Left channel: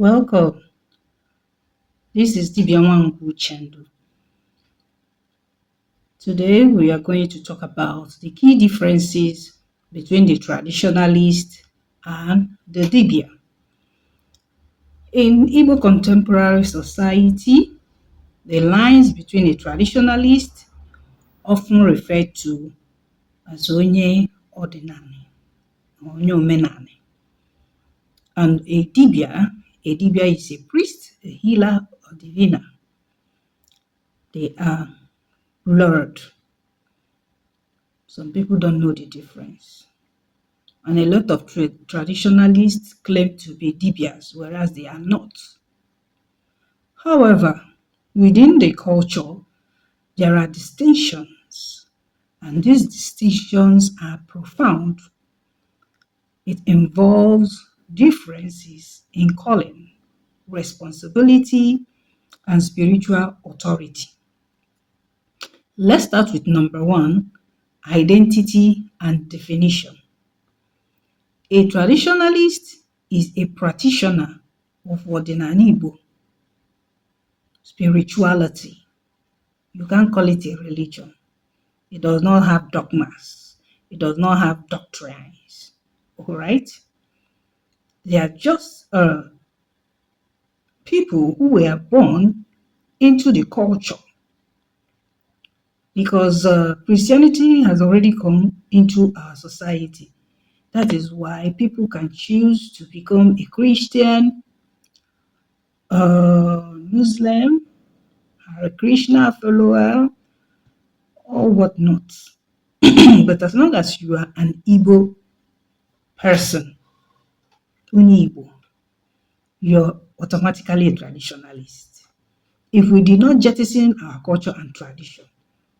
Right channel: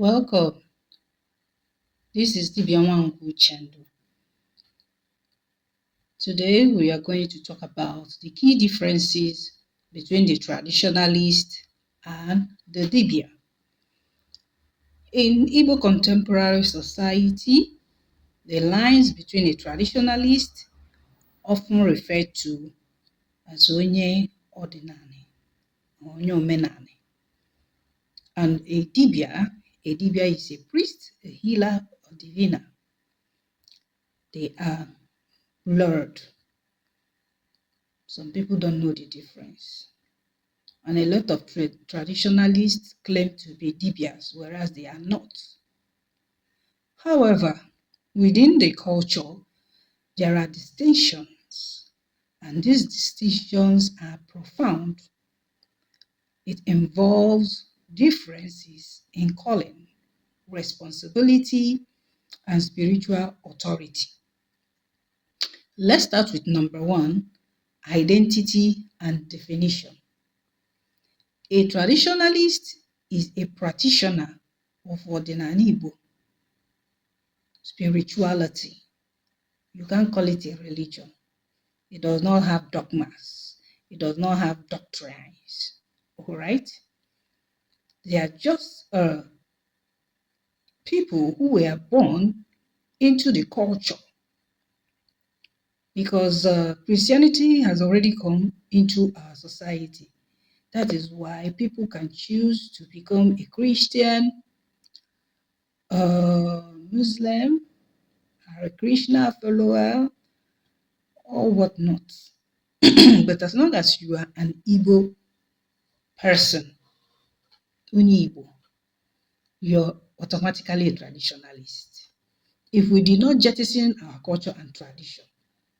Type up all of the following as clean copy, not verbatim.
Welcome. This is Dibịa Chendu. Today we are going to talk about the key differences between the traditionalist and the Dibịa. In Igbo contemporary society, the lines between a traditionalist, often referred to as onye ọdịnala, onye omenala, and a Dibịa is a priest, a healer, or diviner. They are blurred. Some people don't know the difference. And a lot of traditionalists claim to be Dibịas, whereas they are not. However, within the culture, there are distinctions, and these distinctions are profound. It involves differences in calling, responsibility, and spiritual authority. Let's start with number one, identity and definition. A traditionalist is a practitioner of ọdịnala Igbo, spirituality. You can't call it a religion. It does not have dogmas. It does not have doctrines. All right? They are just people who were born into the culture, because Christianity has already come into our society. That is why people can choose to become a Christian, Muslim, a Krishna follower, or whatnot. But as long as you are an Igbo person, only Igbo, you're automatically a traditionalist. If we did not jettison our culture and tradition,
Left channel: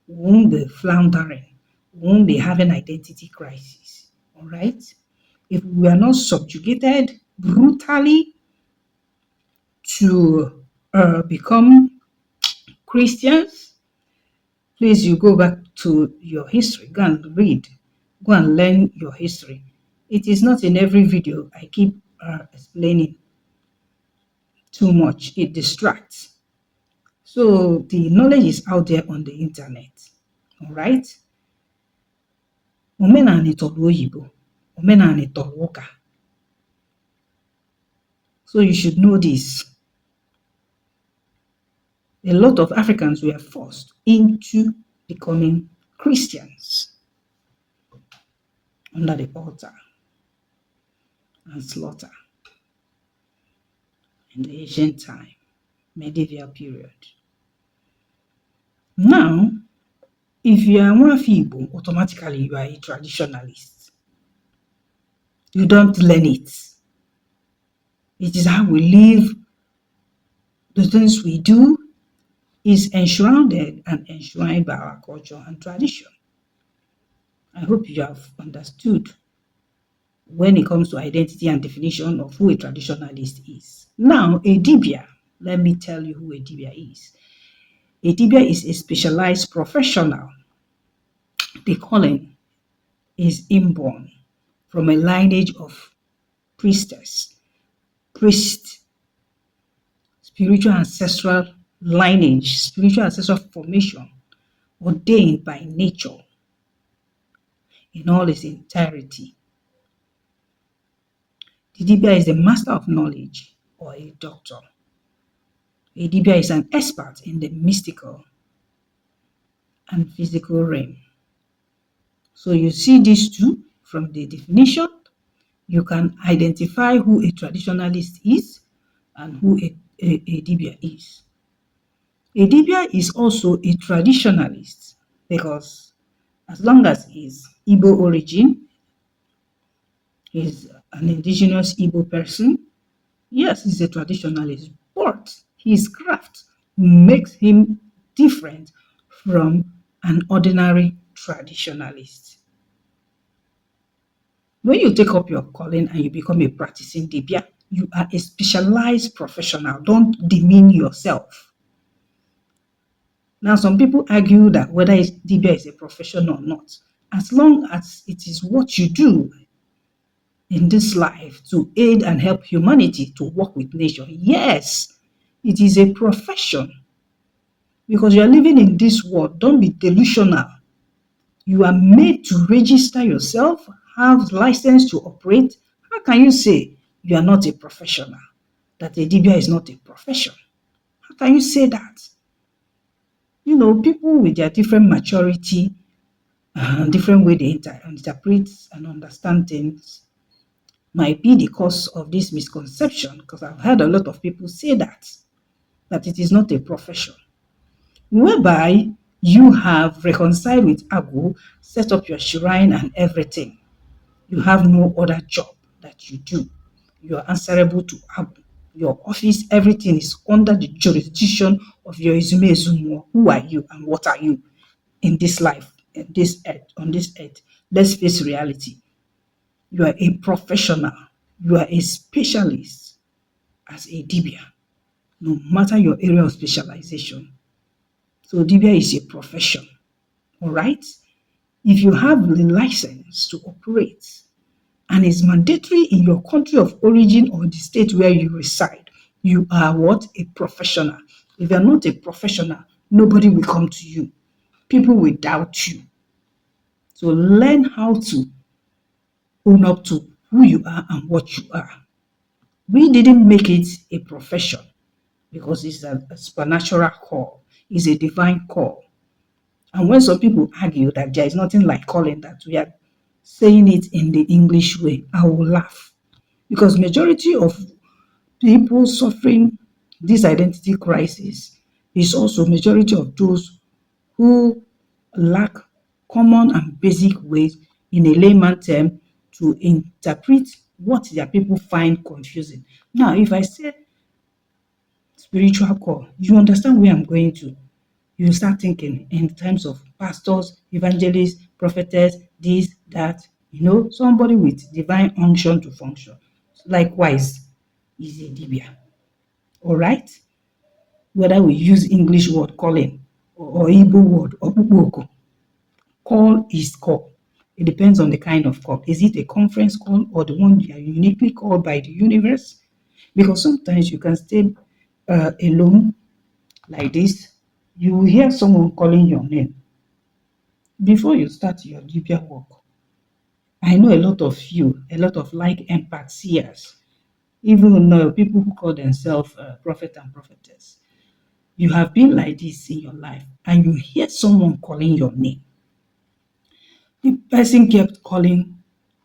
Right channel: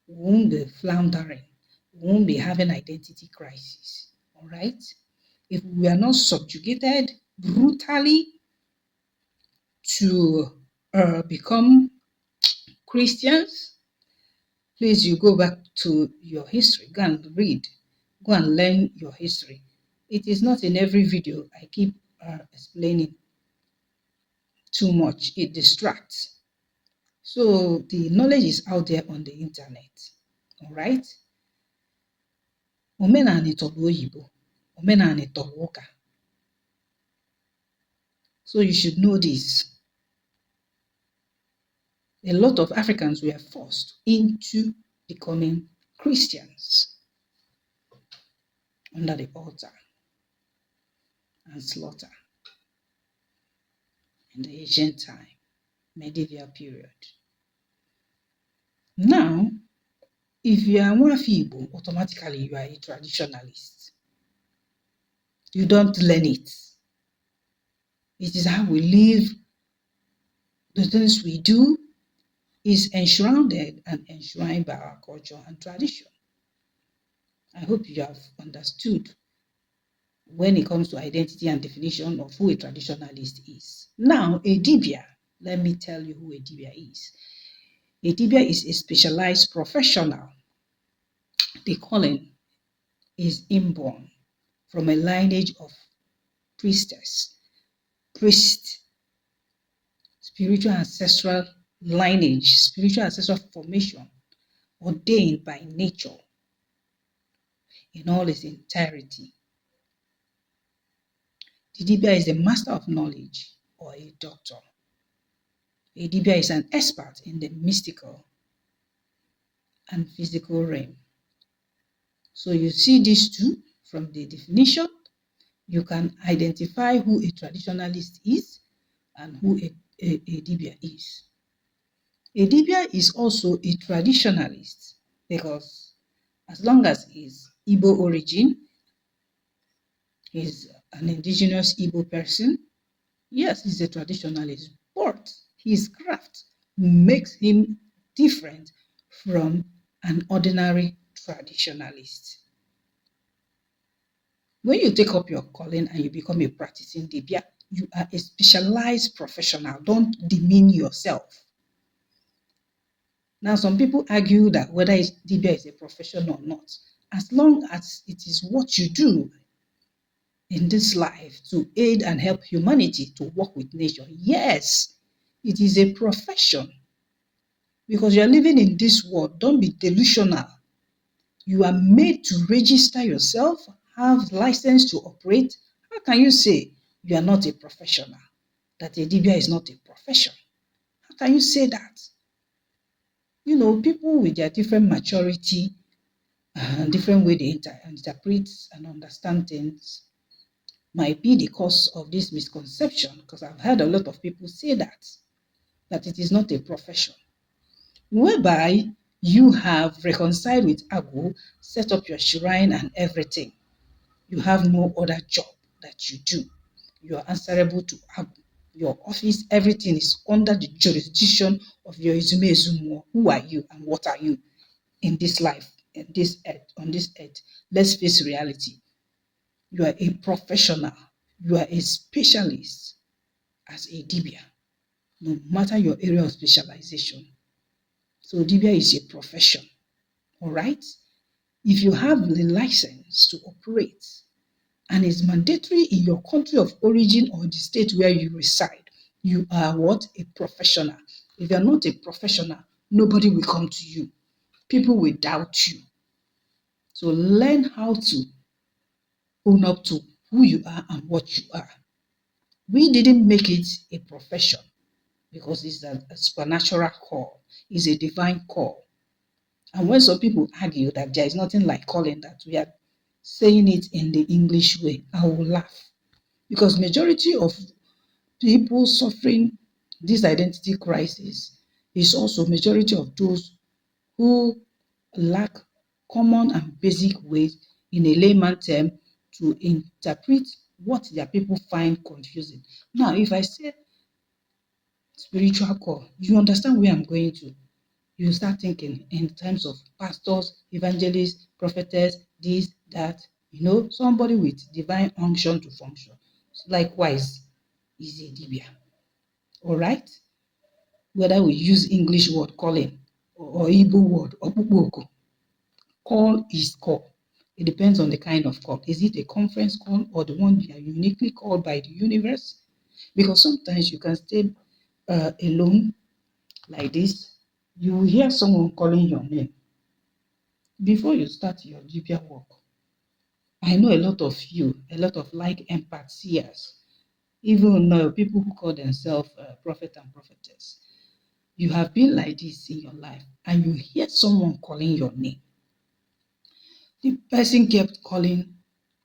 we won't be floundering, we won't be having identity crisis. All right? If we are not subjugated brutally to become Christians, please, you go back to your history, go and read, go and learn your history. It is not in every video I keep explaining too much. It distracts. So the knowledge is out there on the internet. All right? Omenani tọrọ oyibo, omenani tọrọ ụka. So you should know this. A lot of Africans were forced into becoming Christians under the altar and slaughter in the ancient time, medieval period. Now, if you are Igbo, automatically you are a traditionalist. You don't learn it. It is how we live. The things we do is enshrouded and enshrined by our culture and tradition. I hope you have understood when it comes to identity and definition of who a traditionalist is. Now, a Dibịa, let me tell you who a Dibịa is. A Dibịa is a specialized professional. The calling is inborn from a lineage of priestess, priest, spiritual ancestral lineage, spiritual ancestral formation, ordained by nature in all its entirety. The Dibịa is a master of knowledge or a doctor. A Dibịa is an expert in the mystical and physical realm. So you see these two from the definition, you can identify who a traditionalist is and who a Dibịa is. A Dibịa is also a traditionalist because as long as he's Igbo origin, he's an indigenous Igbo person, yes, he's a traditionalist, but his craft makes him different from an ordinary traditionalist. When you take up your calling and you become a practicing Dibịa, you are a specialized professional. Don't demean yourself. Now, some people argue that whether Dibịa is a profession or not, as long as it is what you do, in this life to aid and help humanity to work with nature. Yes, it is a profession because you are living in this world. Don't be delusional. You are made to register yourself, have license to operate. How can you say you are not a professional? That a Dibia is not a profession? How can you say that? People with their different maturity and different way they interpret and understand things might be the cause of this misconception, because I've heard a lot of people say that it is not a profession, whereby you have reconciled with Agu, set up your shrine and everything. You have no other job that you do. You are answerable to Agu. Your office, everything is under the jurisdiction of your Izume Ezumo. Who are you and what are you in this life, on this earth? Let's face reality. You are a professional. You are a specialist as a Dibia, no matter your area of specialization. So Dibia is a profession, all right? If you have the license to operate and it's mandatory in your country of origin or the state where you reside, you are what? A professional. If you're not a professional, nobody will come to you. People will doubt you. So learn how to own up to who you are and what you are. We didn't make it a profession because it's a supernatural call, it's a divine call. And when some people argue that there is nothing like calling, that we are saying it in the English way, I will laugh. Because majority of people suffering this identity crisis is also majority of those who lack common and basic ways in a layman term to interpret what their people find confusing. Now, if I say spiritual call, you understand where I'm going to. You start thinking in terms of pastors, evangelists, prophetess, this, that, somebody with divine unction to function. Likewise, is a Dibia. All right? Whether we use English word calling or Igbo word or Ukboko, call is call. It depends on the kind of call. Is it a conference call or the one you are uniquely called by the universe? Because sometimes you can stay alone like this. You will hear someone calling your name before you start your Dibia work. I know a lot of you, a lot of like empath seers, even people who call themselves prophet and prophetess. You have been like this in your life and you hear someone calling your name. The person kept calling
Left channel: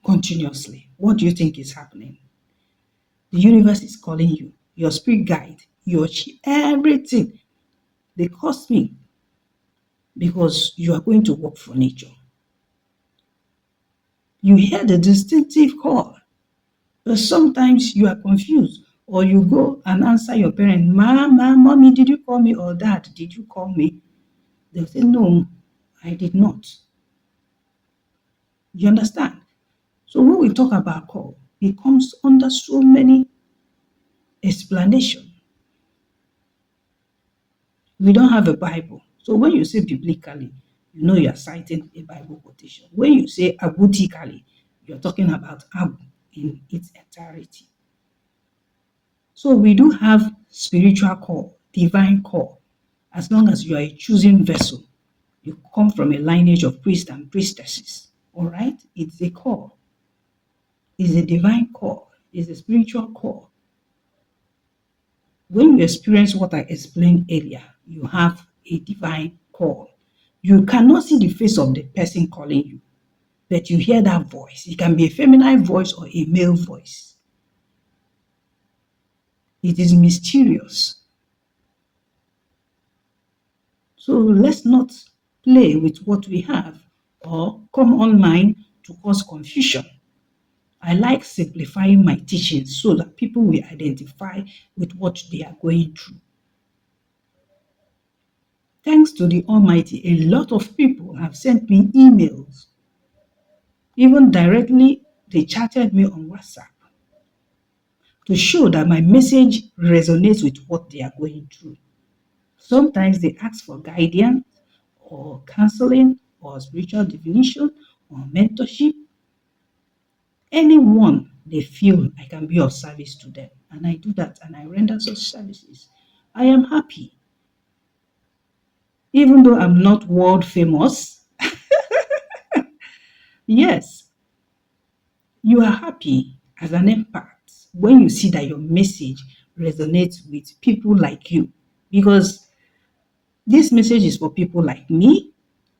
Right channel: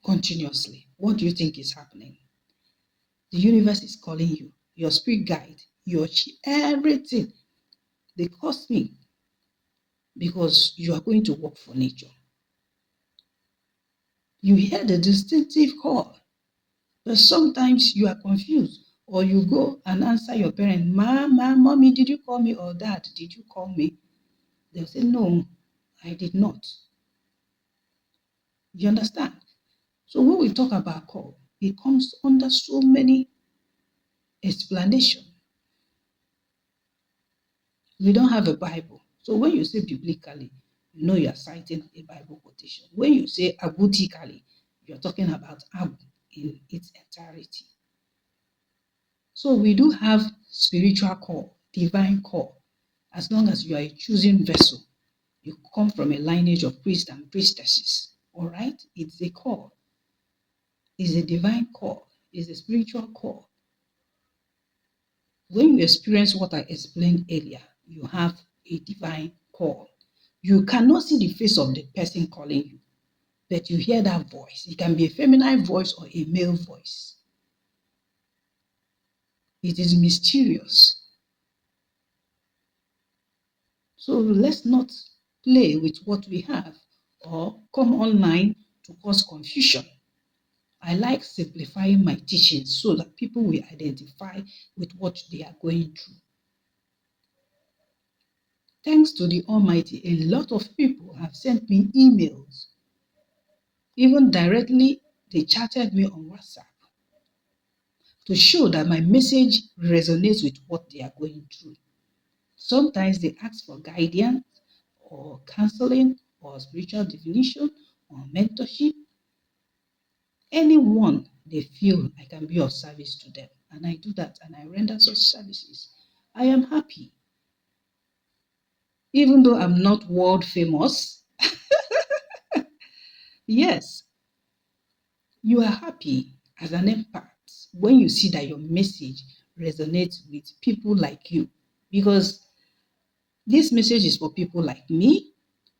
continuously. What do you think is happening? The universe is calling you, your spirit guide, your everything. They cost me because you are going to work for nature. You hear the distinctive call, but sometimes you are confused, or you go and answer your parent, Mommy, did you call me? Or Dad, did you call me? They'll say, no, I did not. You understand? So when we talk about call, it comes under so many explanations. We don't have a Bible. So when you say biblically, you know you're citing a Bible quotation. When you say agutically, you're talking about Agu in its entirety. So we do have spiritual call, divine call. As long as you are a chosen vessel, you come from a lineage of priests and priestesses. All right? It's a call. It's a divine call. It's a spiritual call. When you experience what I explained earlier, you have a divine call. You cannot see the face of the person calling you, but you hear that voice. It can be a feminine voice or a male voice. It is mysterious. So let's not play with what we have or come online to cause confusion. I like simplifying my teachings so that people will identify with what they are going through. Thanks to the Almighty, a lot of people have sent me emails. Even directly, they chatted me on WhatsApp to show that my message resonates with what they are going through. Sometimes they ask for guidance or counseling or spiritual divination or mentorship. Anyone they feel I can be of service to them. And I do that and I render such services. I am happy. Even though I'm not world famous, yes, you are happy as an empath when you see that your message resonates with people like you. Because this message is for people like me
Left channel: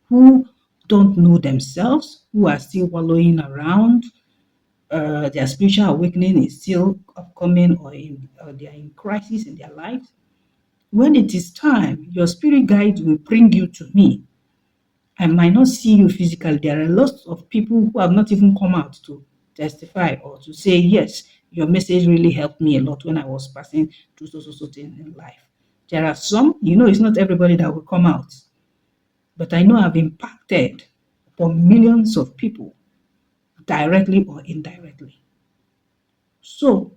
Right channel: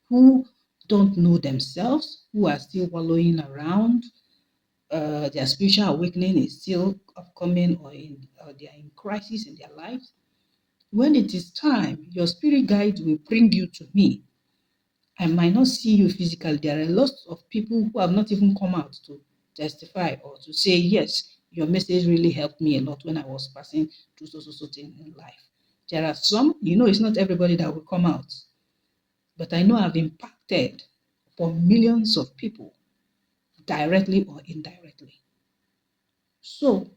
who don't know themselves, who are still wallowing around. Their spiritual awakening is still upcoming, or they are in crisis in their lives. When it is time, your spirit guide will bring you to me. I might not see you physically. There are lots of people who have not even come out to testify or to say, yes, your message really helped me a lot when I was passing through so thing in life. There are some, it's not everybody that will come out, but I know I've impacted for millions of people, directly or indirectly. So,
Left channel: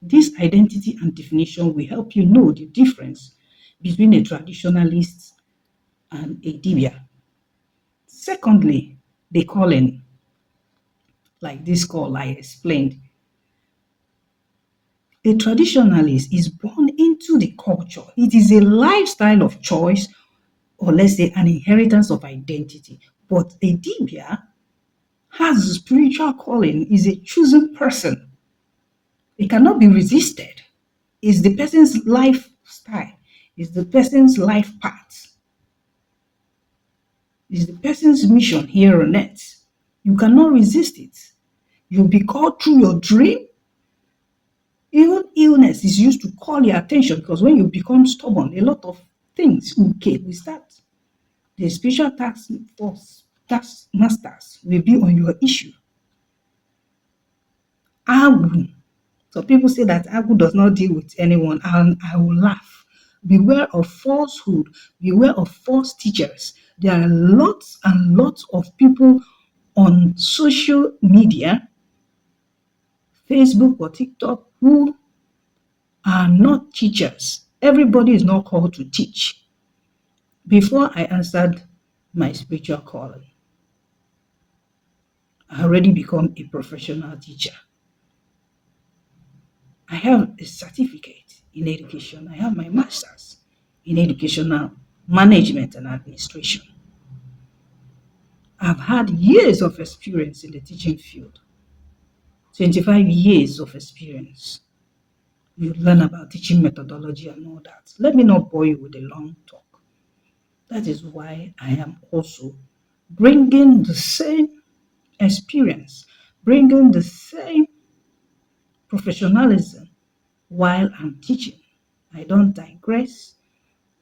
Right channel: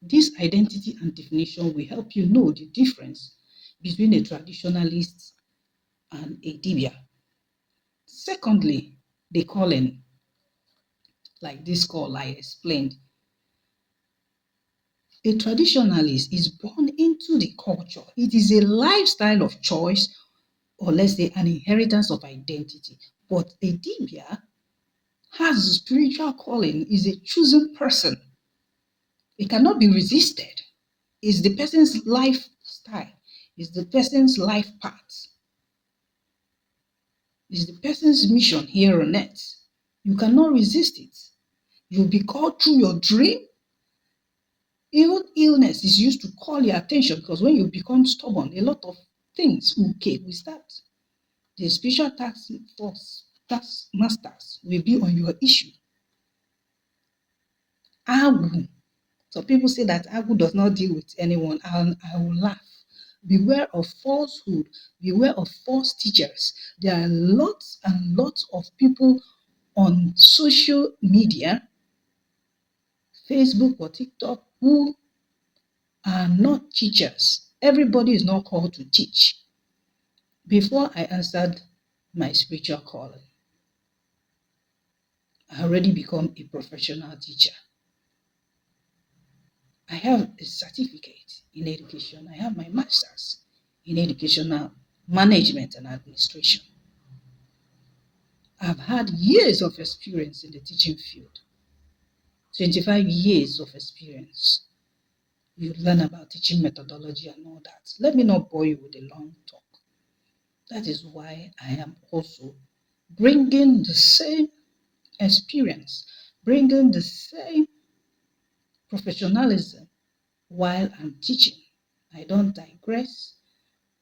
this identity and definition will help you know the difference between a traditionalist and a Dibịa. Secondly, the calling, like this call I explained. A traditionalist is born into the culture. It is a lifestyle of choice, or let's say an inheritance of identity. But a Dibịa has a spiritual calling, is a chosen person. It cannot be resisted. It's the person's lifestyle, it's the person's life path, it's the person's mission here on earth. You cannot resist it. You'll be called through your dream. Even illness is used to call your attention, because when you become stubborn, a lot of things will start. The spiritual task masters will be on your issue. Agu. So people say that Agu does not deal with anyone, and I will laugh. Beware of falsehood. Beware of false teachers. There are lots and lots of people on social media, Facebook or TikTok, who are not teachers. Everybody is not called to teach. Before I answered my spiritual calling, I already become a professional teacher. I have a certificate in education. I have my master's in educational management and administration. I've had years of experience in the teaching field, 25 years of experience. You learn about teaching methodology and all that. Let me not bore you with a long talk. That is why I am also bringing the same experience, bringing the same professionalism while I'm teaching. I don't digress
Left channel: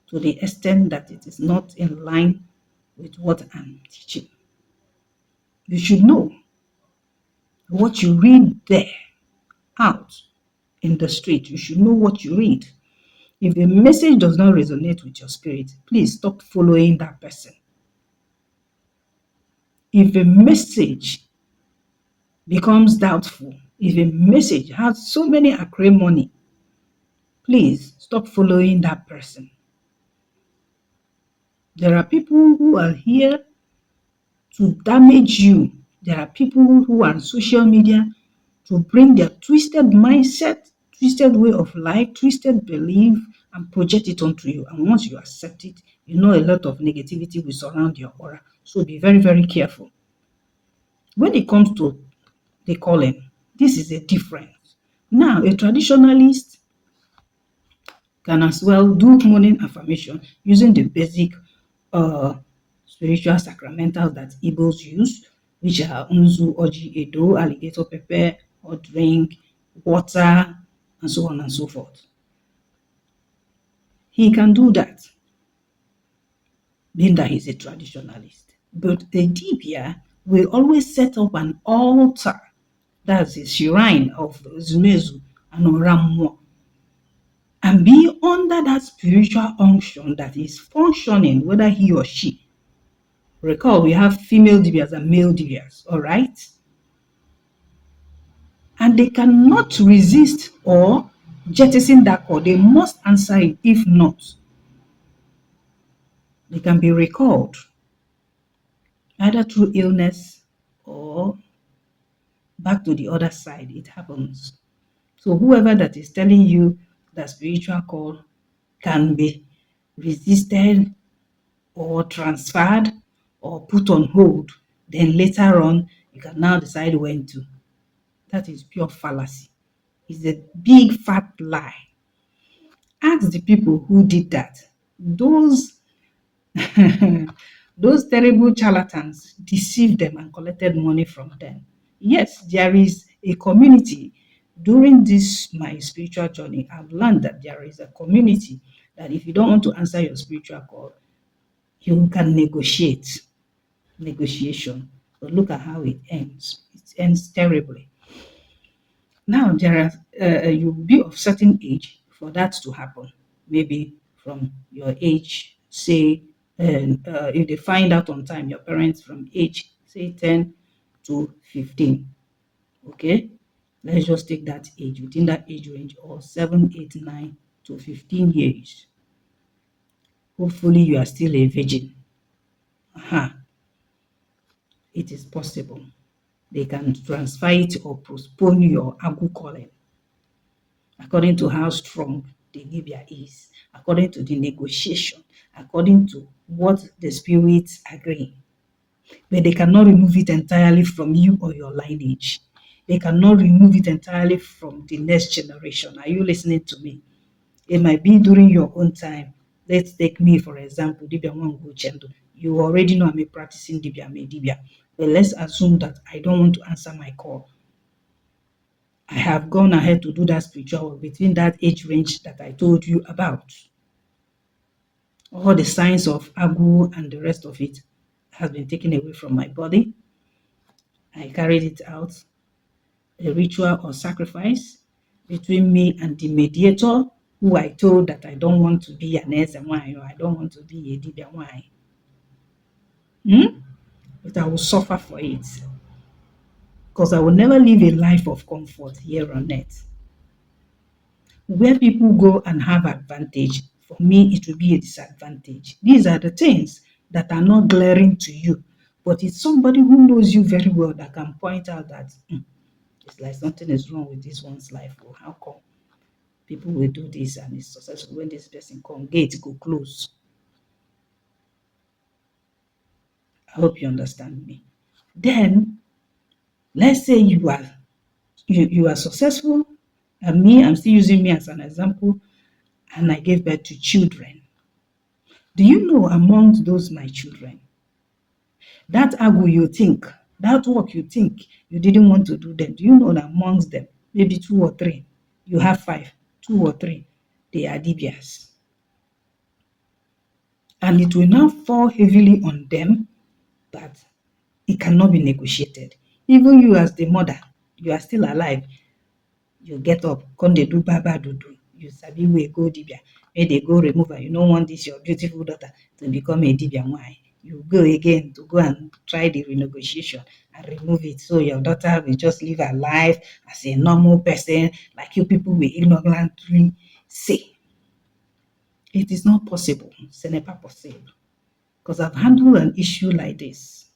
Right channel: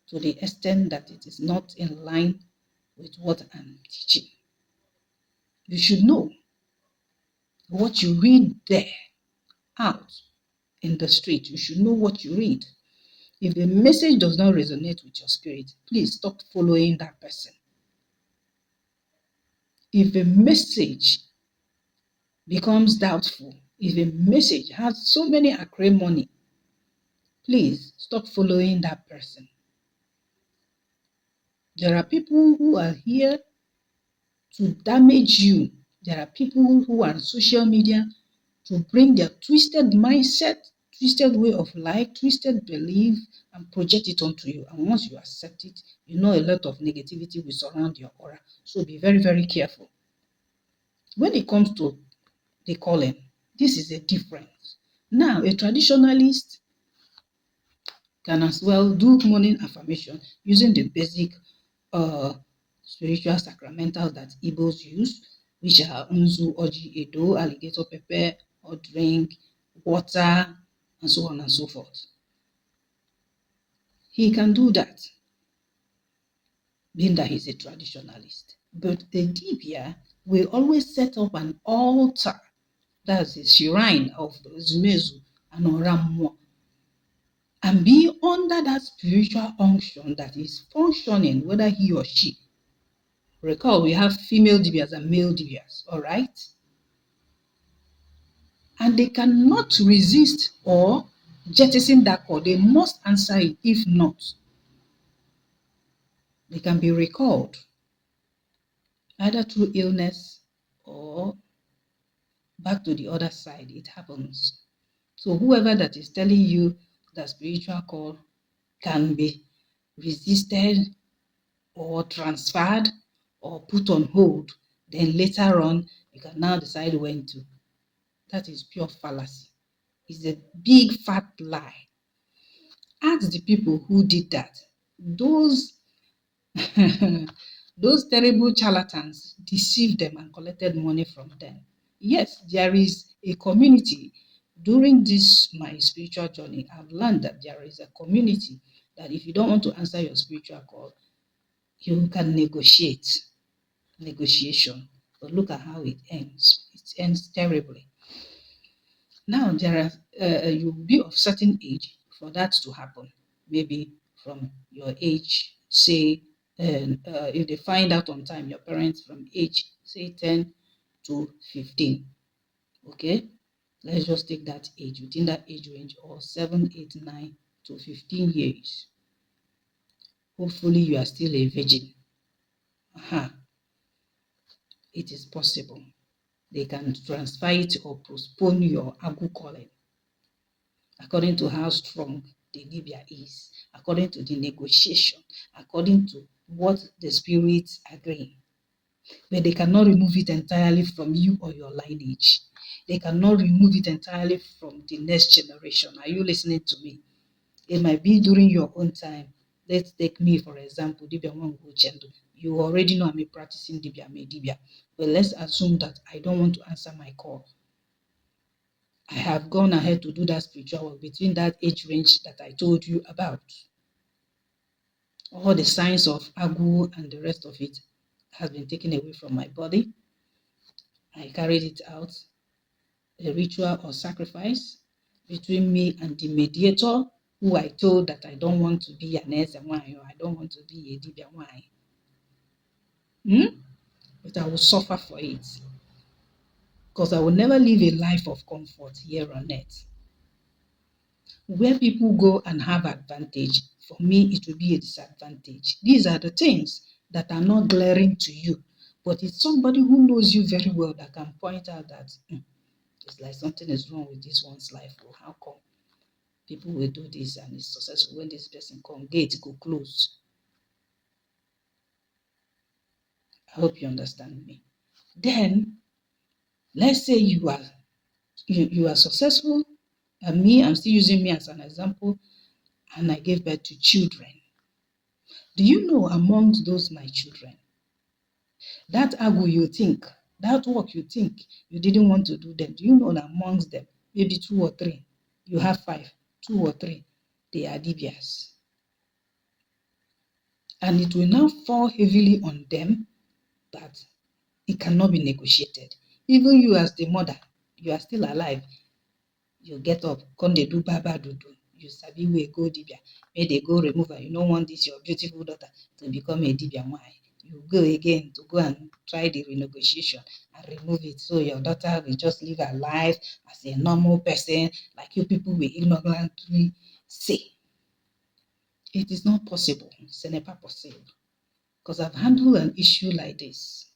to the extent that it is not in line with what I'm teaching. You should know what you read there out in the street. You should know what you read. If a message does not resonate with your spirit, please stop following that person. If a message becomes doubtful, if a message has so many acrimony, please stop following that person. There are people who are here to damage you. There are people who are on social media to bring their twisted mindset, twisted way of life, twisted belief, and project it onto you. And once you accept it, you know a lot of negativity will surround your aura. So be very, very careful. When it comes to the calling, this is a difference. Now, a traditionalist can as well do morning affirmation using the basic uh, spiritual sacramentals that Igbos use, which are Unzu, Oji, Edo, alligator pepper, or drink, water, and so on and so forth. He can do that, being that he's a traditionalist. But a Dibịa will always set up an altar, that's a shrine of Zumezu and Oramuo, and be under that spiritual unction that is functioning, whether he or she. Recall, we have female Dibịas and male Dibịas, all right? And they cannot resist or jettison that call. They must answer it. If not, they can be recalled either through illness or back to the other side, it happens. So whoever that is telling you that spiritual call can be resisted or transferred or put on hold, then later on you can now decide when to. That is pure fallacy. It's a big fat lie. Ask the people who did that. Those those terrible charlatans deceived them and collected money from them. Yes, there is a community. During this my spiritual journey, I've learned that there is a community that if you don't want to answer your spiritual call, you can negotiation. But look at how it ends. It ends terribly. Now there are you'll be of certain age for that to happen. Maybe from your age, say, if they find out on time, your parents from age say 10 to 15. Okay, let's just take that age within that age range, or 7, 8, 9 to 15 years. Hopefully, you are still a virgin. It is possible. They can transfer it or postpone your Agu calling according to how strong the Dibịa is, according to the negotiation, according to what the spirits agree. But they cannot remove it entirely from you or your lineage. They cannot remove it entirely from the next generation. Are you listening to me? It might be during your own time. Let's take me, for example, Dibịa Nwangu Chendo. You already know I'm a practicing Dibịa, I'm a Dibịa. But let's assume that I don't want to answer my call. I have gone ahead to do that spiritual work between that age range that I told you about. All the signs of Agu and the rest of it has been taken away from my body. I carried it out, a ritual or sacrifice between me and the mediator, who I told that I don't want to be an SMY, or I don't want to be a Dibịa Y. But I will suffer for it, because I will never live a life of comfort here on earth. Where people go and have advantage, for me, it will be a disadvantage. These are the things that are not glaring to you, but it's somebody who knows you very well that can point out that it's like something is wrong with this one's life. Or how come people will do this and it's successful when this person come, gate go close. I hope you understand me. Then let's say you are successful, and I'm still using me as an example, and I gave birth to children. Do you know amongst those my children, that Agu you think, that work you think you didn't want to do them, do you know that amongst them, maybe 2 or 3, you have 5, 2 or 3, they are Dibịas. And it will now fall heavily on them that it cannot be negotiated. Even you as the mother, you are still alive, you get up, come they do baba dudu. You sabi we go Dibịa, may they go remove her. You don't want this your beautiful daughter to become a Dibịa. Why? You go again to go and try the renegotiation and remove it, so your daughter will just live her life as a normal person, like you people will ignorantly say. It is not possible. Ce n'est pas possible. Because I've handled an issue like this.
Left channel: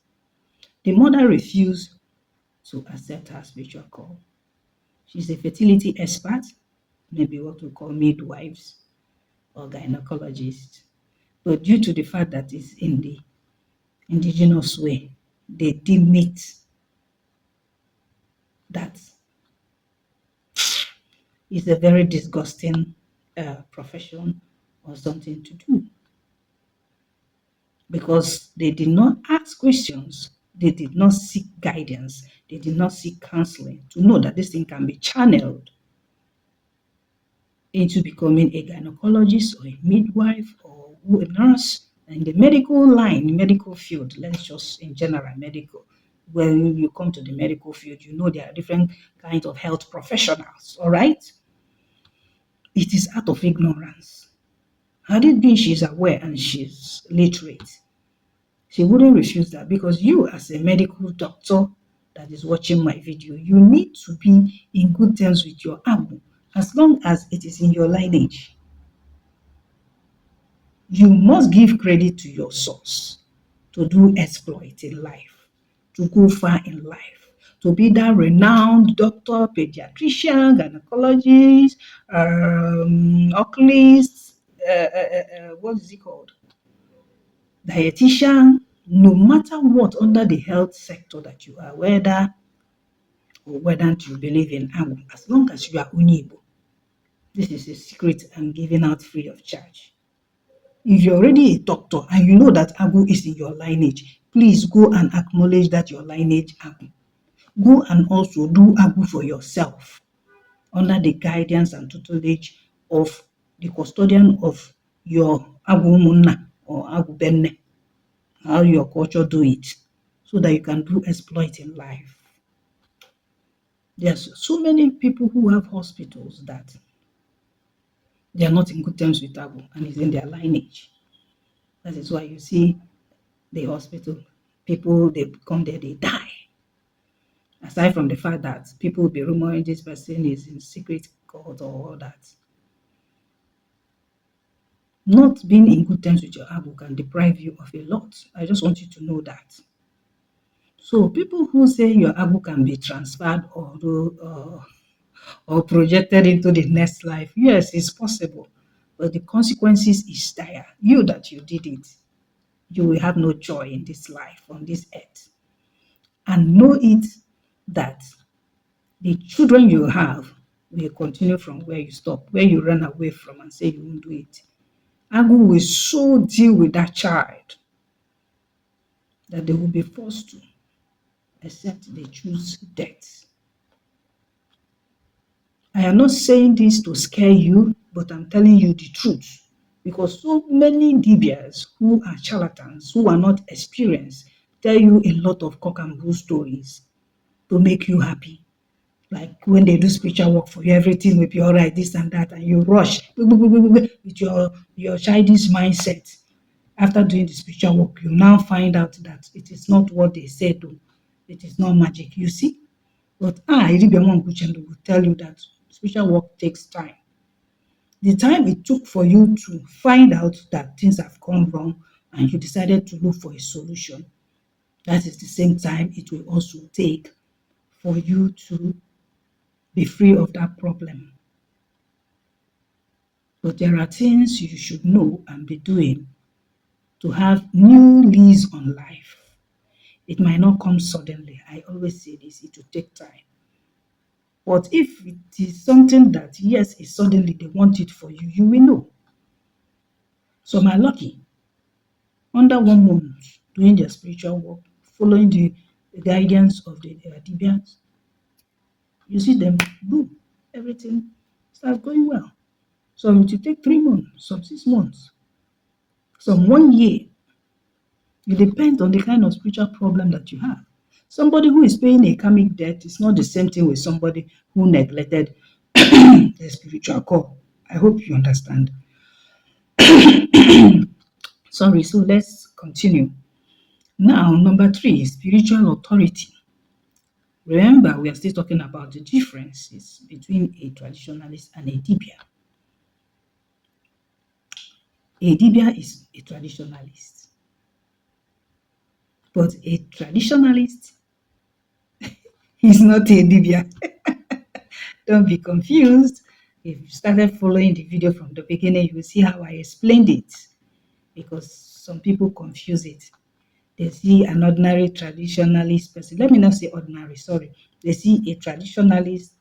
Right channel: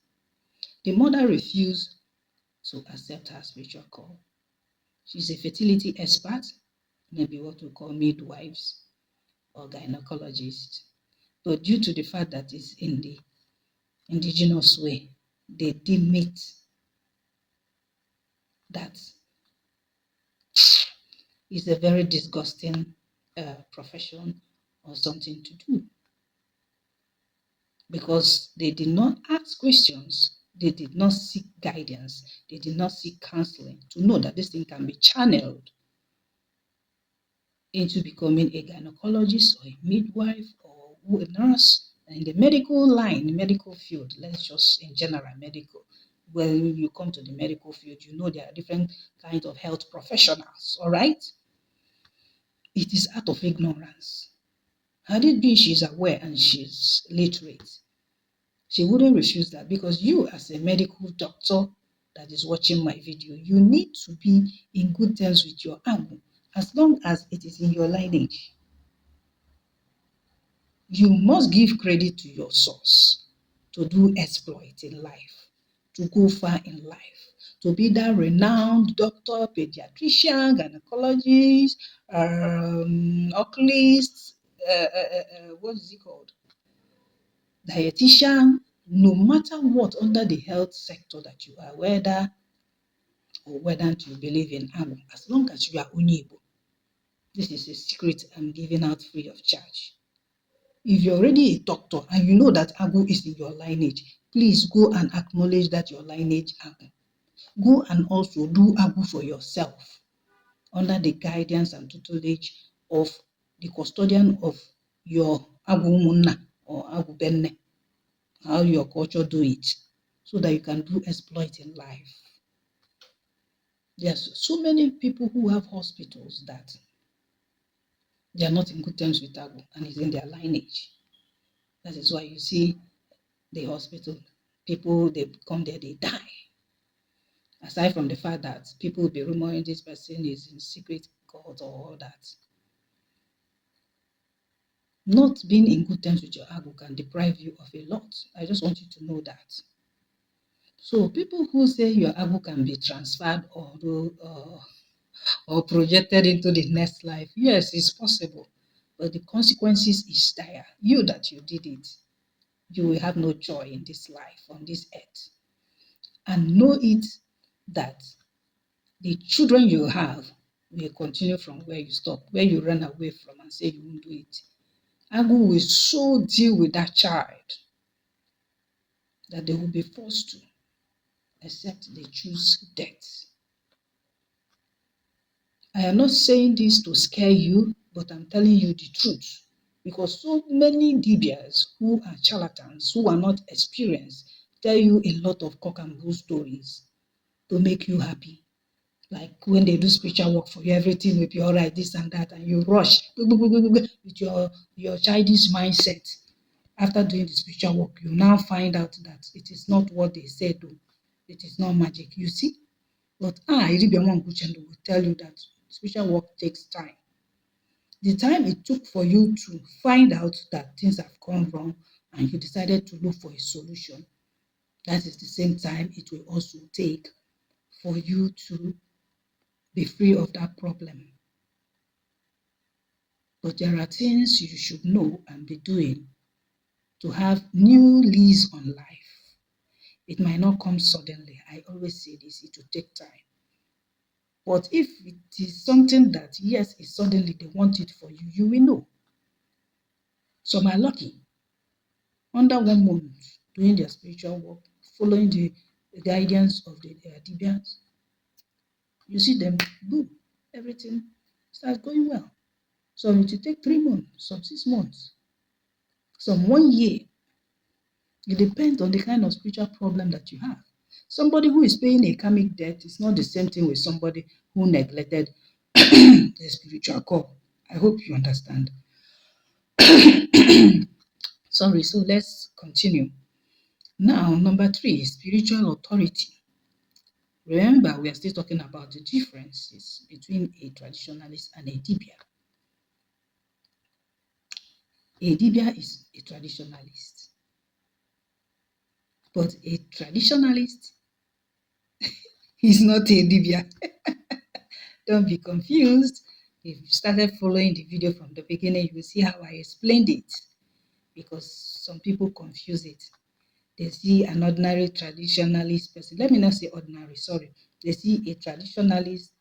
The mother refused to accept her spiritual call. She's a fertility expert, maybe what we call midwives or gynecologists. But due to the fact that it's in the indigenous way, they deem it that it's a very disgusting profession or something to do. Because they did not ask questions, they did not seek guidance, they did not seek counseling to know that this thing can be channeled into becoming a gynecologist or a midwife or a nurse in the medical line, medical field. Let's just in general medical. When you come to the medical field, you know there are different kinds of health professionals, all right? It is out of ignorance. Had it been she's aware and she's literate, she wouldn't refuse that, because you as a medical doctor that is watching my video, you need to be in good terms with your Agu, as long as it is in your lineage. You must give credit to your source to do exploit in life, to go far in life, to be that renowned doctor, pediatrician, gynecologist, oculist, what is it called? Dietitian, no matter what under the health sector that you are, whether you believe in Agbo, as long as you are Igbo, this is a secret I'm giving out free of charge. If you're already a doctor and you know that Agbo is in your lineage, please go and acknowledge that your lineage Agbo. Go and also do Agbo for yourself under the guidance and tutelage of the custodian of your Agbo Munna or Agbo Benne, how your culture do it, so that you can do exploit in life. There's so many people who have hospitals that they are not in good terms with Agbo and it's in their lineage. That is why you see the hospital, people, they come there, they die. Aside from the fact that people will be rumoring this person is in secret court or all that. Not being in good terms with your Agbo can deprive you of a lot. I just want you to know that. So people who say your Agbo can be transferred or projected into the next life, yes, it's possible. But the consequences is dire. You that you did it, you will have no joy in this life, on this earth. And know it that the children you have will continue from where you stop, where you ran away from and say you won't do it. Agbo will so deal with that child that they will be forced to, except they choose death. I am not saying this to scare you, but I'm telling you the truth. Because so many Dibịas who are charlatans, who are not experienced, tell you a lot of cock and bull stories to make you happy. Like when they do spiritual work for you, everything will be all right, this and that, and you rush with your childish mindset. After doing the spiritual work, you now find out that it is not what they said, though. It is not magic, you see. But Dibịa Nwankwuchendu will tell you that spiritual work takes time. The time it took for you to find out that things have gone wrong and you decided to look for a solution, that is the same time it will also take for you to be free of that problem. But there are things you should know and be doing to have new lease on life. It might not come suddenly. I always say this, it will take time. But if it is something that, yes, it's suddenly they want it for you, you will know. So my lucky, under 1 month, doing their spiritual work, following the guidance of the Dibịas, you see them, boom, everything starts going well. Some it will take 3 months, some 6 months, some 1 year. It depends on the kind of spiritual problem that you have. Somebody who is paying a karmic debt is not the same thing with somebody who neglected the spiritual call. I hope you understand. Sorry, so let's continue. Now, number 3, spiritual authority. Remember, we are still talking about the differences between a traditionalist and a Dibịa. A Dibịa is a traditionalist. But a traditionalist is not a Dibịa. Don't be confused. If you started following the video from the beginning, you will see how I explained it. Because some people confuse it. They see an ordinary traditionalist person. Let me not say ordinary, sorry. They see a traditionalist,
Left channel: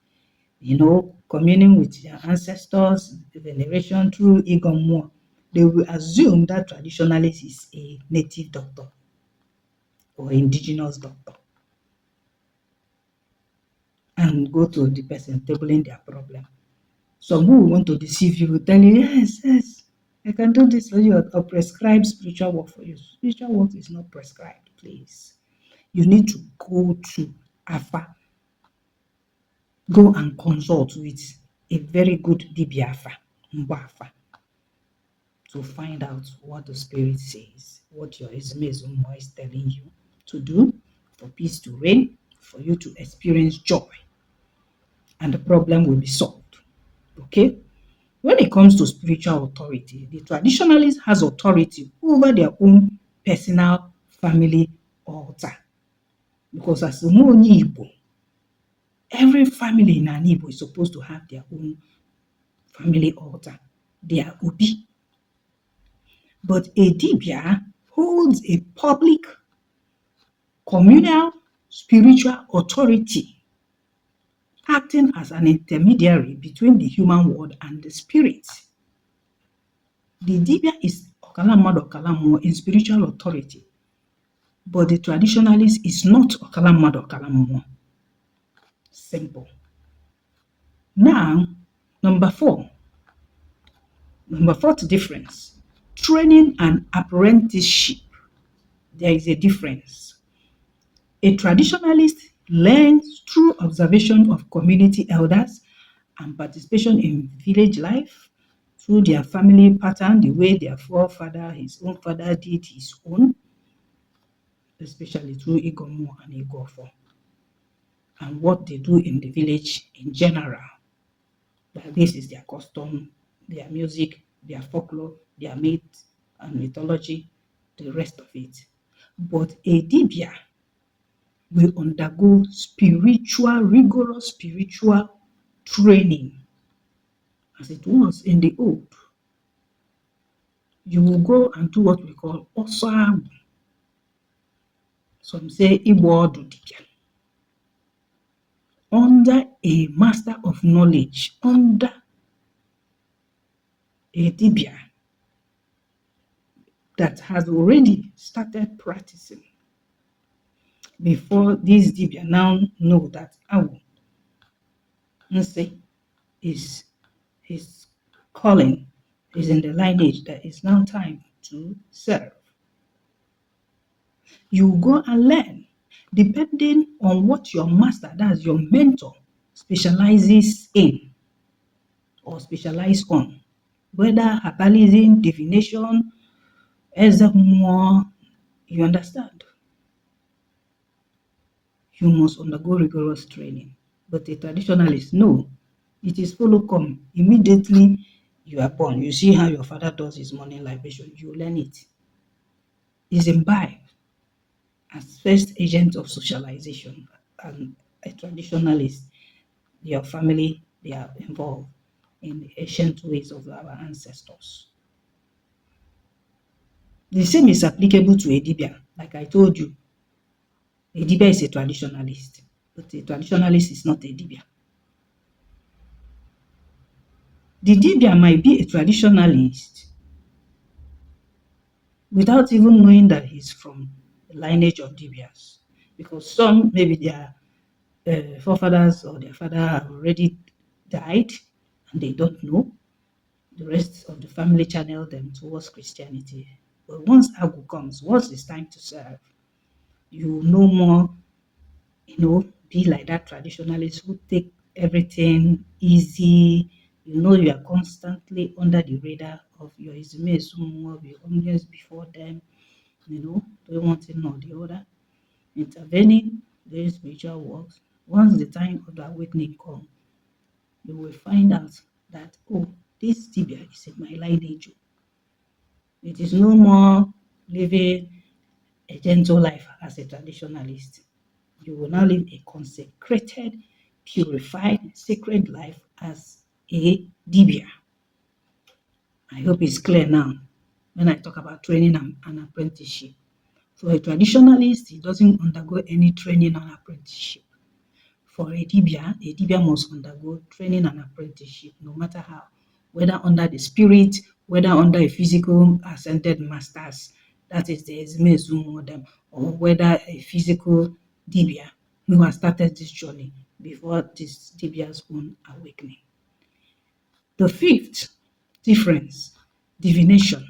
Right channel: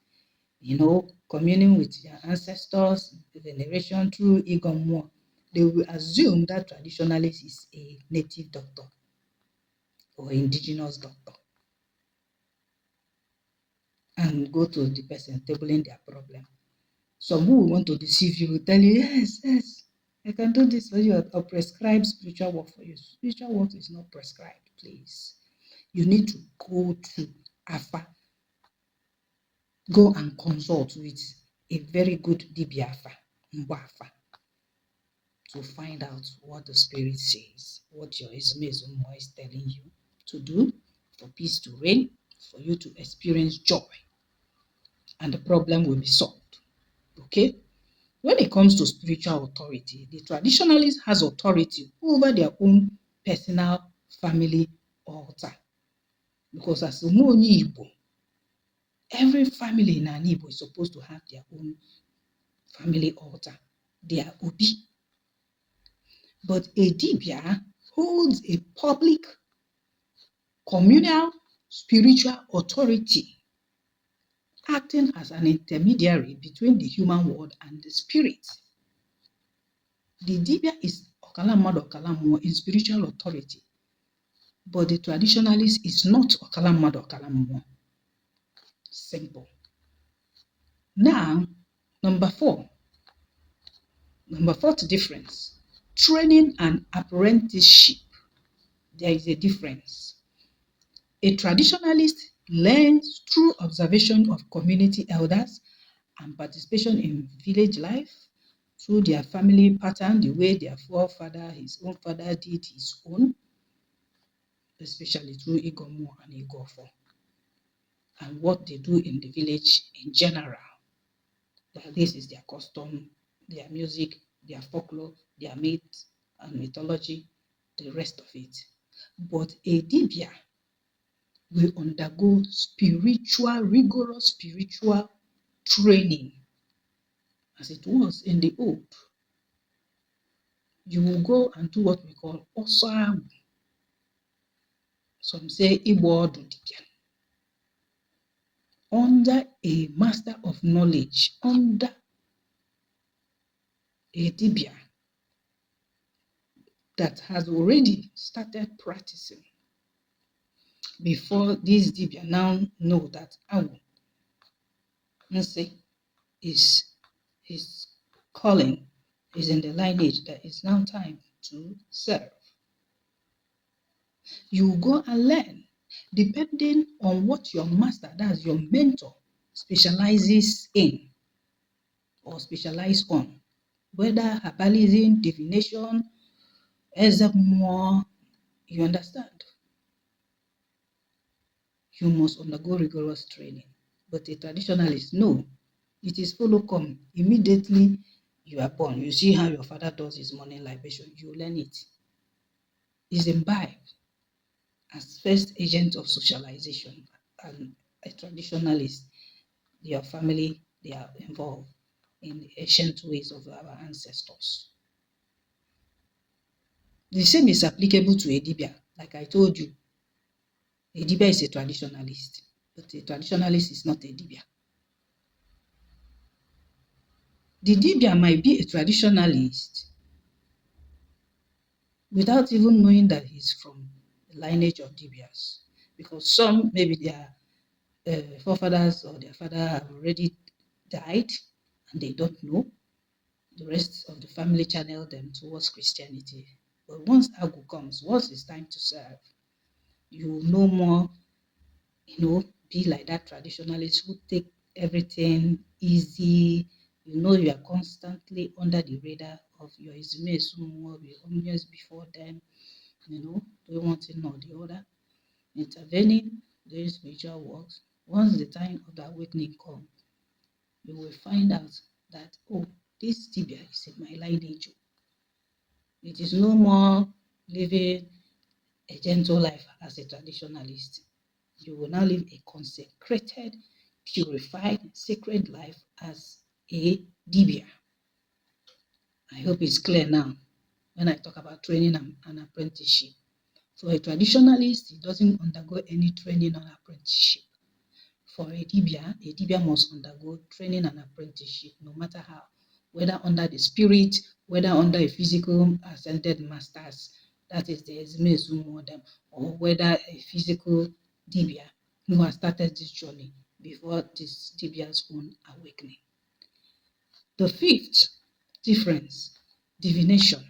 communing with their ancestors, veneration through Igbo. They will assume that traditionalist is a native doctor or indigenous doctor and go to the person tabling their problem. Some who want to deceive you will tell you, yes, I can do this for you or prescribe spiritual work for you. Spiritual work is not prescribed, please. You need to go to Afa. Go and consult with a very good Dibịa Afa, Mgbafa, to find out what the spirit says, what your Ezumezumo is telling you to do for peace to reign, for you to experience joy, and the problem will be solved. Okay? When it comes to spiritual authority, the traditionalist has authority over their own personal family altar. Because as a Igbo, Every family in an Igbo is supposed to have their own family altar, their obi. But a Dibịa holds a public, communal, spiritual authority, acting as an intermediary between the human world and the spirit. The Dibịa is Ọkala mmadụ Ọkala mmụọ in spiritual authority, but the traditionalist is not Ọkala mmadụ Ọkala mmụọ. Simple. Now, number fourth difference, training and apprenticeship. There is a difference. A traditionalist learns through observation of community elders and participation in village life, through their family pattern, the way their forefather, his own father did his own, especially through Igomo and Igofo, and what they do in the village in general. That this is their custom, their music, their folklore, their myth and mythology, the rest of it. But a Dibịa will undergo rigorous spiritual training, as it was in the old. You will go and do what we call Osagu. Some say Igbo Dibịa. Under a master of knowledge, under a Dibịa that has already started practicing, before these Dibịa now know that Awu Nse is his calling, is in the lineage that is now time to serve. You go and learn, depending on what your master, that's your mentor, specializes in or specialize on, whether herbalism, divination, Ezemo, you understand. You must undergo rigorous training. But a traditionalist, no, it is follow come. Immediately you are born, you see how your father does his morning libation, you learn it. Is imbibed as first agent of socialization. And a traditionalist, your family, they are involved in the ancient ways of our ancestors. The same is applicable to a Dibịa. Like I told you, a Dibịa is a traditionalist, but a traditionalist is not a Dibịa. The Dibịa might be a traditionalist without even knowing that he's from the lineage of Dibịas, because some, maybe their forefathers or their father have already died and they don't know. The rest of the family channel them towards Christianity. But once Agu comes, once it's time to serve, you no more, be like that traditionalist who take everything easy. You are constantly under the radar of your Izume Sumo, be always before them, doing one thing or the other, intervening, doing spiritual works. Once the time of the awakening comes, you will find out that, oh, this Dibịa is in my lineage. It is no more living a gentle life as a traditionalist. You will now live a consecrated, purified, sacred life as a Dibịa. I hope it's clear now when I talk about training and apprenticeship. For a traditionalist, he doesn't undergo any training and apprenticeship. For a Dibịa must undergo training and apprenticeship, no matter how, whether under the spirit, whether under a physical ascended masters, that is the Ezumezu model, or whether a physical Dibịa who has started this journey before this Dibịa's own awakening. The fifth difference, divination.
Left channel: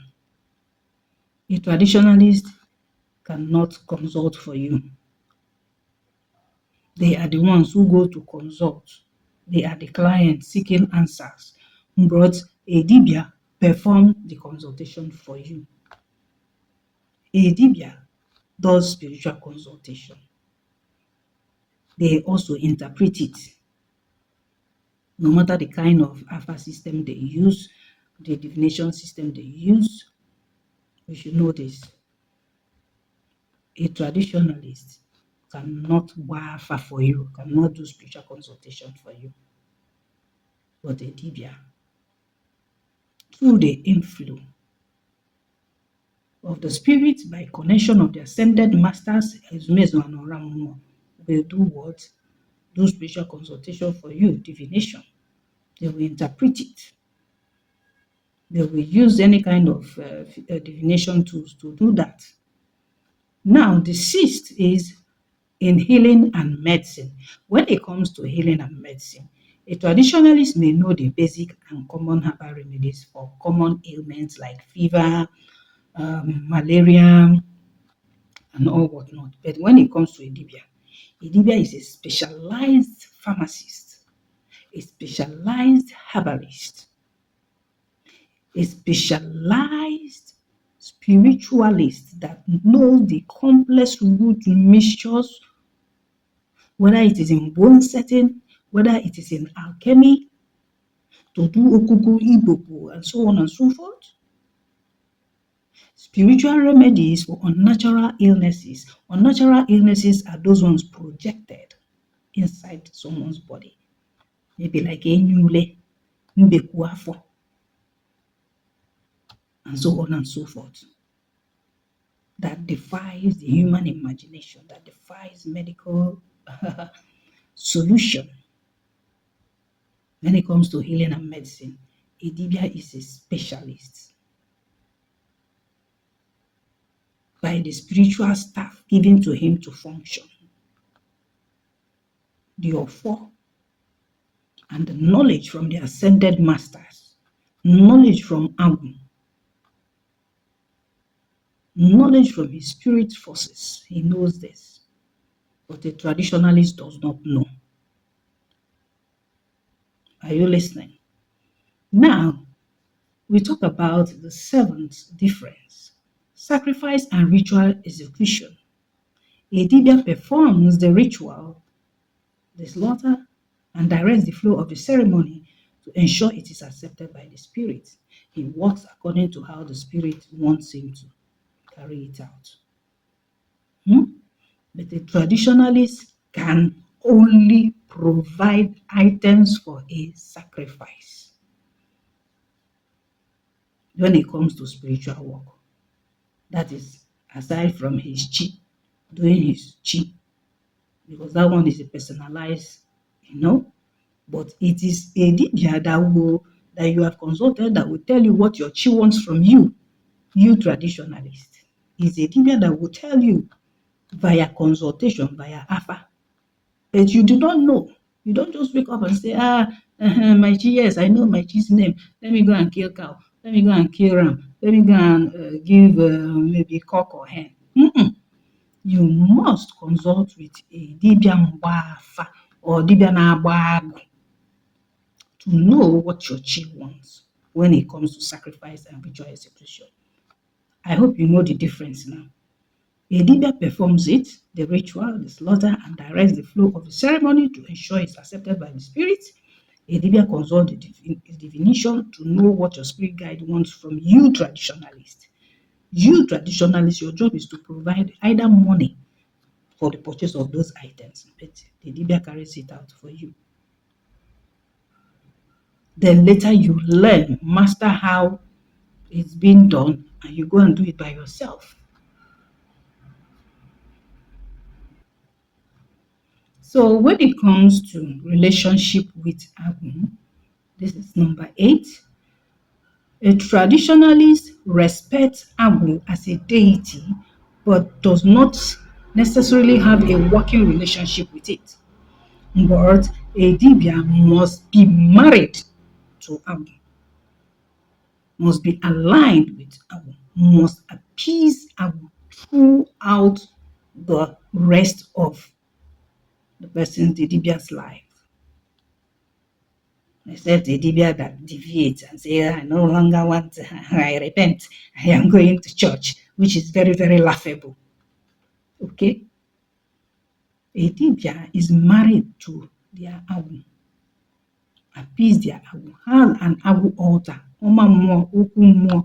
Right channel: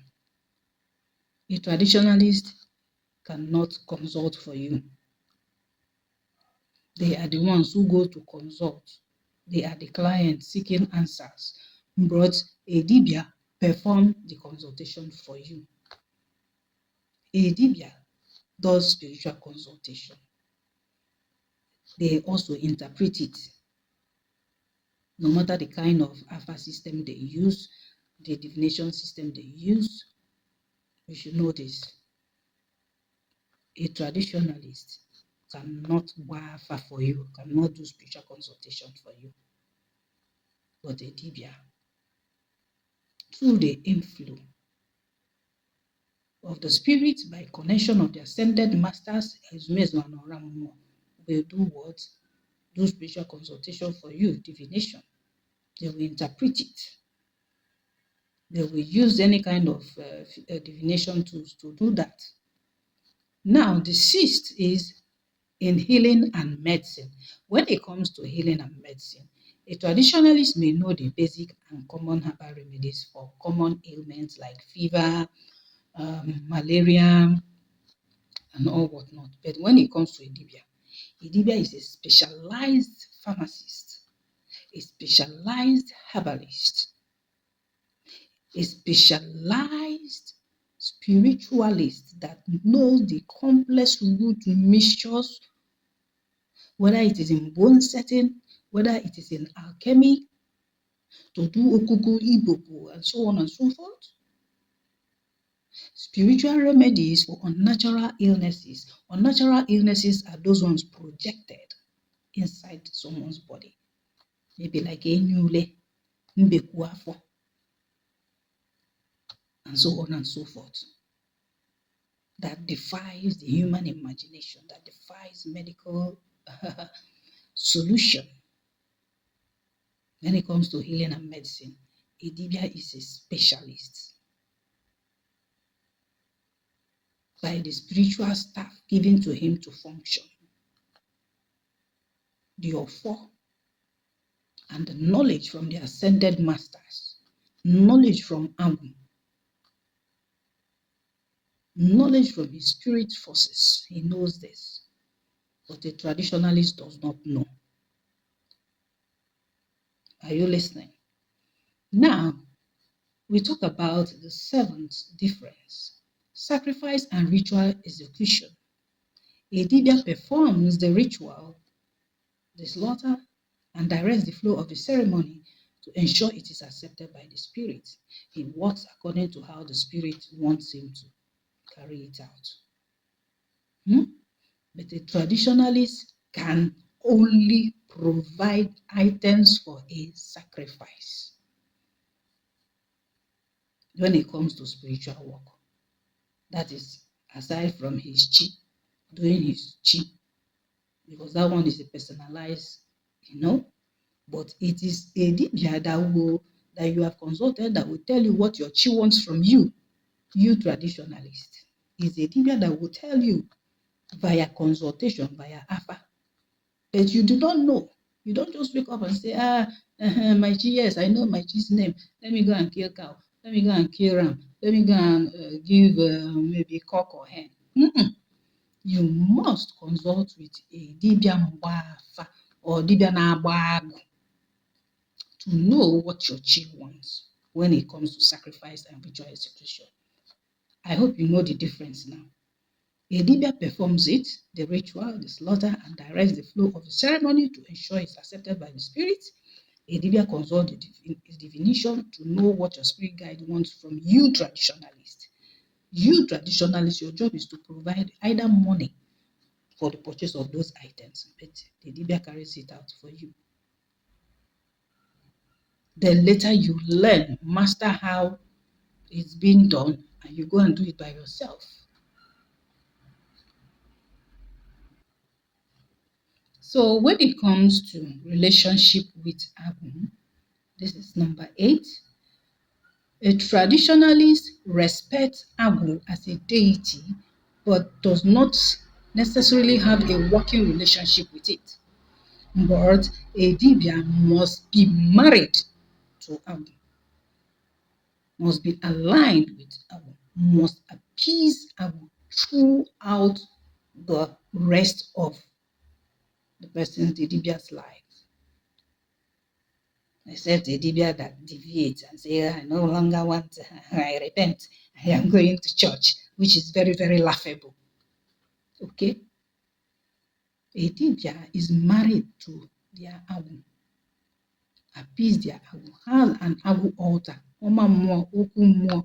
A traditionalist cannot consult for you. They are the ones who go to consult. They are the clients seeking answers. But a Dibịa perform the consultation for you. A Dibịa does spiritual consultation. They also interpret it. No matter the kind of alpha system they use, the divination system they use, you should know this. A traditionalist cannot wafa for you, cannot do spiritual consultation for you. But a Dibịa, through the inflow of the spirit by connection of the ascended masters, will do what? Do spiritual consultation for you, divination. They will interpret it. They will use any kind of divination tools to do that. Now, the sixth is in healing and medicine. When it comes to healing and medicine, a traditionalist may know the basic and common herbal remedies for common ailments like fever, malaria, and all whatnot. But when it comes to a Dibịa is a specialized pharmacist, a specialized herbalist, a specialized spiritualist that knows the complex root mixtures, whether it is in bone setting, whether it is in alchemy, to do okuku, ibobo, and so on and so forth. Spiritual remedies for unnatural illnesses. Unnatural illnesses are those ones projected inside someone's body. Maybe like enyule, mbekuafo, and so on and so forth. That defies the human imagination, that defies medical solution. When it comes to healing and medicine, a Dibịa is a specialist by the spiritual staff given to him to function. The Ofo and the knowledge from the ascended masters, knowledge from Agu, knowledge from his spirit forces. He knows this, but a traditionalist does not know. Are you listening? Now, we talk about the seventh difference: sacrifice and ritual execution. A Dibịa performs the ritual, the slaughter, and directs the flow of the ceremony to ensure it is accepted by the spirit. He works according to how the spirit wants him to carry it out. But a traditionalist can only provide items for a sacrifice when it comes to spiritual work. That is, aside from his chi, doing his chi, because that one is a personalized, but it is a Dibịa that you have consulted that will tell you what your chi wants from you, traditionalist. It's a Dibịa that will tell you via consultation, via Afa, but you do not know. You don't just wake up and say, my chi, yes, I know my chi's name. Let me go and kill cow. Let me go and kill ram. Let me go and give maybe cock or hen. You must consult with a Dibịa Mgbafa or Dibịa Na-agba Agụ to know what your chi wants when it comes to sacrifice and ritual execution. I hope you know the difference now. A Dibịa performs it, the ritual, the slaughter, and directs the flow of the ceremony to ensure it's accepted by the spirit. A Dibịa consults the divination to know what your spirit guide wants from you, traditionalist. You, traditionalist, your job is to provide either money for the purchase of those items, but the Dibịa carries it out for you. Then later you learn, master how it's being done, and you go and do it by yourself. So when it comes to relationship with Agu, this is number 8. A traditionalist respects Agu as a deity, but does not necessarily have a working relationship with it. But a Dibịa must be married to Agu, must be aligned with Agu, must appease Agu throughout the rest of the person's, the Dibịa's life. Except a Dibịa that deviates and says, I no longer want, I repent, I am going to church, which is very, very laughable. Okay? A Dibịa is married to their Agu, appease their Agu, has an Agu altar, Ọma Mmụọ, Okwu Mmụọ,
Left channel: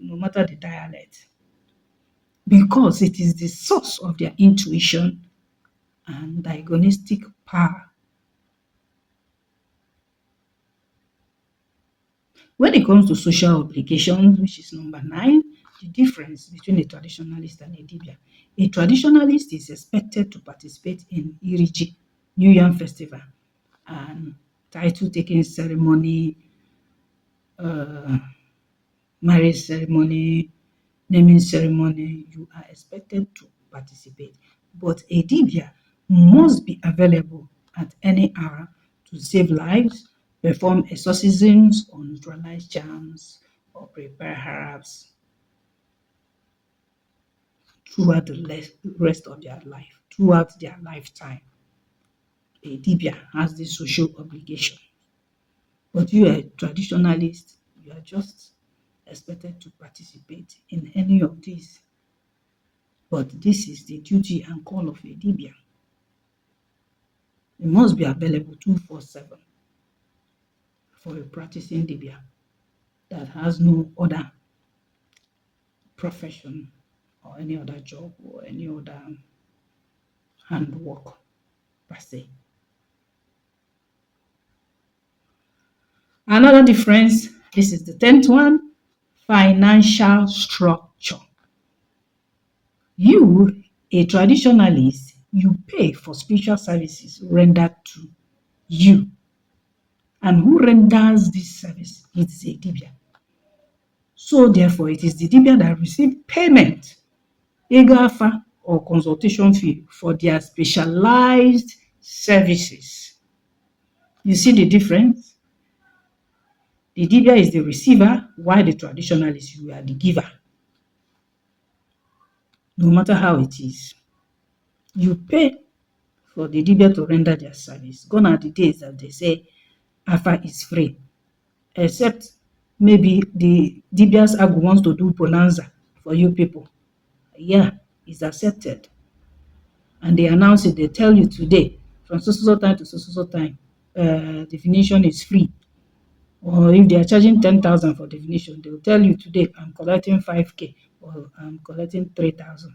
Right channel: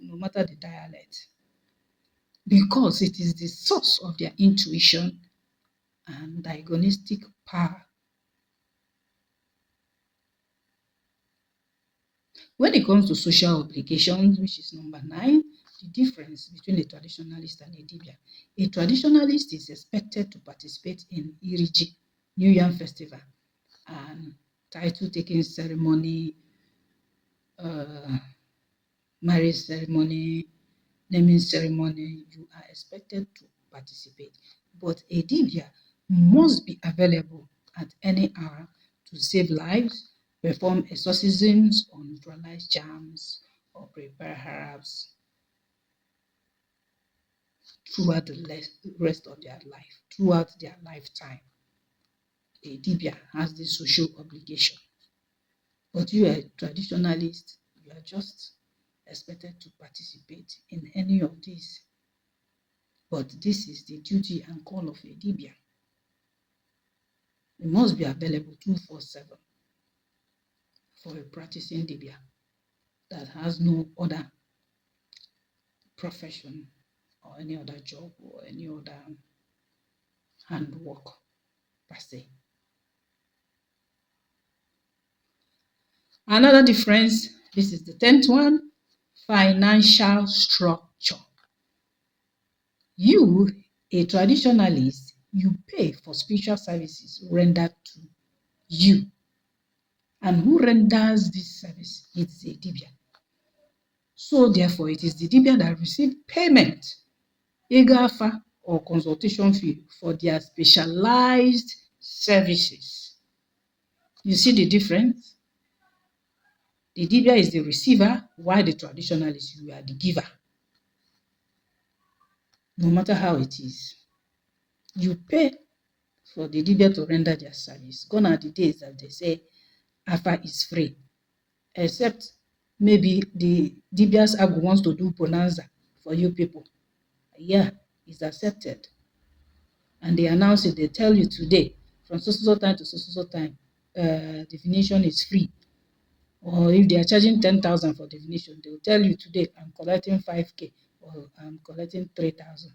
no matter the dialect. because it is the source of their intuition and diagnostic power. When it comes to social obligations, which is number 9, the difference between a traditionalist and a Dibịa. A traditionalist is expected to participate in Iriji, New Yam Festival, and title-taking ceremony, marriage ceremony, naming ceremony. You are expected to participate. But a Dibịa must be available at any hour to save lives, perform exorcisms or neutralize charms, or prepare herbs throughout the rest of their life, throughout their lifetime. A Dibịa has this social obligation. But you are a traditionalist, you are just expected to participate in any of these. But this is the duty and call of a Dibịa. It must be available 24/7 for a practicing Dibịa that has no other profession or any other job or any other handwork per se. Another difference, this is the 10th one, financial structure. You, a traditionalist, you pay for spiritual services rendered to you. And who renders this service? It's a Dibịa. So therefore, it is the Dibịa that receive payment, ego afa or consultation fee for their specialized services. You see the difference? The Dibịa is the receiver, while the traditionalist, you are the giver. No matter how it is, you pay for the Dibịa to render their service. Gone are the days that they say afa is free, except maybe the Dibịas Agwu wants to do bonanza for you people. Yeah, it's accepted. And they announce it, they tell you today, from so time to so time, definition is free. Or if they are charging 10,000 for definition, they will tell you today, I'm collecting 5K or I'm collecting 3,000.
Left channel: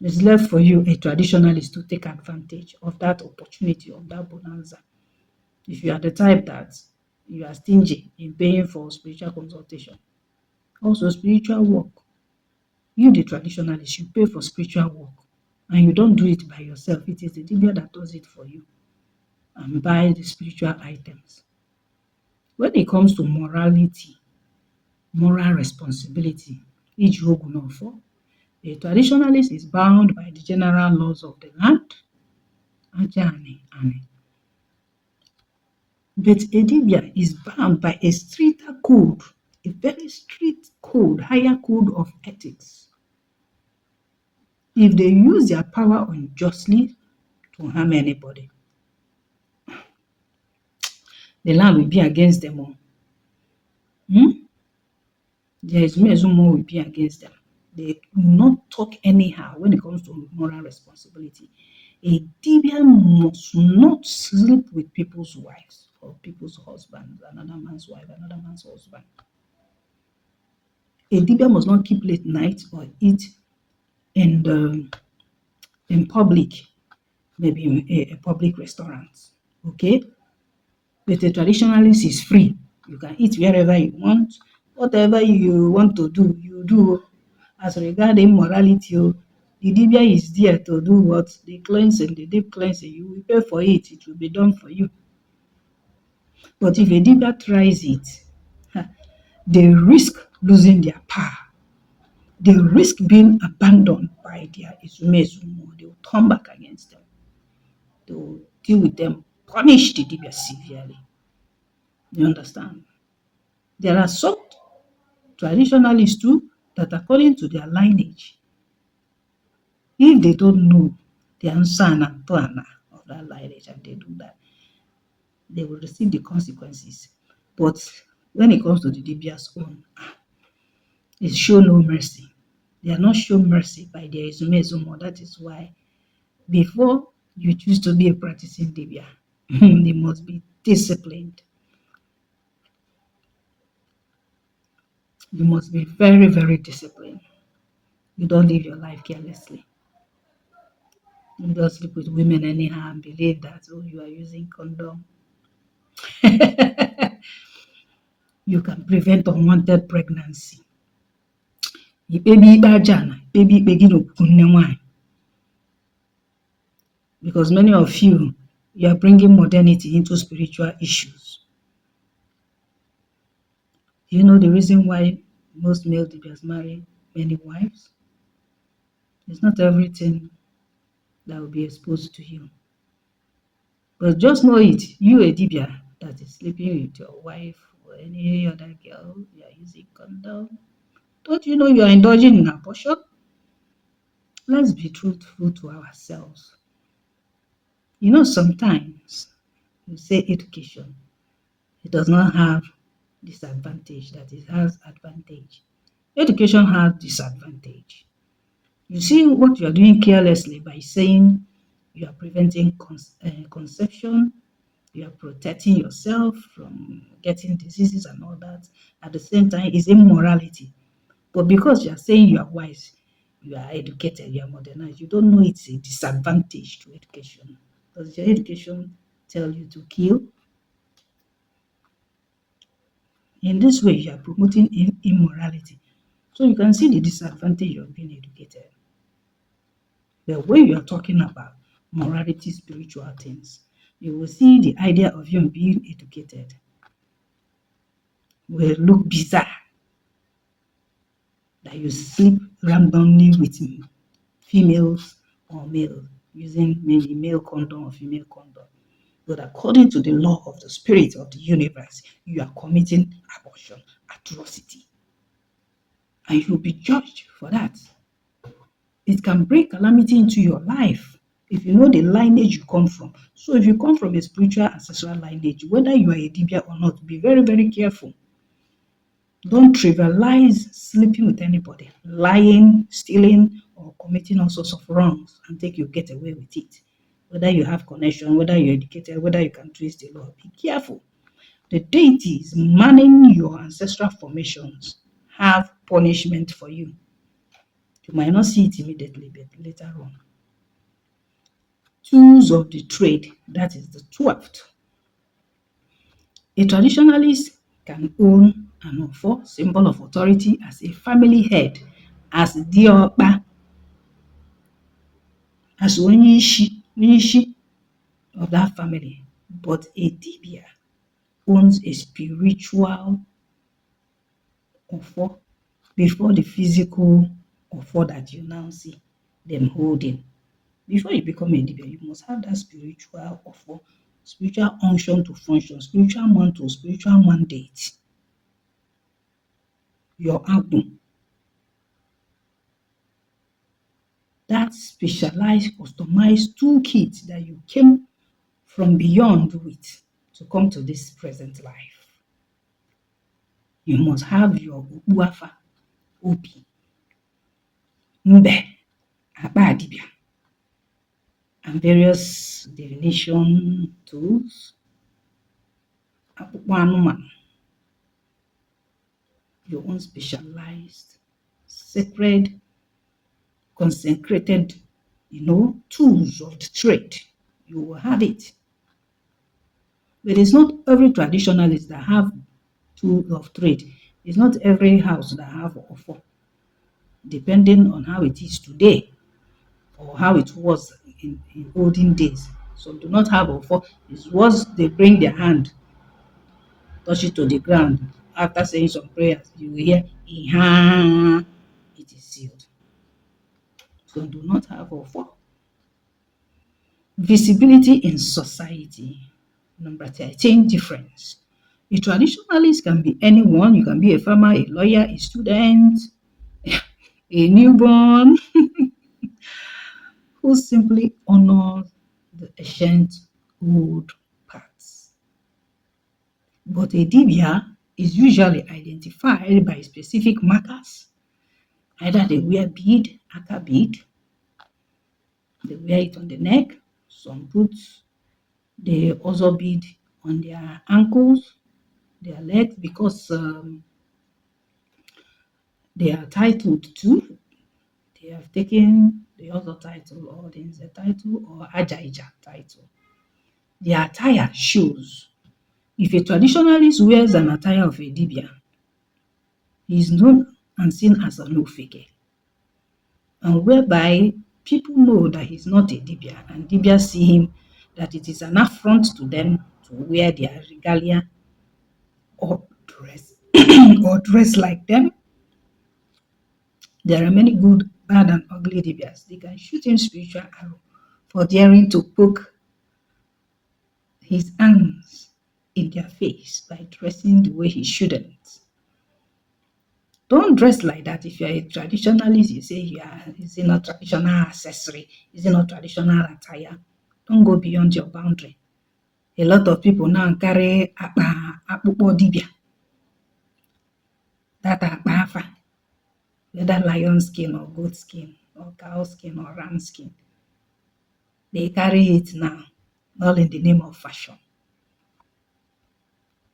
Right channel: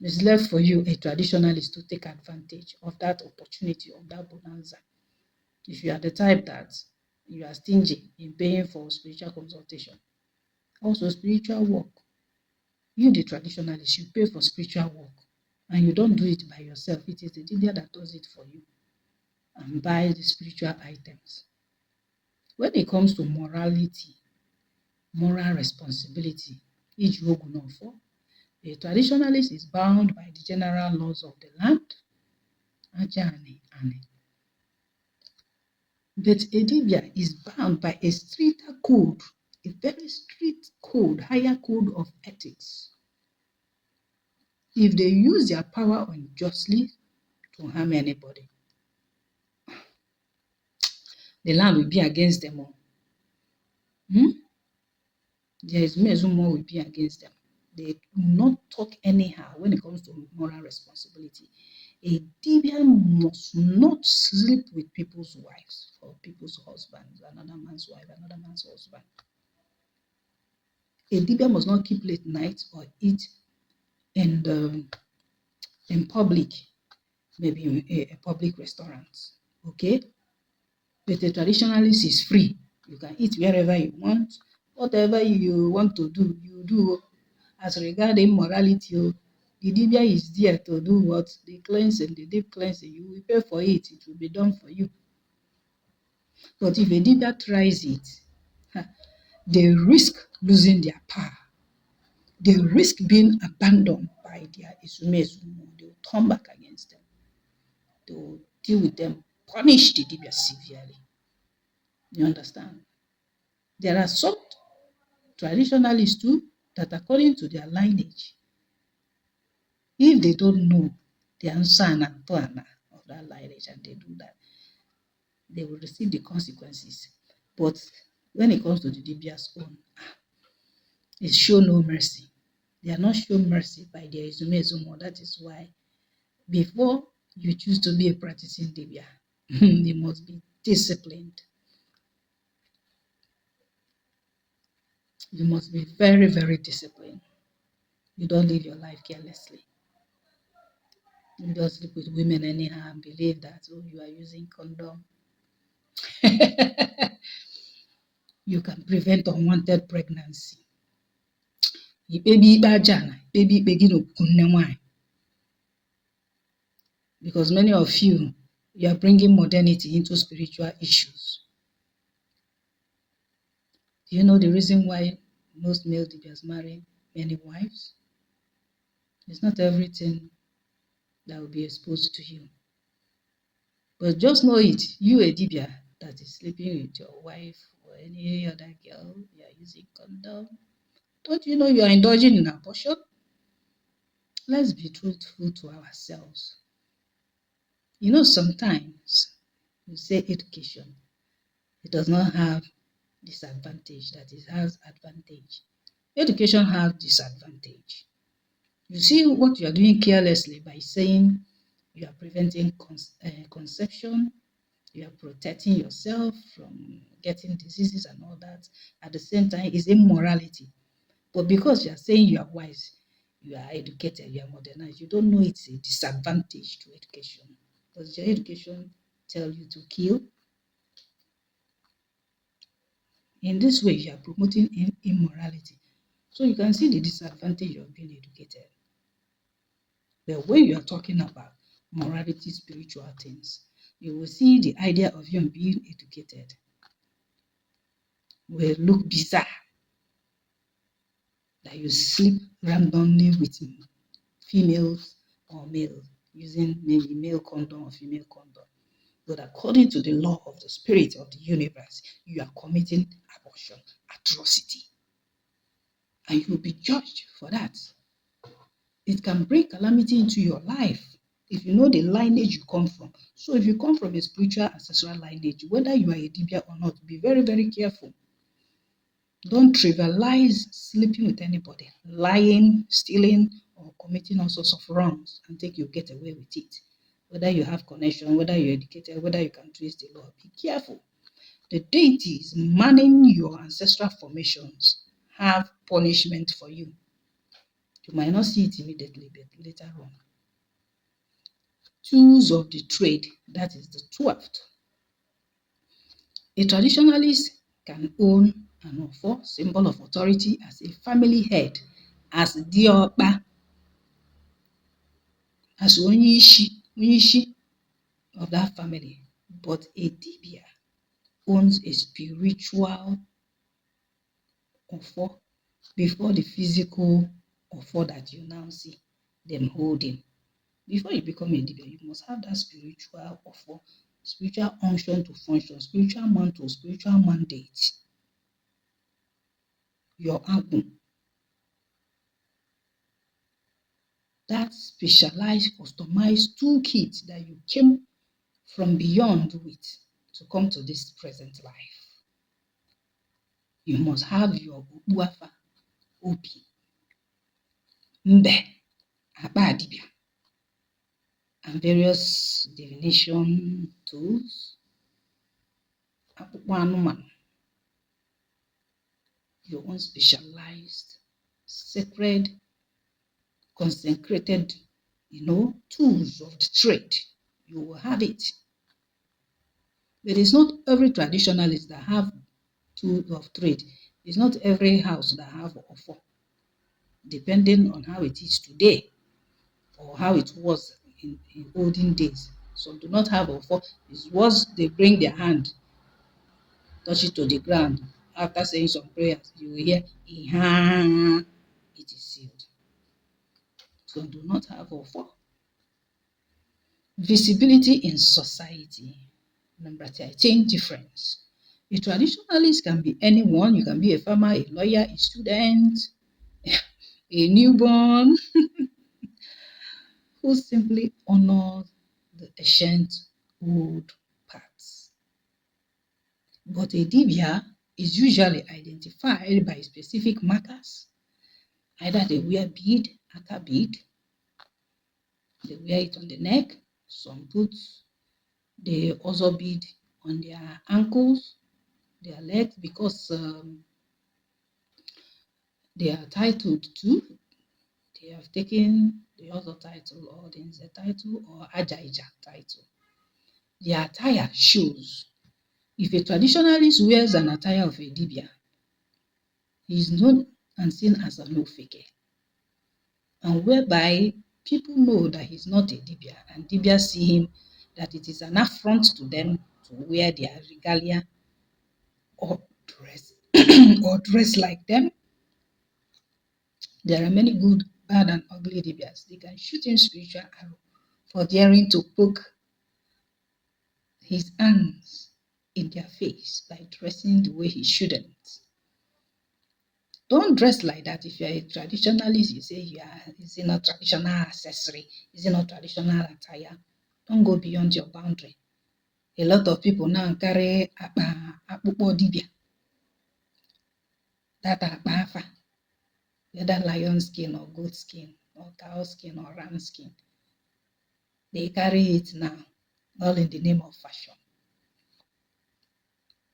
It's left for you, a traditionalist, to take advantage of that opportunity, of that bonanza. If you are the type that you are stingy in paying for spiritual consultation, also spiritual work, you, the traditionalist, you pay for spiritual work, and you don't do it by yourself. It is the Dibịa that does it for you and buy the spiritual items. When it comes to morality, moral responsibility, iji ogwu n'ọfọ, a traditionalist is bound by the general laws of the land, aja ani. But a Dibịa is bound by a stricter code, a very strict code, higher code of ethics. If they use their power unjustly to harm anybody, the land will be against them all. Their Ezumezumo will be against them. They do not talk anyhow when it comes to moral responsibility. A Dibịa must not sleep with people's wives or people's husbands, another man's wife, another man's husband. A Dibịa must not keep late nights or eat in public, maybe in a public restaurant. Okay? But a traditionalist is free. You can eat wherever you want. Whatever you want to do, you do. As regarding morality, the Dibịa is there to do what? The cleansing, the deep cleansing. You will pay for it. It will be done for you. But if a Dibịa tries it, they risk losing their power. They risk being abandoned by their Ezumezumo. They will turn back against them. They will deal with them, punish the Dibịa severely. You understand? There are some traditionalists too that, according to their lineage, if they don't know the answer and plan of that lineage and they do that, they will receive the consequences. But when it comes to the Dibịa's own, it's show no mercy. They are not shown mercy by their Ezumezumo. That is why before you choose to be a practicing Dibịa, you must be disciplined. You must be very, very disciplined. You don't live your life carelessly. You don't sleep with women anyhow and believe that, oh, you are using condom. You can prevent unwanted pregnancy. Ikpebi ikpe aja na ikpebi ikpe gị n'okwukwu nne nwanyị. Because many of you are bringing modernity into spiritual issues. Do you know the reason why most male Dibịas marry many wives? It's not everything that will be exposed to you. But just know it, you a Dibịa that is sleeping with your wife or any other girl, you are using condom. Don't you know you are indulging in abortion? Let's be truthful to ourselves. You know, sometimes you say education, it does not have disadvantage, that it has advantage. Education has disadvantage. You see what you are doing carelessly by saying you are preventing conception, you are protecting yourself from getting diseases and all that. At the same time, is immorality. But because you are saying you are wise, you are educated, you are modernized, you don't know it's a disadvantage to education. Does your education tell you to kill? In this way, you are promoting immorality. So you can see the disadvantage of being educated. But when you are talking about morality, spiritual things, you will see the idea of you being educated will look bizarre. That you sleep randomly with females or males, using maybe male condom or female condom. But according to the law of the spirit of the universe, you are committing abortion, atrocity. And you'll be judged for that. It can bring calamity into your life if you know the lineage you come from. So if you come from a spiritual ancestral lineage, whether you are a Dibịa or not, be very, very careful. Don't trivialize sleeping with anybody, lying, stealing, or committing all sorts of wrongs and think you get away with it. Whether you have connection, whether you're educated, whether you can trace the law, be careful. The deities manning your ancestral formations have punishment for you. You might not see it immediately, but later on. Tools of the trade, that is the 12th. A traditionalist can own an offer, symbol of authority, as a family head, as diokpa, as onyishi of that family. But a Dibịa owns a spiritual offer before the physical offer that you now see them holding. Before you become a Dibịa, you must have that spiritual offer, spiritual unction to function, spiritual mantle, spiritual mandate. Your agwu. That specialized, customized toolkit that you came from beyond with to come to this present life. You must have your Okpuafa, Obi, Mbe, Akpa Dibịa, and various divination tools, akpụkpọ anụmanụ, your own specialized, sacred, consecrated, tools of the trade. You will have it. But it's not every traditionalist that have tools of trade. It's not every house that have offer, depending on how it is today or how it was in olden days. Some do not have offer. It's once they bring their hand, touch it to the ground, after saying some prayers, you will hear, Iha, it is sealed. So do not have offer. Visibility in society. Number 13, difference. A traditionalist can be anyone. You can be a farmer, a lawyer, a student, a newborn, who simply honors the ancient old paths. But a Dibịa is usually identified by specific markers. Either they wear bead, aka bead, they wear it on the neck, some put the other bead on their ankles, their legs, because they are titled to They have taken the other title or the Nze title or Ajaija title. The attire shows. If a traditionalist wears an attire of a Dibịa, he is known and seen as an Ofeke, and whereby people know that he's not a Dibịa, and Dibịas see him that it is an affront to them to wear their regalia or dress or dress like them. There are many good, bad, and ugly Dibịas. They can shoot him spiritual arrow for daring to poke his hands in their face by dressing the way he shouldn't. Don't dress like that. If you're a traditionalist, you say is it not traditional accessory? Is it not traditional attire? Don't go beyond your boundary. A lot of people now carry akpụkpọ dibịa, that akpa afa, whether lion skin or goat skin or cow skin or ram skin. They carry it now, all in the name of fashion.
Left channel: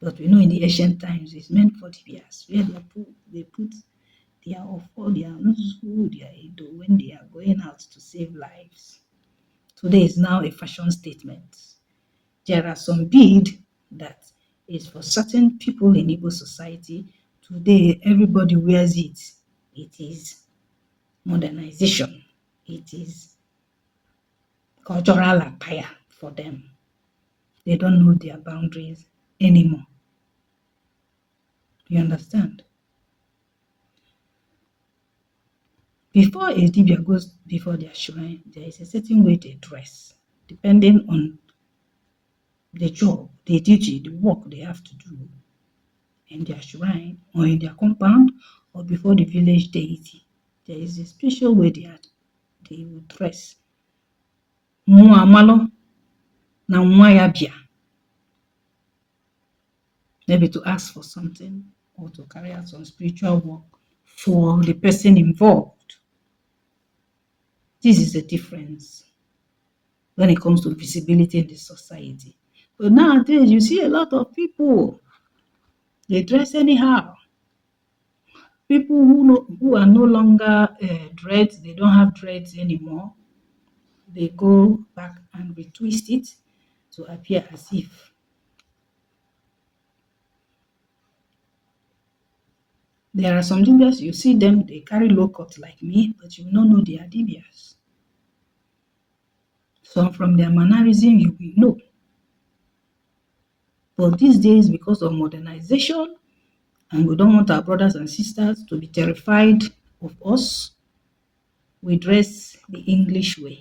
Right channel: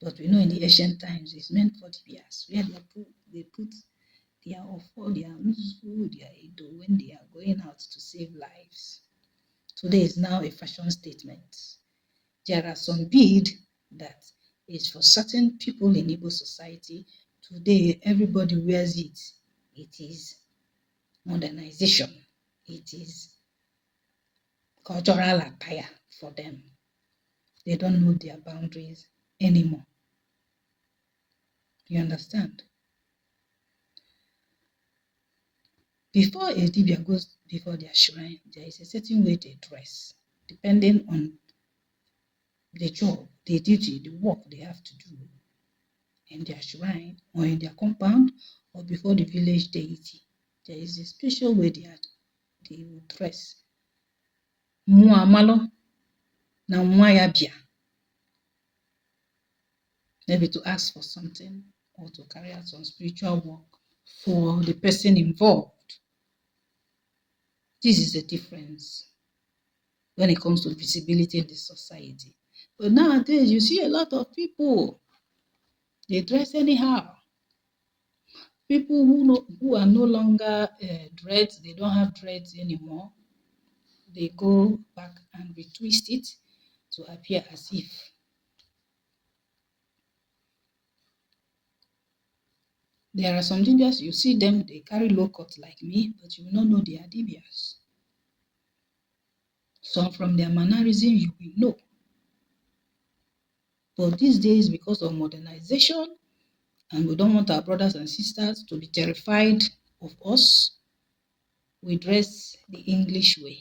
But we know in the ancient times it's meant for Dibịas, where they put their ofo, their nzu, their edo when they are going out to save lives. Today is now a fashion statement. There are some bead that is for certain people in Igbo society. Today, everybody wears it. It is modernization. It is cultural attire for them. They don't know their boundaries anymore. You understand? Before a Dibịa goes before their shrine, there is a certain way they dress, depending on the job, the duty, the work they have to do in their shrine or in their compound or before the village deity. There is a special way they will dress. Mmụọ amalụ na nwa ya bịa, maybe to ask for something or to carry out some spiritual work for the person involved. This is the difference when it comes to visibility in the society. But nowadays, you see a lot of people, they dress anyhow. People who are no longer dreads, they don't have dreads anymore. They go back and retwist it to appear as if. There are some Dibịas, you see them, they carry low cut like me, but you will not know they are Dibịas. Some from their mannerism, you will know. But these days, because of modernization, and we don't want our brothers and sisters to be terrified of us, we dress the English way.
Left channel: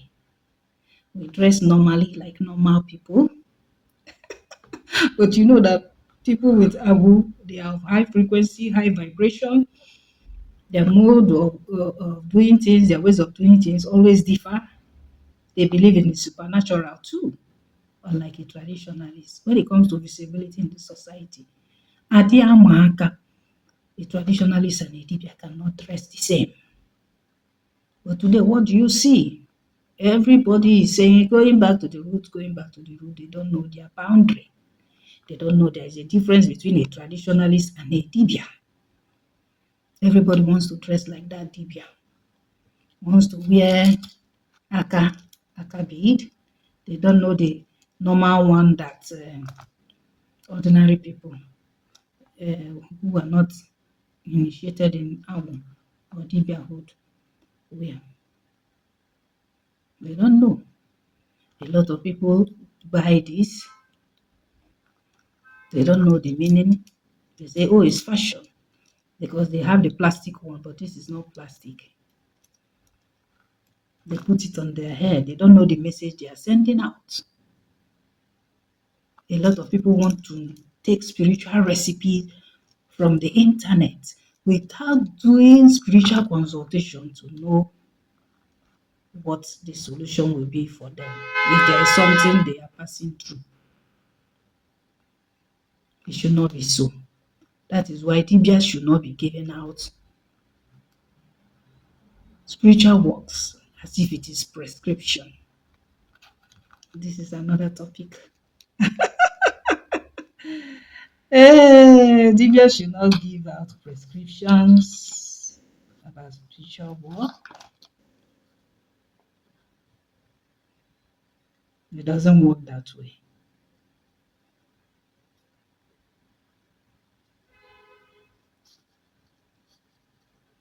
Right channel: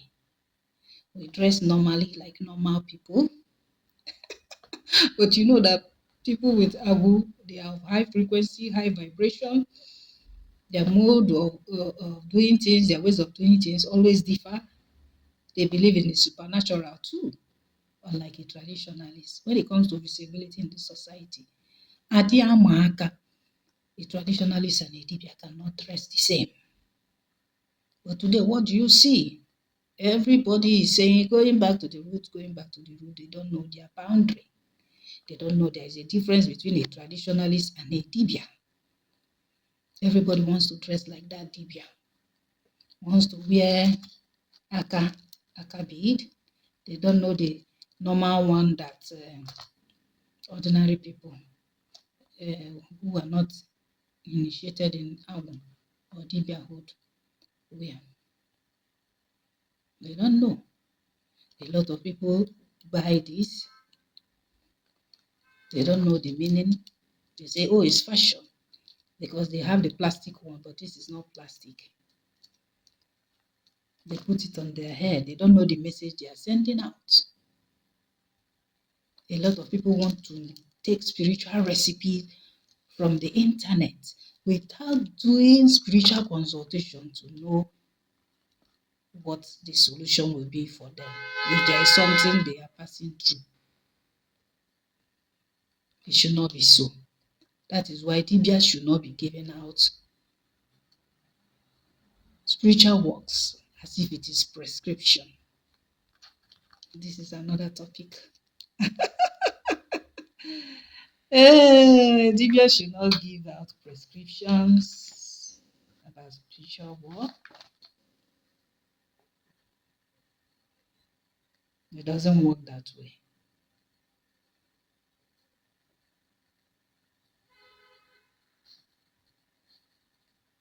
We dress normally like normal people. But you know that people with Abu, they have high frequency, high vibration. Their mode of doing things, their ways of doing things always differ. They believe in the supernatural too, unlike a traditionalist. When it comes to visibility in the society, Adiamaka, a traditionalist and a Dibịa cannot dress the same. But today, what do you see? Everybody is saying, going back to the root, going back to the root. They don't know their boundary. They don't know there is a difference between a traditionalist and a Dibịa. Everybody wants to dress like that Dibịa. Wants to wear aka bead. They don't know the normal one that ordinary people who are not initiated in Awu or Dibịahood wear. They don't know. A lot of people buy this. They don't know the meaning. They say, oh, it's fashion because they have the plastic one, but this is not plastic. They put it on their head. They don't know the message they are sending out. A lot of people want to take spiritual recipes from the internet without doing spiritual consultation to know what the solution will be for them if there is something they are passing through. It should not be so. That is why Dibịas should not be giving out spiritual works as if it is prescription. This is another topic. Dibịas should not give out prescriptions about spiritual work. It doesn't work that way.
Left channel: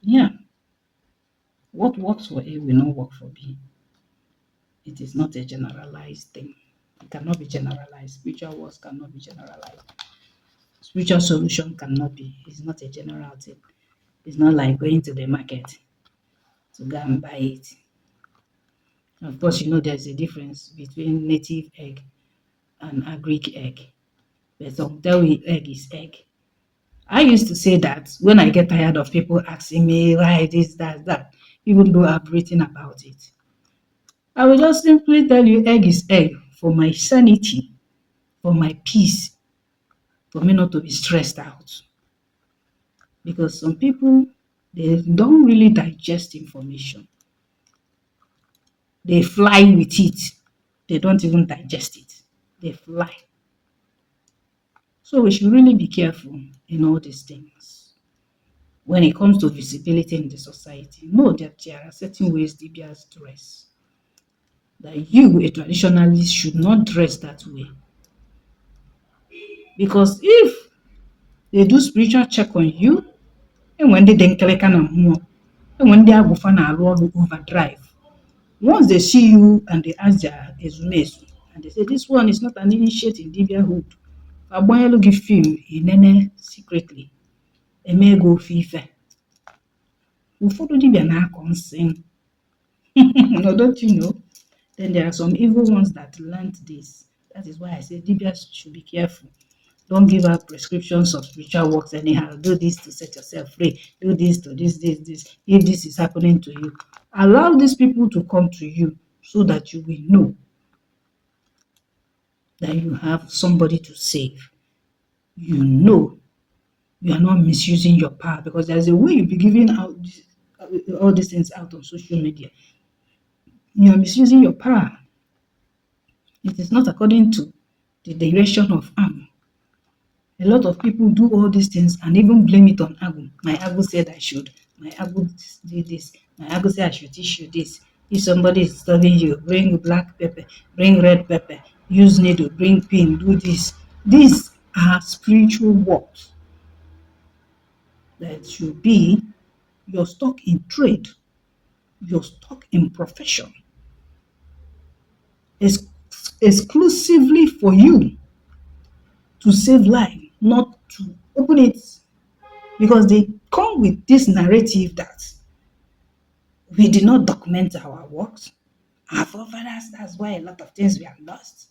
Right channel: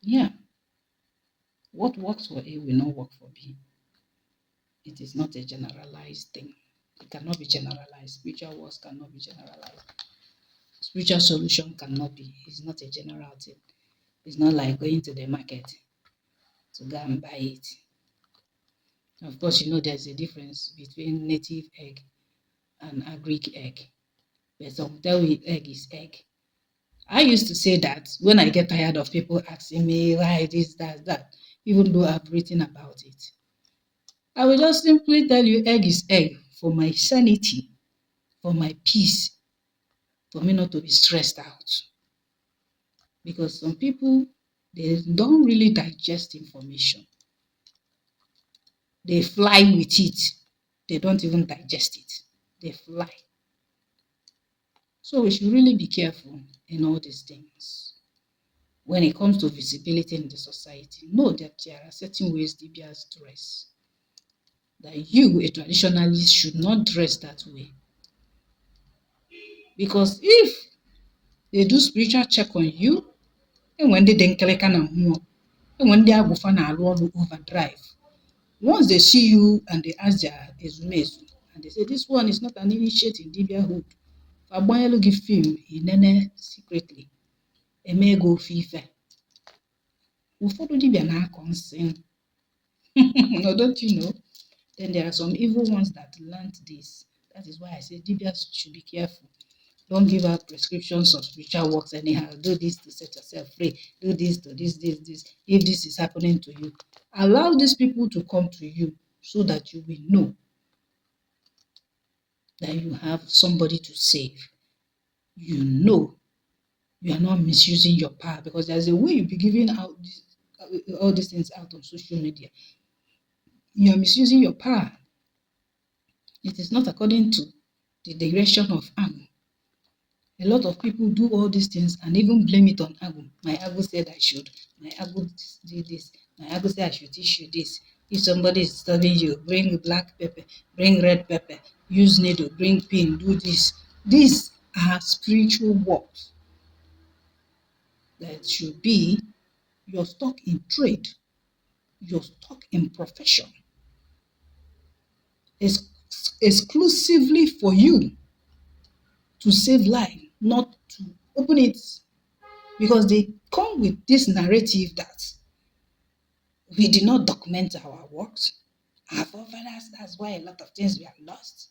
Yeah, what works for A will not work for B. It is not a generalized thing. It cannot be generalized. Spiritual works cannot be generalized. Spiritual solution cannot be. It's not a general thing. It's not like going to the market to go and buy it. Of course, you know there's a difference between native egg and agric egg. But some tell you egg is egg. I used to say that when I get tired of people asking me why this, that, even though I've written about it. I will just simply tell you egg is egg for my sanity, for my peace, for me not to be stressed out. Because some people, they don't really digest information. They fly with it. They don't even digest it. They fly. So we should really be careful in all these things. When it comes to visibility in the society, know that there are certain ways Dibịas dress. That you, a traditionalist, should not dress that way. Because if they do spiritual check on you, and when they denkeleka na mmụọ, and when they are na arụ ọrụ overdrive, once they see you and they ask their ezumezu, and they say this one is not an initiate in Dibịahood, agbanyelu gị film inene secretly, eme ego ofe ife. Ụfọdụ dibịa na-akọ nsị. No, don't you know? Then there are some evil ones that learned this. That is why I say Dibịas should be careful. Don't give out prescriptions of spiritual works anyhow. Do this to set yourself free. Do this to this. If this is happening to you, allow these people to come to you so that you will know that you have somebody to save. You know you are not misusing your power, because there's a way you'll be giving out all these things out on social media. You are misusing your power. It is not according to the direction of Am. A lot of people do all these things and even blame it on Agu. My Agu said I should. My Agu did this. My Agu said I should teach you this. If somebody is studying you, bring black pepper, bring red pepper, use needle, bring pin, do this. These are spiritual works that should be your stock in trade, your stock in profession, exclusively for you to save life, not to open it, because they come with this narrative that we did not document our works. Our forefathers, that's why a lot of things were lost.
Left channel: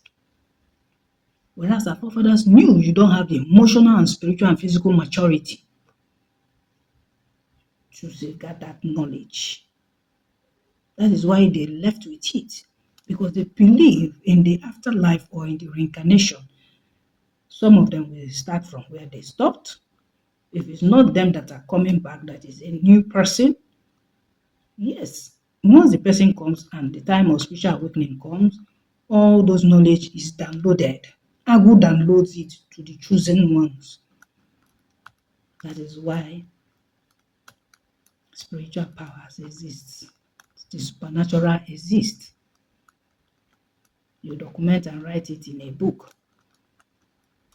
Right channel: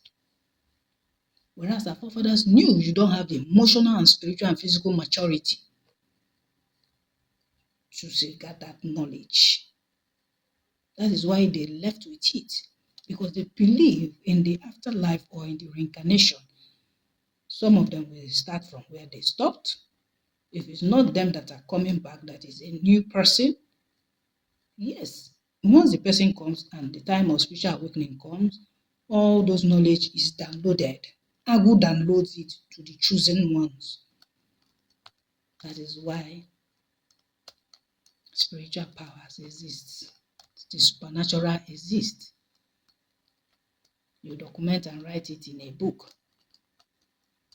Whereas our forefathers knew you don't have the emotional and spiritual and physical maturity to safeguard that knowledge. That is why they left with it, because they believe in the afterlife or in the reincarnation. Some of them will start from where they stopped. If it's not them that are coming back, that is a new person. Yes, once the person comes and the time of spiritual awakening comes, all those knowledge is downloaded. Agu downloads it to the chosen ones. That is why spiritual powers exist. The supernatural exists. You document and write it in a book.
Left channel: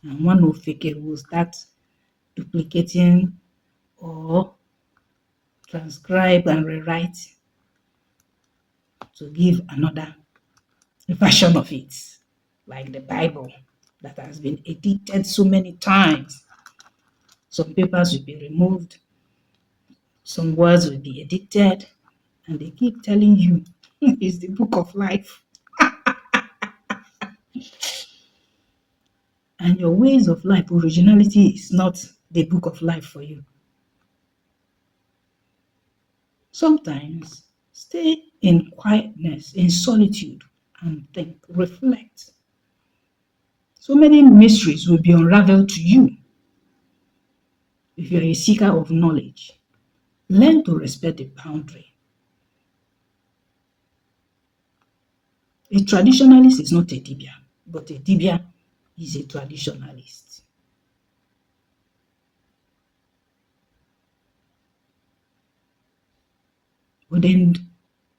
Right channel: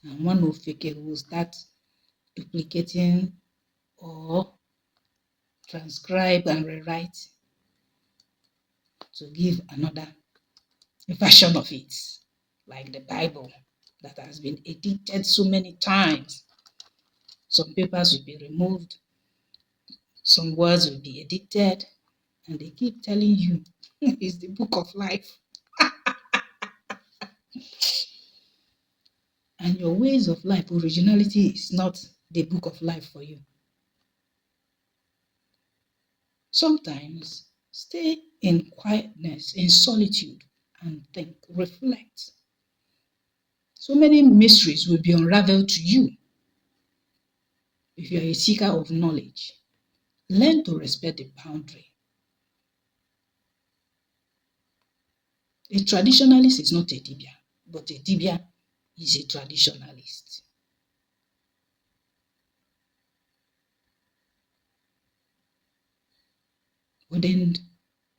And one of fake will start duplicating or transcribe and rewrite to give another version of it, like the Bible that has been edited so many times. Some papers will be removed, some words will be edited, and they keep telling you it's the book of life. And your ways of life, originality is not the book of life for you. Sometimes stay in quietness, in solitude, and think, reflect. So many mysteries will be unraveled to you if you're a seeker of knowledge. Learn to respect the boundary. A traditionalist is not a Dibịa, but a Dibịa is a traditionalist. Ordained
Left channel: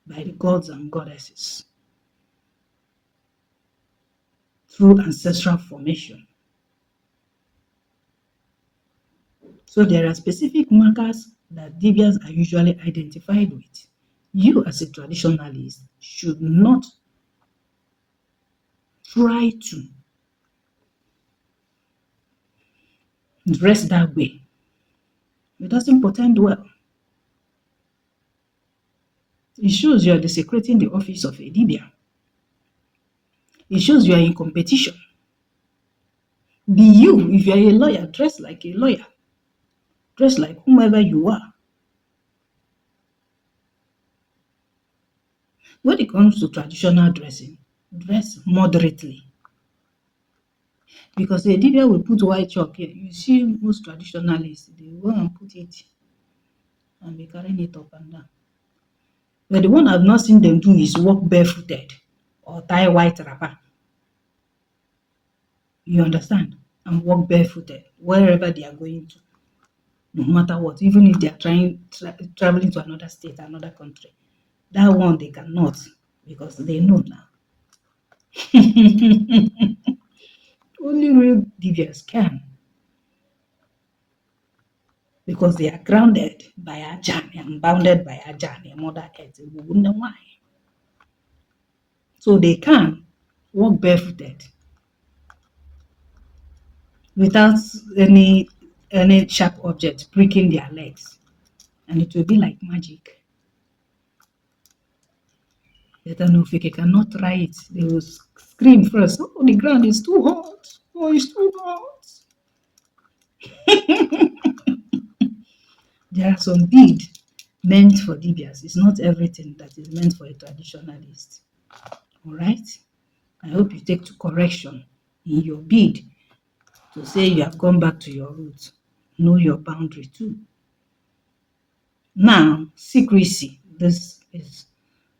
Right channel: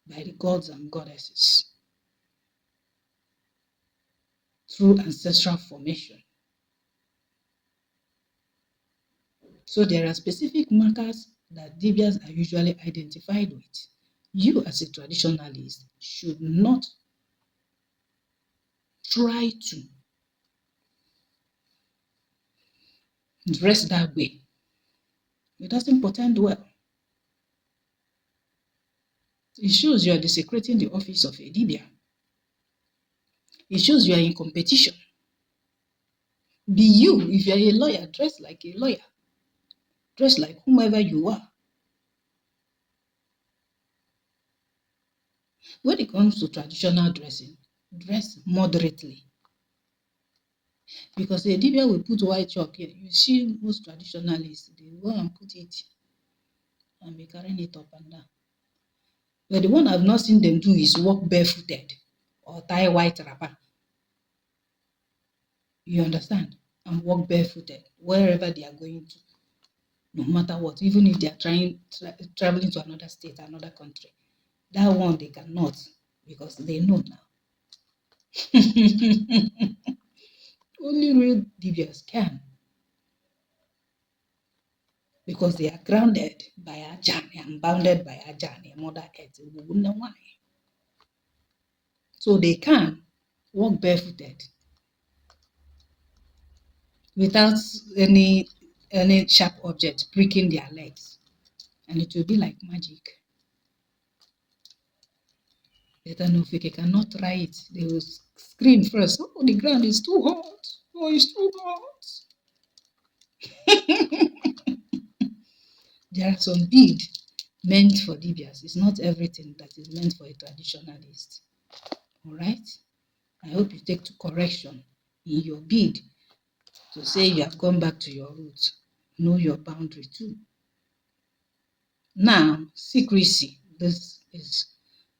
by the gods and goddesses. through ancestral formation. So there are specific markers that Dibịas are usually identified with. You as a traditionalist should not try to dress that way. It doesn't portend well. It shows you are desecrating the office of a Dibịa. It shows you are in competition. Be you. If you are a lawyer, dress like a lawyer. Dress like whomever you are. When it comes to traditional dressing, dress moderately. Because a Dibịa will put white chalk here. You see most traditionalists, they go and put it and be carrying it up and down. But the one I've not seen them do is walk barefooted or tie white wrapper. You understand? And walk barefooted wherever they are going to, no matter what, even if they are traveling to another state, another country. That one they cannot, because they know now. Only real Dibịas can, because they are grounded by Ajani and bounded by Ajani, Mother Earth. We wouldn't know why. So they can walk barefooted without any sharp object pricking their legs, and it will be like magic. Letanofike cannot try it. They will scream first. Oh, the ground is too hot. Oh, it's too hot. There are some bead meant for Dibịas. It's not everything that is meant for a traditionalist. All right? I hope you take to correction in your bid to say you have gone back to your roots. Know your boundary too. Now, secrecy. This is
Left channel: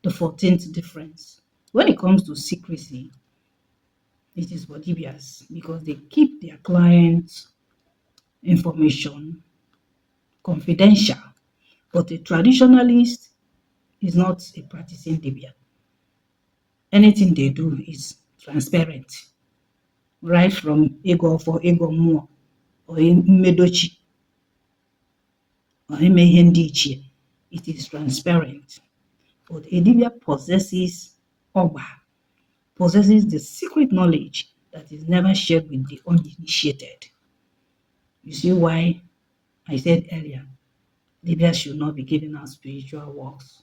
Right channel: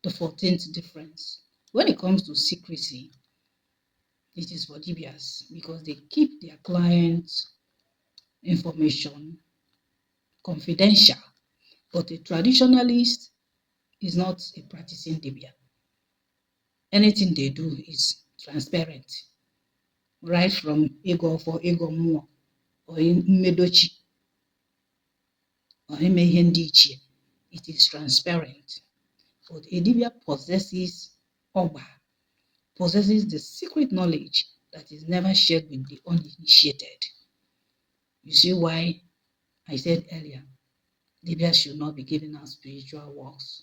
the 14th difference. When it comes to secrecy, it is for Dibịas because they keep their clients' information confidential. But a traditionalist is not a practicing Dibịa. Anything they do is transparent, right from ego for ego mmụọ or mmedochi or ime ihe ndị ichie. It is transparent. But a Dibịa possesses the secret knowledge that is never shared with the uninitiated. You see why I said earlier, Dibịas should not be giving out spiritual works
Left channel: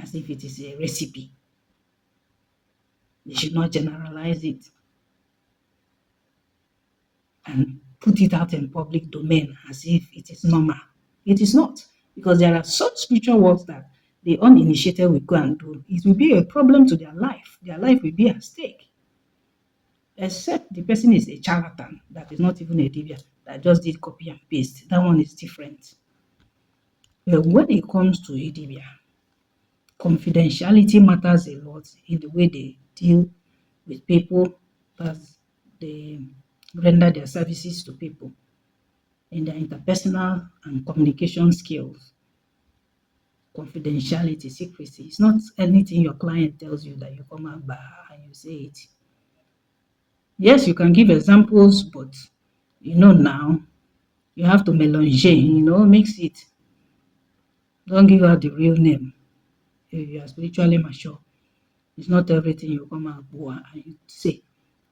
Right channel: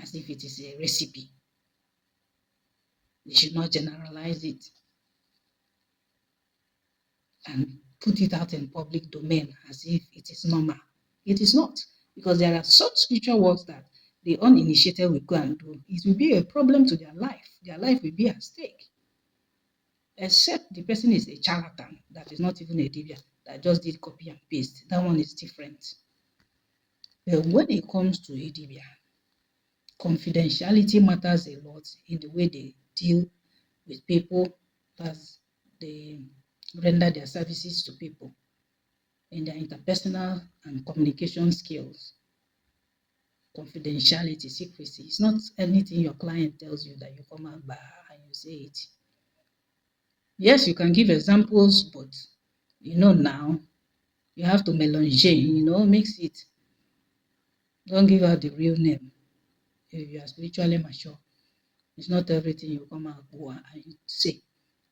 as if it is a recipe. They should not generalize it and put it out in public domain as if it is normal. It is not, because there are such spiritual works that the uninitiated will go and do. It will be a problem to their life. Their life will be at stake. Except the person is a charlatan that is not even a Dibịa, that just did copy and paste. That one is different. But when it comes to a Dibịa, confidentiality matters a lot in the way they deal with people as they render their services to people, in their interpersonal and communication skills. Confidentiality, secrecy. It's not anything your client tells you that you come out by and you say it. Yes, you can give examples, but now you have to mélanger, mix it. Don't give out the real name if you are spiritually mature. It's not everything you come out and you say.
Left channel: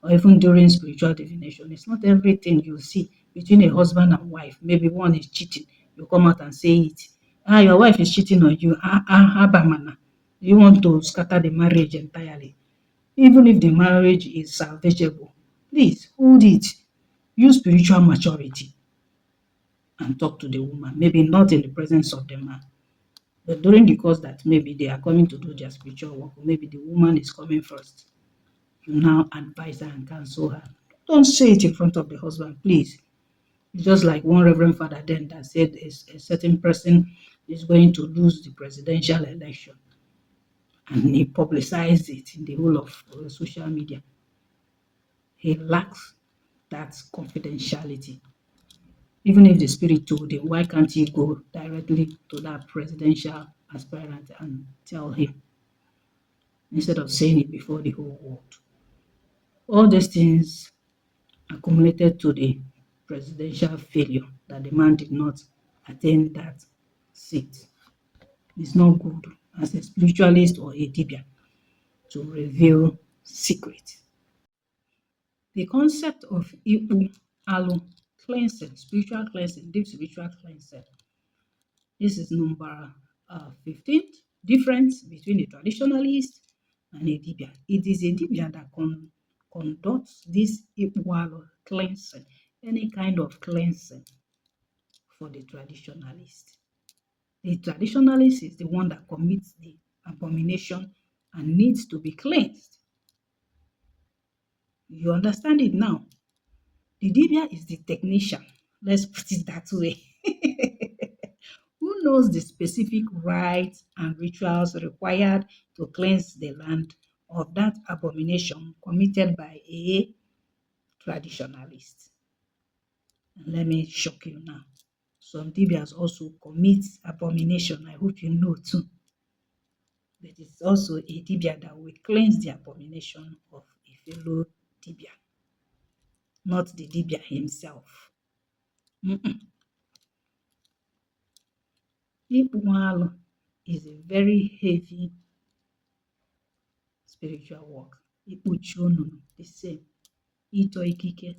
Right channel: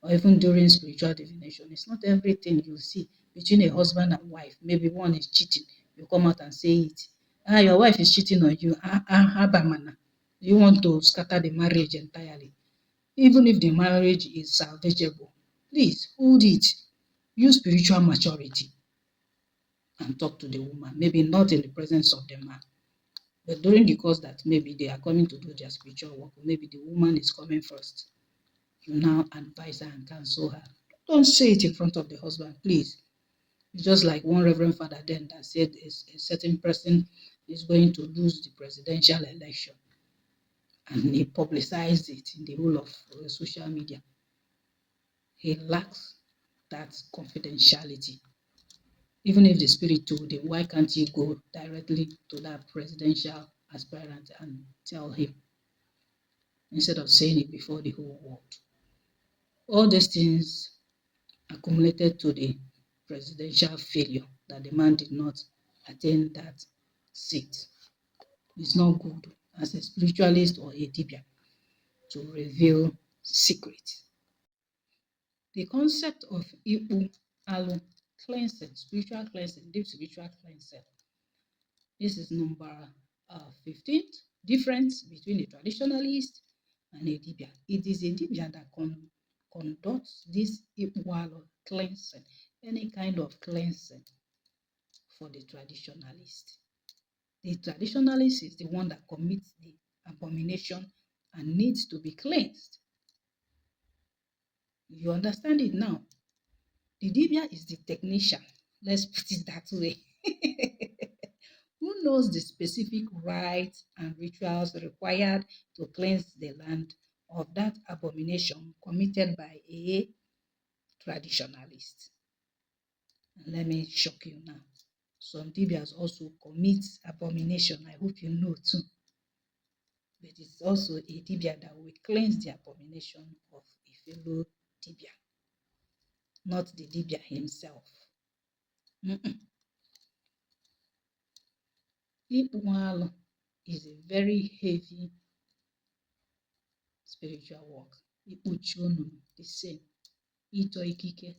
Or even during spiritual divination, it's not everything you see between a husband and wife. Maybe one is cheating, you come out and say it. Your wife is cheating on you. Abamana. You want to scatter the marriage entirely. Even if the marriage is salvageable, please hold it. Use spiritual maturity and talk to the woman. Maybe not in the presence of the man, but during the course that maybe they are coming to do their spiritual work, or maybe the woman is coming first. You now advise her and counsel her. Don't say it in front of the husband, please. It's just like one reverend father then that said a certain person is going to lose the presidential election, and he publicized it in the whole of social media. He lacks that confidentiality. Even if the spirit told him, why can't he go directly to that presidential aspirant and tell him, instead of saying it before the whole world? All these things accumulated to the presidential failure that the man did not attain that seat. It's not good as a spiritualist or a Dibia to reveal secrets. The concept of Ibu Alu cleansing, spiritual cleansing, deep spiritual cleansing. This is number 15. Difference between a traditionalist and a Dibia. It is a Dibia that conducts this Ibu Alu cleansing, any kind of cleansing for the traditionalist. The traditionalist is the one that commits the abomination and needs to be cleansed. You understand it now? The Dibia is the technician. Let's put it that way. Who knows the specific rites and rituals required to cleanse the land of that abomination committed by a traditionalist? And let me shock you now. Some Dibias also commit abomination. I hope you know too. But it's also a Dibia that will cleanse the abomination of a fellow Dibia, not the Dibia himself. Ikpualu is a very heavy spiritual work. Ikpuchi onunu, the same. Ito ikike.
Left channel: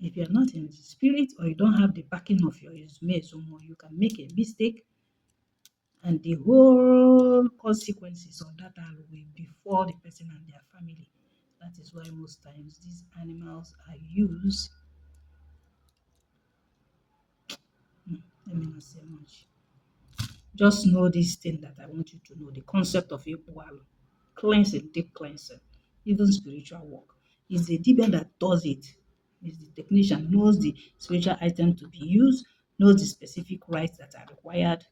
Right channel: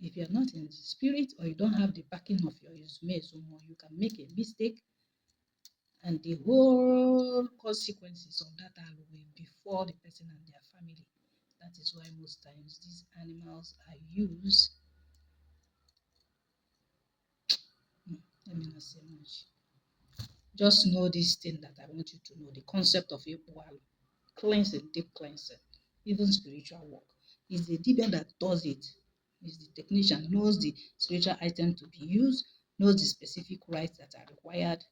If you're not in the spirit or you don't have the backing of your Izumezumo, you can make a mistake and the whole consequences of that will befall the person and their family. That is why most times these animals are used. Let me not say much. Just know this thing that I want you to know, the concept of Ikpualu. Cleansing, deep cleansing, even spiritual work. It's the Dibia that does it. It's the technician, knows the spiritual item to be used, knows the specific rites that are required.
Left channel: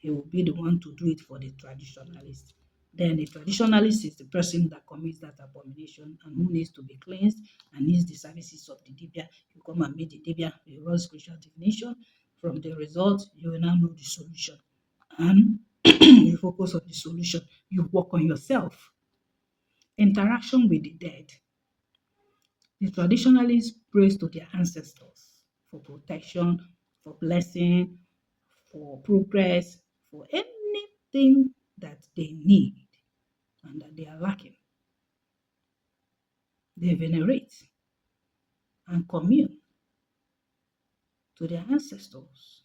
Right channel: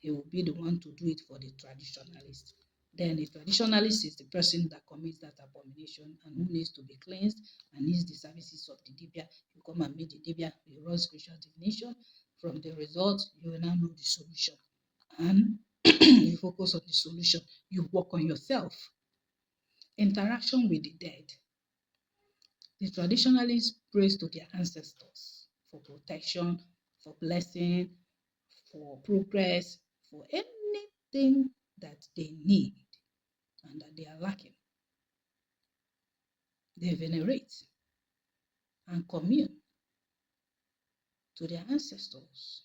He will be the one to do it for the traditionalist. Then the traditionalist is the person that commits that abomination and who needs to be cleansed and needs the services of the Dibia. You come and meet the Dibia, they run spiritual divination. From the result, you will now know the solution. And you focus on the solution. You work on yourself. Interaction with the dead. The traditionalists prays to their ancestors for protection, for blessing, for progress, for anything that they need and that they are lacking. They venerate and commune to their ancestors.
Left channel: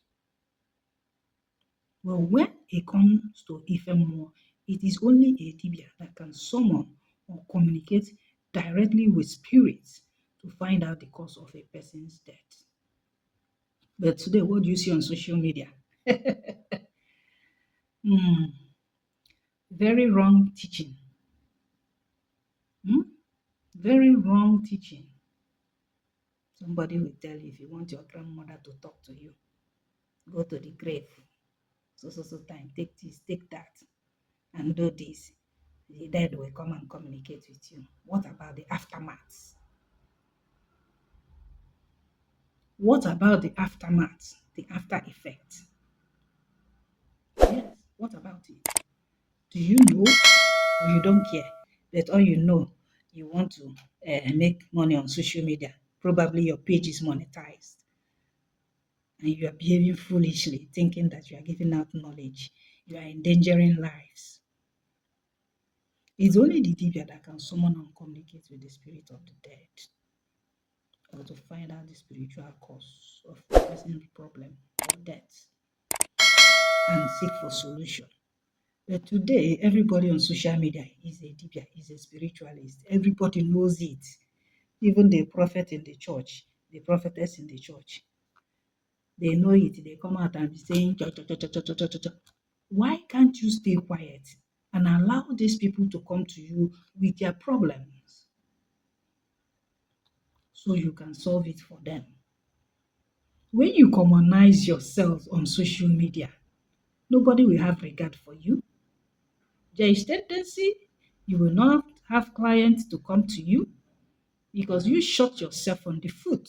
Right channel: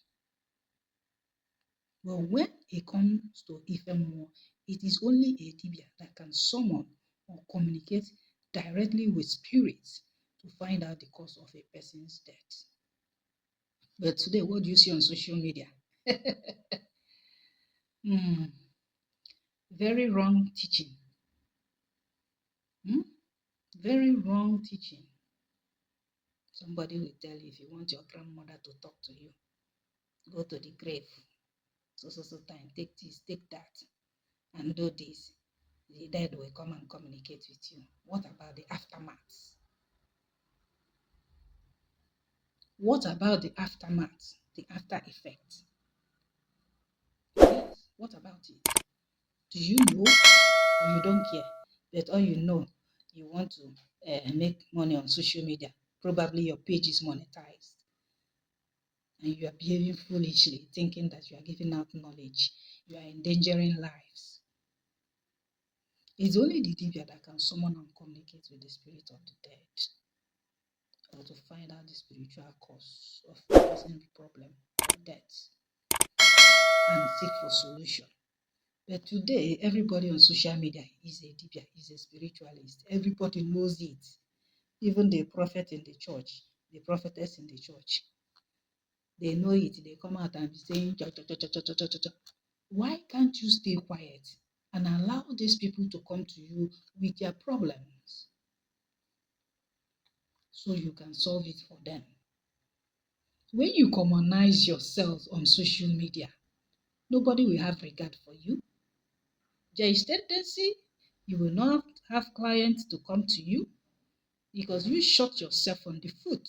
Well, when it comes to Ifemmo, it is only a Dibia that can summon or communicate directly with spirits to find out the cause of a person's death. But today, what do you see on social media? Very wrong teaching. Very wrong teaching. Somebody will tell you, if you want your grandmother to talk to you, go to the grave. So time, take this, take that, and do this. The dead will come and communicate with you. What about the aftermath? What about the aftermath, the after effect? Yes, what about it? Do you know or you don't care? But all you know, you want to make money on social media. Probably your page is monetized. And you are behaving foolishly, thinking that you are giving out knowledge. You are endangering lives. It's only the Dibia that can summon and communicate with the spirit of the dead, or to find out the spiritual cause of the person's problem or death and seek for solution. But today, everybody on social media is a Dibia, is a spiritualist. Everybody knows it. Even the prophet in the church, the prophetess in the church, they know it. They come out and be saying, cha, cha, cha, cha, cha, cha, cha, cha. Why can't you stay quiet and allow these people to come to you with their problems so you can solve it for them? When you commonize yourself on social media, nobody will have regard for you. There is tendency you will not have clients to come to you because you shot yourself on the foot.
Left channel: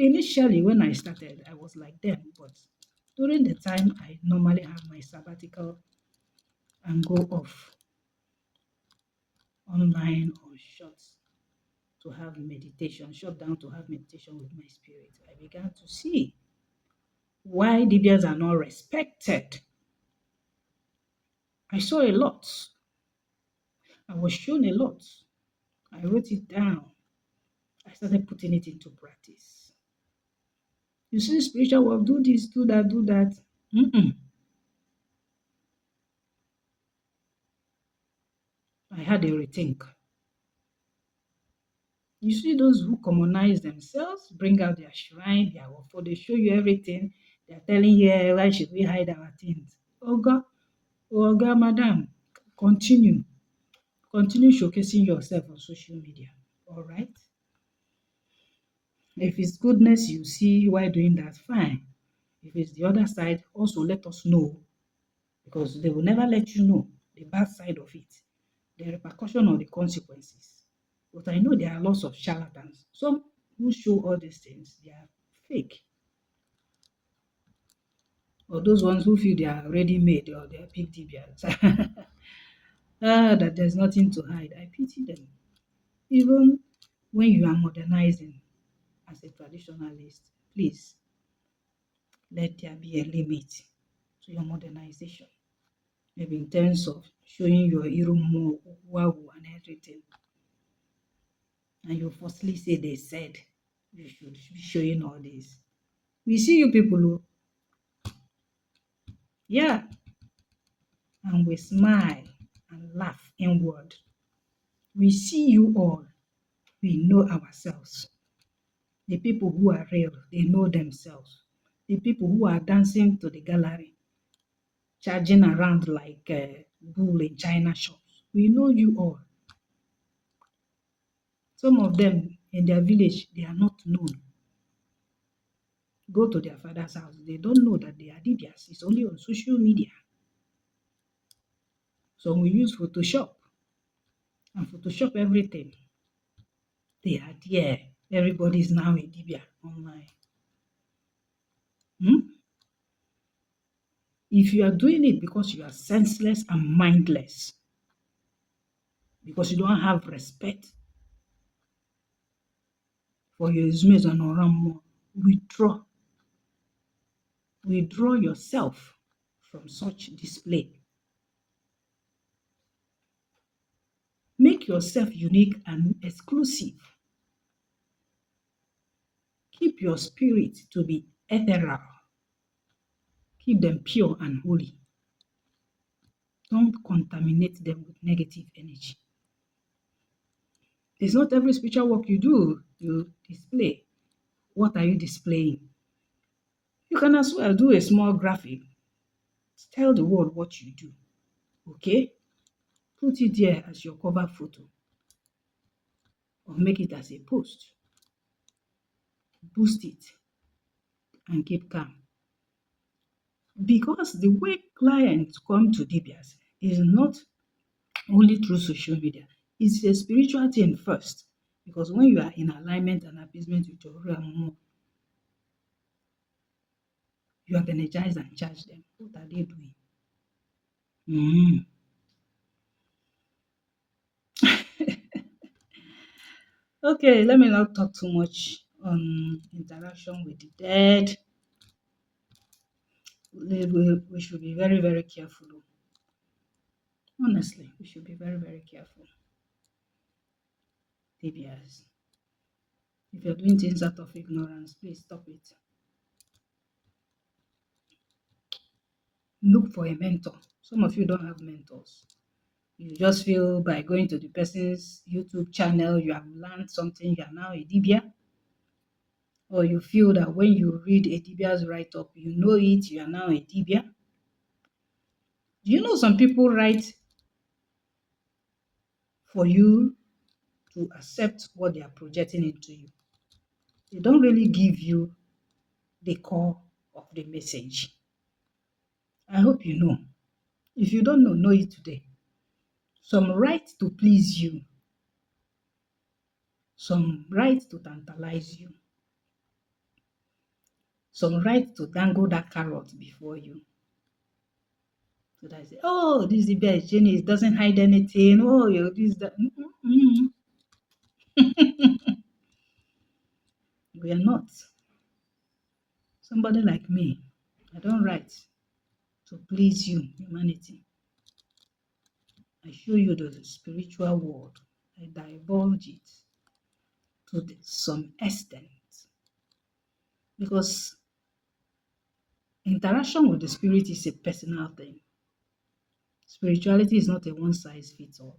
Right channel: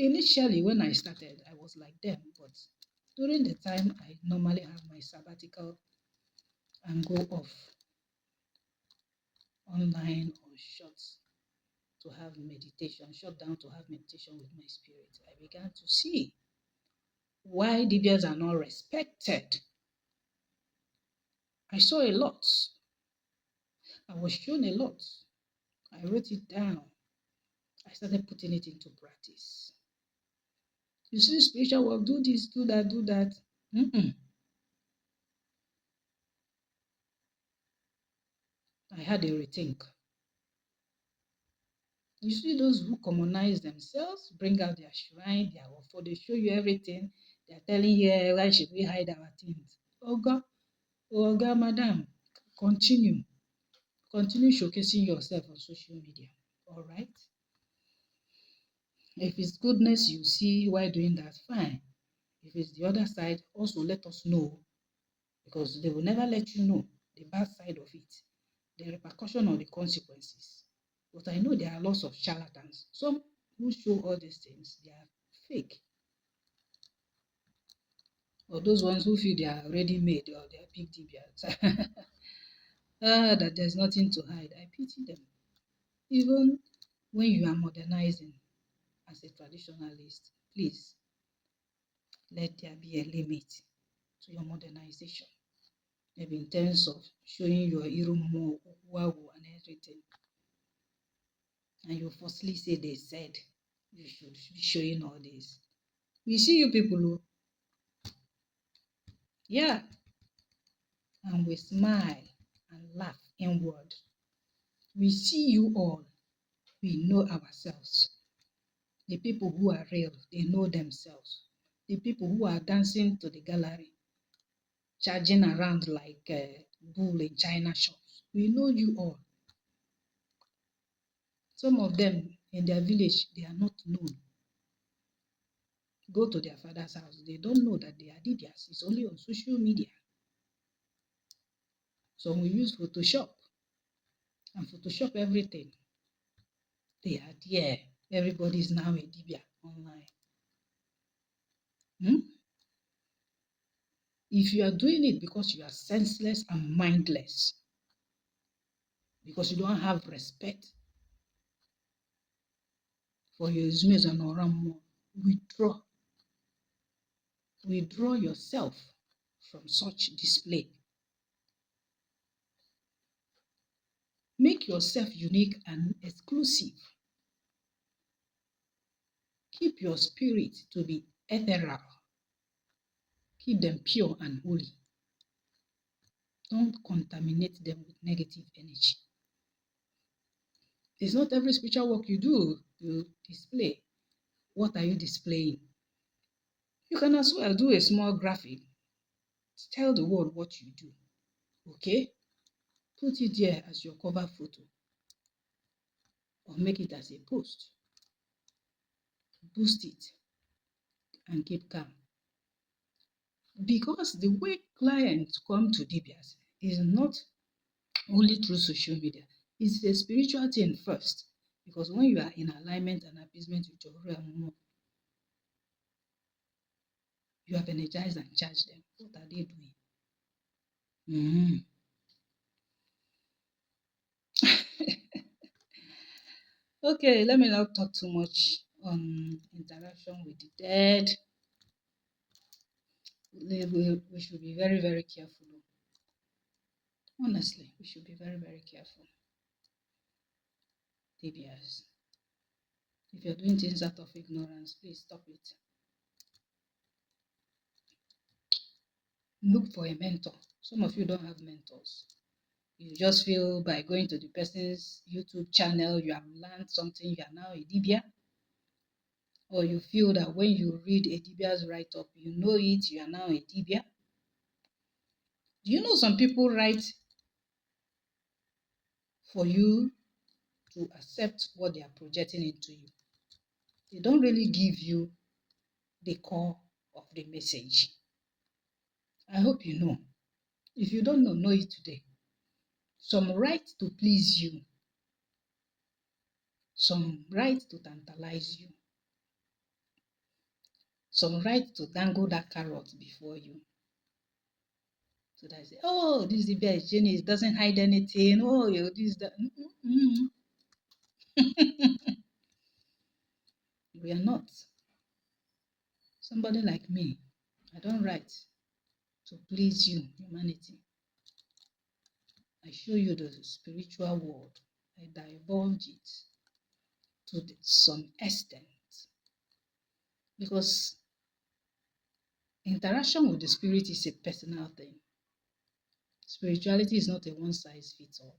Initially, when I started, I was like them, but during the time I normally have my sabbatical and go off, online or to have meditation, shut down to have meditation with my spirit, I began to see why Dibịas are not respected. I saw a lot. I was shown a lot. I wrote it down. I started putting it into practice. You see, spiritual work, do this, do that, do that. Mm-mm. I had a rethink. You see those who commonize themselves, bring out their shrine, their offer, they show you everything. They're telling you, why should we hide our things? Oh God, madam, continue. Continue showcasing yourself on social media. All right? If it's goodness you see while doing that, fine. If it's the other side, also let us know, because they will never let you know the bad side of it, the repercussion or the consequences. But I know there are lots of charlatans. Some who show all these things, they are fake. Or those ones who feel they are ready made or they are big Dibịas. That there's nothing to hide. I pity them. Even when you are modernizing as a traditionalist, please let there be a limit to your modernization. Maybe in terms of showing your Irumo, Wawu, and everything. And you falsely say they said you should be showing all this. We see you people who, yeah, and we smile and laugh inward. We see you all. We know ourselves. The people who are real, they know themselves. The people who are dancing to the gallery, charging around like a bull in China shops, we know you all. Some of them in their village, they are not known. Go to their father's house, they don't know that they are Dibịas. It's only on social media. So we use Photoshop and Photoshop everything. They are there. Everybody is now a Dibịa online. If you are doing it because you are senseless and mindless, because you don't have respect for your Izmes and Oramo, withdraw. Withdraw yourself from such display. Make yourself unique and exclusive. Keep your spirit to be ethereal. Keep them pure and holy. Don't contaminate them with negative energy. It's not every spiritual work you do, you display. What are you displaying? You can as well do a small graphic. Tell the world what you do. Okay? Put it there as your cover photo. Or make it as a post. Boost it and keep calm. Because the way clients come to Dibịas is not only through social media. It's a spiritual thing first. Because when you are in alignment and appeasement with your Uru, you have energized and charged them. What are they doing? Okay, let me not talk too much on interaction with the dead. We should be very, very careful. Honestly, we should be very, very careful. Dibịas. If you're doing things out of ignorance, please stop it. Look for a mentor. Some of you don't have mentors. You just feel by going to the person's YouTube channel, you have learned something, you are now a Dibịa. Or you feel that when you read a Dibịa's write-up, you know it, you are now a Dibịa. Do you know some people write for you to accept what they are projecting into you? They don't really give you the core of the message. I hope you know. If you don't know, know it today. Some write to please you. Some write to tantalize you. Some write to dangle that carrot before you. So that I say, oh, this Dibia is genius, doesn't hide anything. Oh, you this that. We are not. Somebody like me, I don't write to please you, humanity. I show you the spiritual world. I divulge it to some extent because interaction with the spirit is a personal thing. Spirituality is not a one size fits all.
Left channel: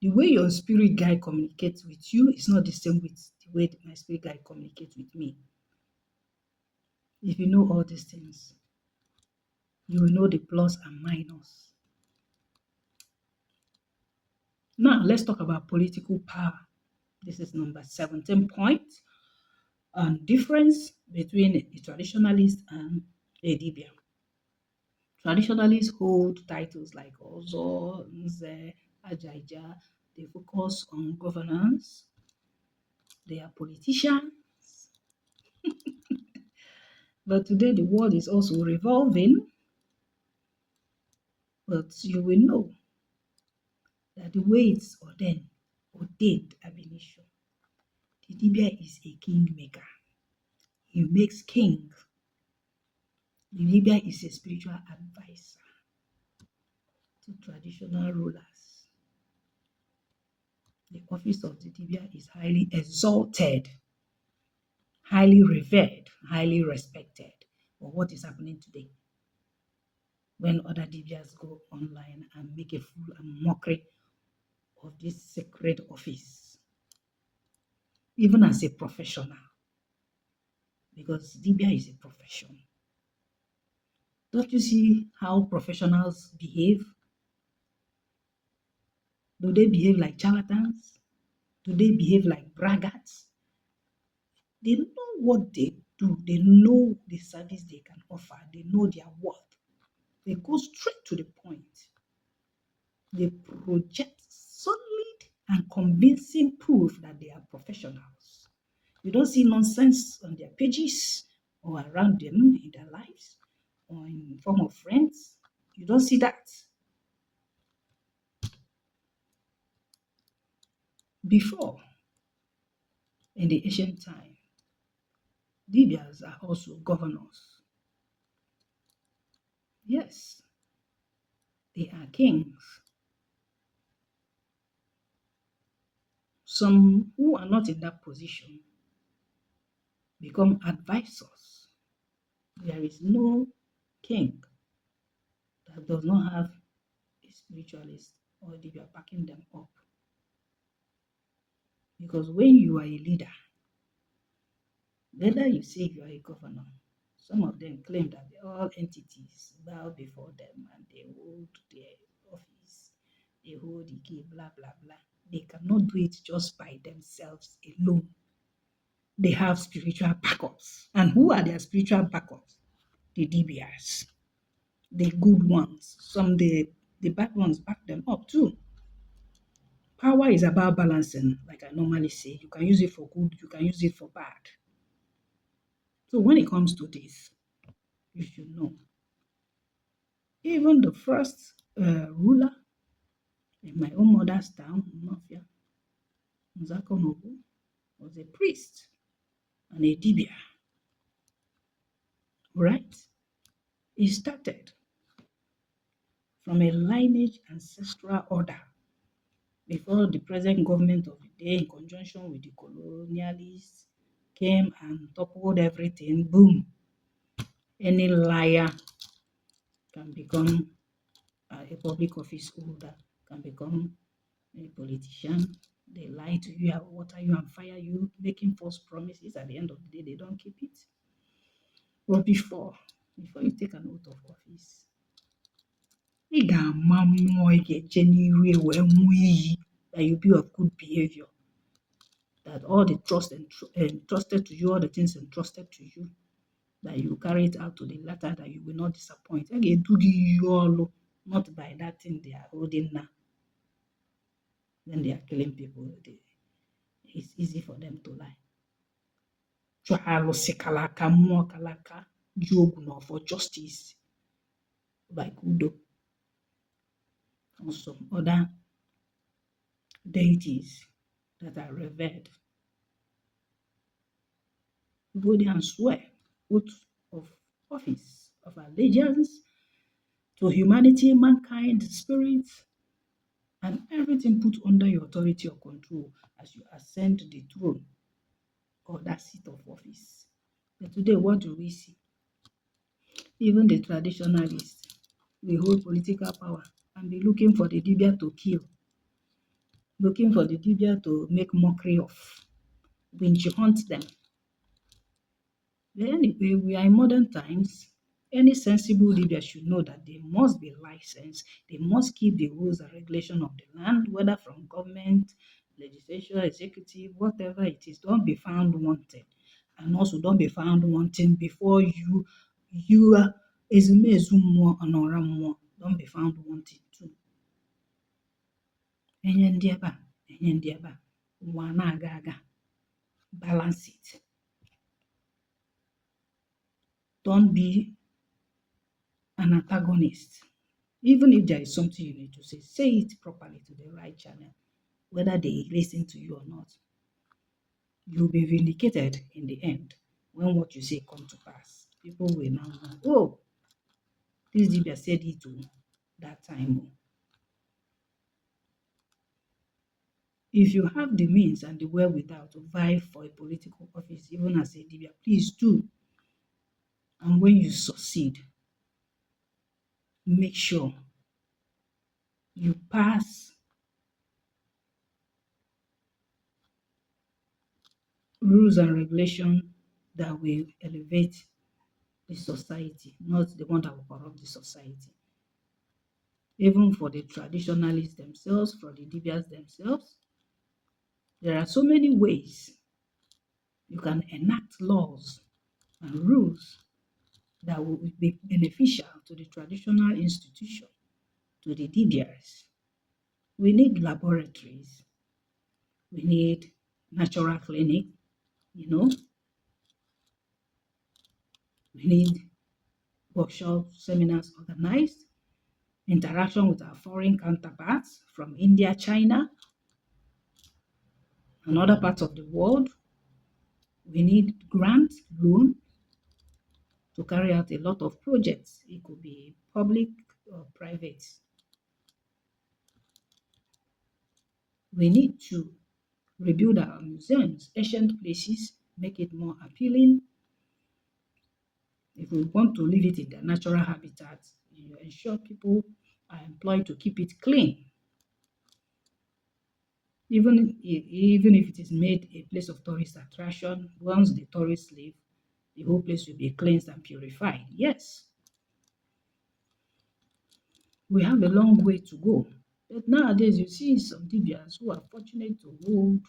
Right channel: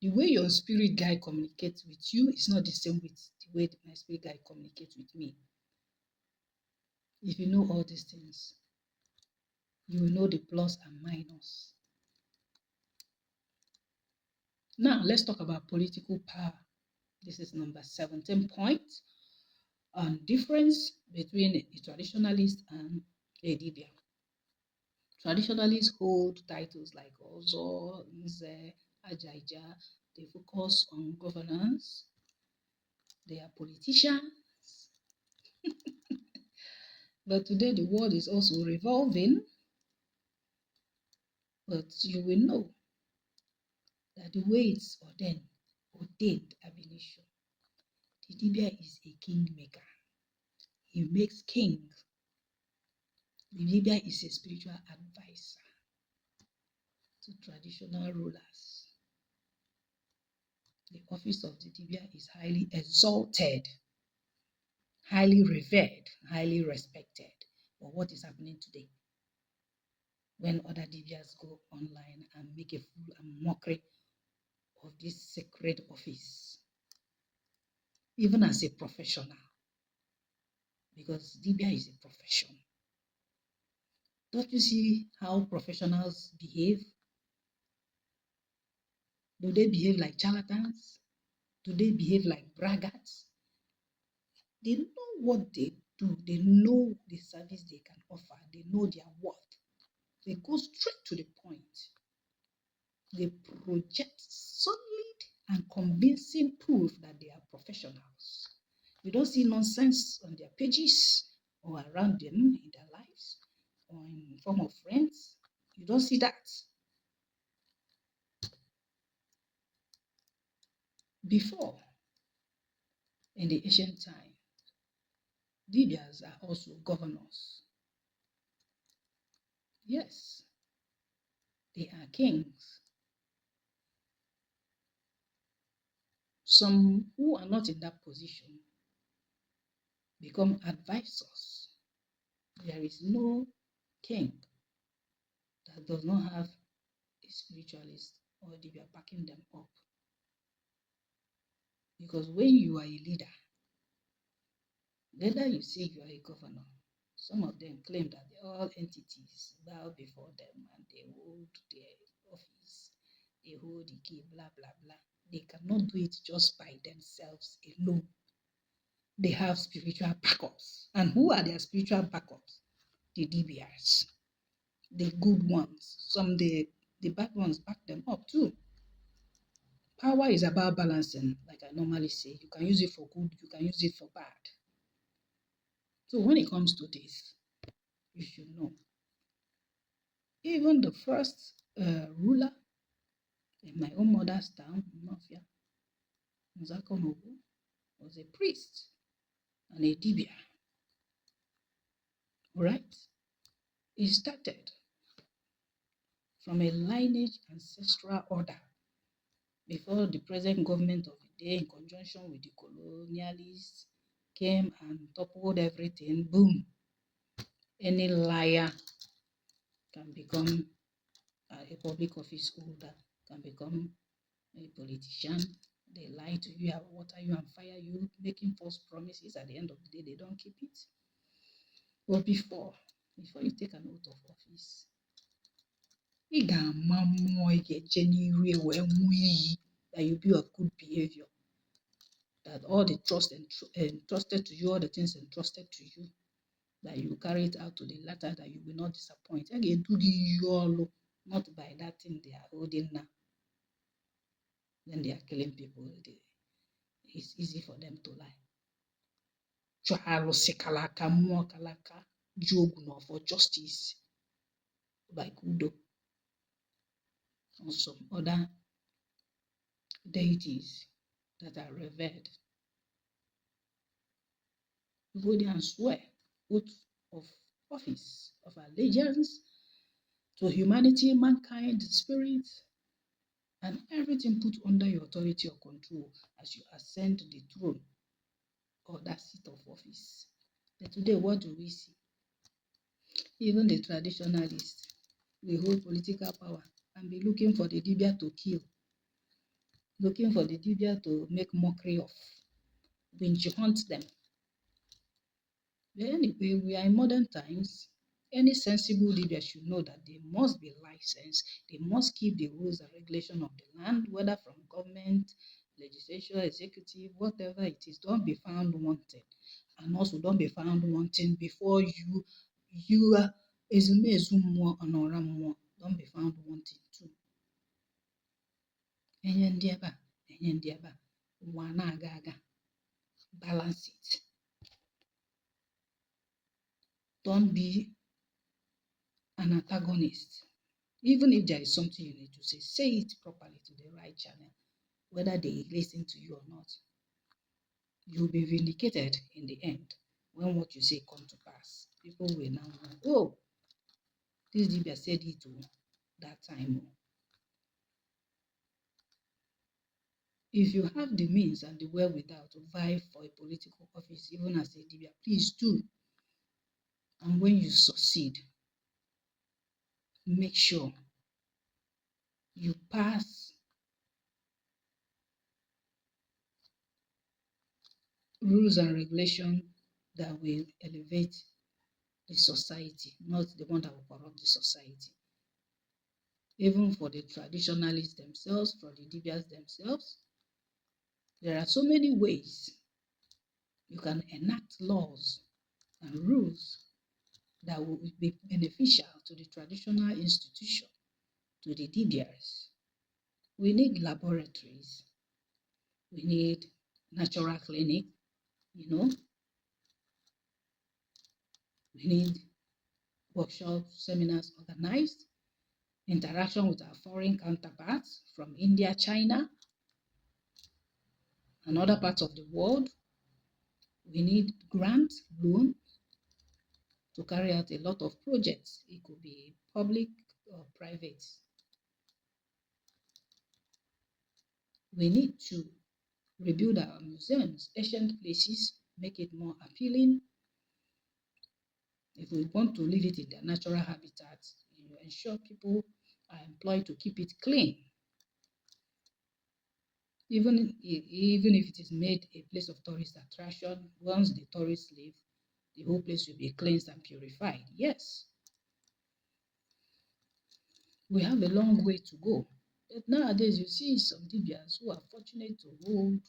The way your spirit guide communicates with you is not the same with the way my spirit guide communicates with me. If you know all these things, you will know the plus and minus. Now, let's talk about political power. This is number 17 point on difference between a traditionalist and a Dibia. Traditionalists hold titles like Ozo, Nze, Ajaija. They focus on governance. They are politicians. But today the world is also revolving. But you will know that the way it's ordained ab initio, the Dibia is a kingmaker. He makes king. The Dibia is a spiritual advisor to traditional rulers. The office of the Dibia is highly exalted, highly revered, highly respected. But what is happening today? When other Dibias go online and make a fool and mockery of this sacred office, even as a professional, because Dibia is a profession. Don't you see how professionals behave? Do they behave like charlatans? Do they behave like braggarts? They know what they do. They know the service they can offer. They know their worth. They go straight to the point. They project solid and convincing proof that they are professionals. You don't see nonsense on their pages or around them in their lives or in form of friends. You don't see that. Before, in the ancient time, Dibịas are also governors. Yes, they are kings. Some who are not in that position become advisors. There is no king that does not have a spiritualist or Dibia backing them up. Because when you are a leader, whether you say you are a governor, some of them claim that all entities bow before them and they hold their office, they hold the key, blah, blah, blah. They cannot do it just by themselves alone. They have spiritual backups. And who are their spiritual backups? The Dibịas, the good ones. Some the bad ones back them up too. Power is about balancing, like I normally say. You can use it for good, you can use it for bad. So when it comes to this, you should know. Even the first ruler in my own mother's town, Mafia, Nzakonobu, was a priest and a Dibia. Right? It started from a lineage ancestral order before the present government of the day, in conjunction with the colonialists, came and toppled everything. Boom. Any liar can become a public office holder, can become a politician. They lie to you, water you and fire you, making false promises. At the end of the day, they don't keep it. But before you take an oath of office, ị ga-ama mmụọ ị ga-eche n'iru wee ṅụọ iyi that you be of good behavior, that all the trust entrusted to you, all the things entrusted to you, that you carry it out to the letter, that you will not disappoint. A ga-edu gị iyi ọlụ, not by that thing they are holding now. When they are killing people, it's easy for them to lie. Chụọ alụsị kara aka, mmụọ kara aka, ji ogwu na ọfọ, justice like Udo. or some other deities that are revered. You go there and swear oath of office, of allegiance to humanity, mankind, spirit, and everything put under your authority or control as you ascend the throne or that seat of office. But today, what do we see? Even the traditionalists will hold political power and be looking for the Dibia to kill, looking for the Dibia to make mockery of, winch hunt them. But anyway, we are in modern times. Any sensible leader should know that they must be licensed. They must keep the rules and regulation of the land, whether from government, legislature, executive, whatever it is. Don't be found wanting. And also don't be found wanting before you are ezumezu mmụọ ọnọrọ mmụọ. Don't be found wanting too. Enye ndị ebe a, enye ndị ebe a, ụwa na-aga aga. Balance it. Don't be an antagonist. Even if there is something you need to say it properly to the right channel, whether they listen to you or not. You'll be vindicated in the end when what you say come to pass. People will now know, oh, this Dibia said it to that time. If you have the means and the wherewithal to vie for a political office, even as a Dibia, please do. And when you succeed, make sure you pass rules and regulations that will elevate the society, not the one that will corrupt the society. Even for the traditionalists themselves, for the Dibịas themselves, there are so many ways you can enact laws and rules that will be beneficial to the traditional institution, to the Dibịas. We need laboratories. We need natural clinic, We need workshops, seminars organized, interaction with our foreign counterparts from India, China, and other parts of the world. We need grant, loan to carry out a lot of projects. It could be public or private. We need to rebuild our museums, ancient places, make it more appealing. If we want to leave it in their natural habitat, you ensure people are employed to keep it clean. Even if it is made a place of tourist attraction, once the tourists leave, the whole place will be cleansed and purified. Yes, we have a long way to go. But nowadays, you see some Dibịas who are fortunate to hold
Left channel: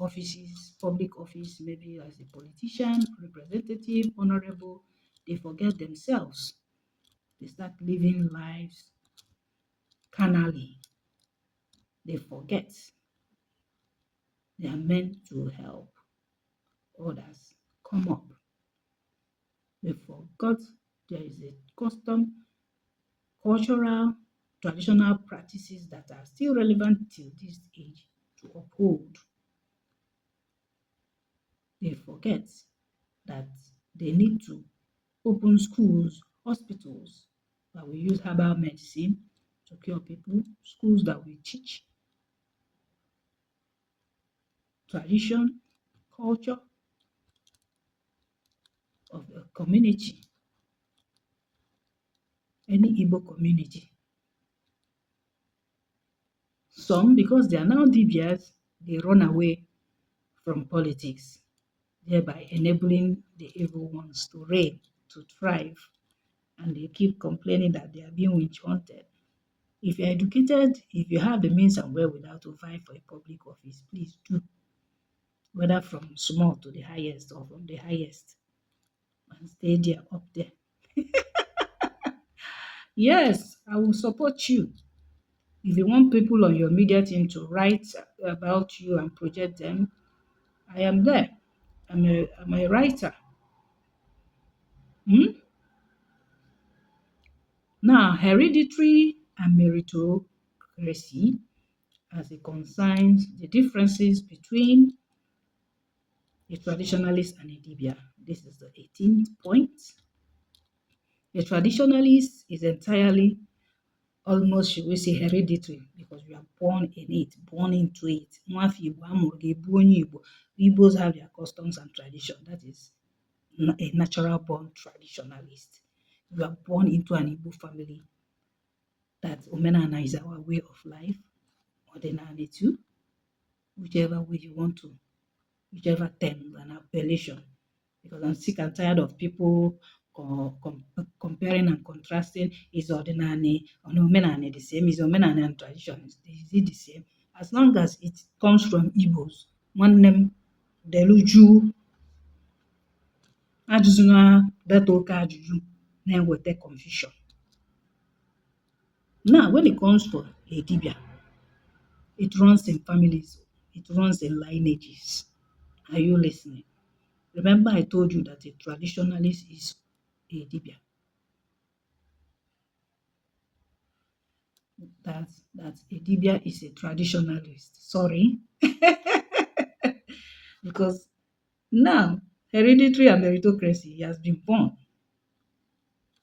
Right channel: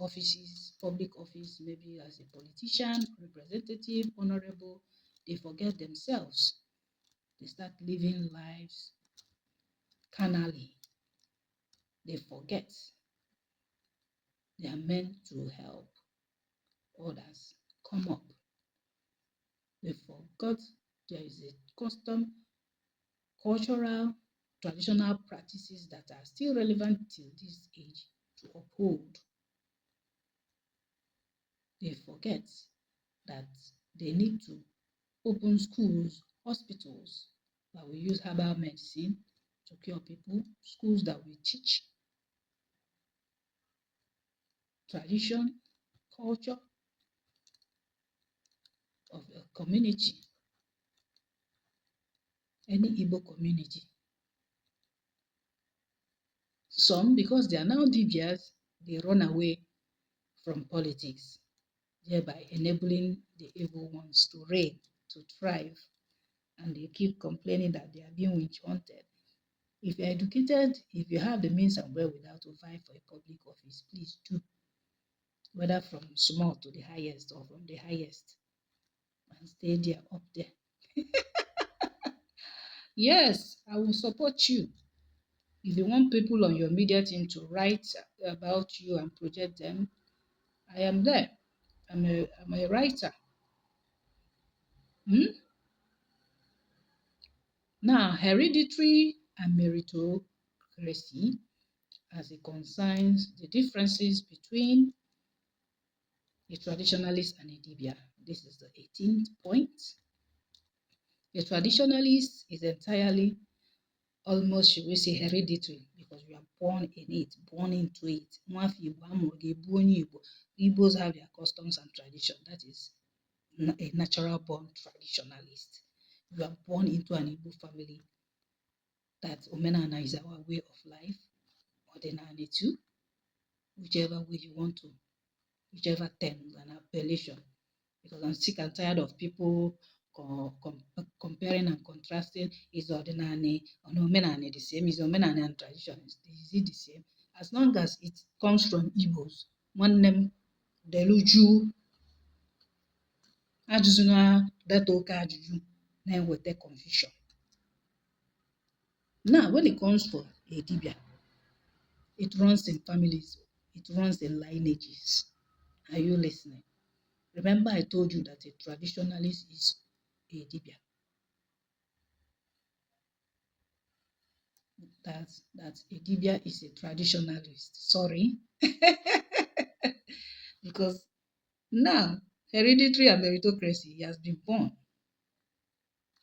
offices, public office, maybe as a politician, representative, honorable. They forget themselves. They start living lives carnally. They forget they are meant to help others come up. They forgot there is a custom, cultural, traditional practices that are still relevant till this age to uphold. They forget that they need to open schools, hospitals that will use herbal medicine to cure people, schools that will teach tradition, culture of a community, any Igbo community. Some, because they are now Dibịas, they run away from politics, thereby enabling the evil ones to reign, to thrive, and they keep complaining that they are being witch hunted. If you're educated, if you have the means and wherewithal to vie for a public office, please do, whether from small to the highest or from the highest, and stay there, up there. Yes, I will support you. If you want people on your media team to write about you and project them, I am there. I'm a writer. Now, hereditary and meritocracy meritocracy as it concerns the differences between a traditionalist and a Dibia. This is the 18th point. A traditionalist is entirely, almost, should we say, hereditary, because you are born in it, born into it. Igbos have their customs and tradition. That is a natural born traditionalist. You are born into an Igbo family. That Omenana is our way of life. Ordinary too, whichever way you want to, whichever term and appellation. Because I'm sick and tired of people comparing and contrasting. Is ordinary or Omenani the same? Is Omenani and tradition is it the same? As long as it comes from Igbos, one name deluju ajụjụ na data oke ajụjụ na-eweta confusion. Now, when it comes for a Dibia, it runs in families, it runs in lineages. Are you listening? Remember, I told you that a traditionalist is a Dibia. That a Dibia is a traditionalist. Sorry. Because now, hereditary and meritocracy, he has been born.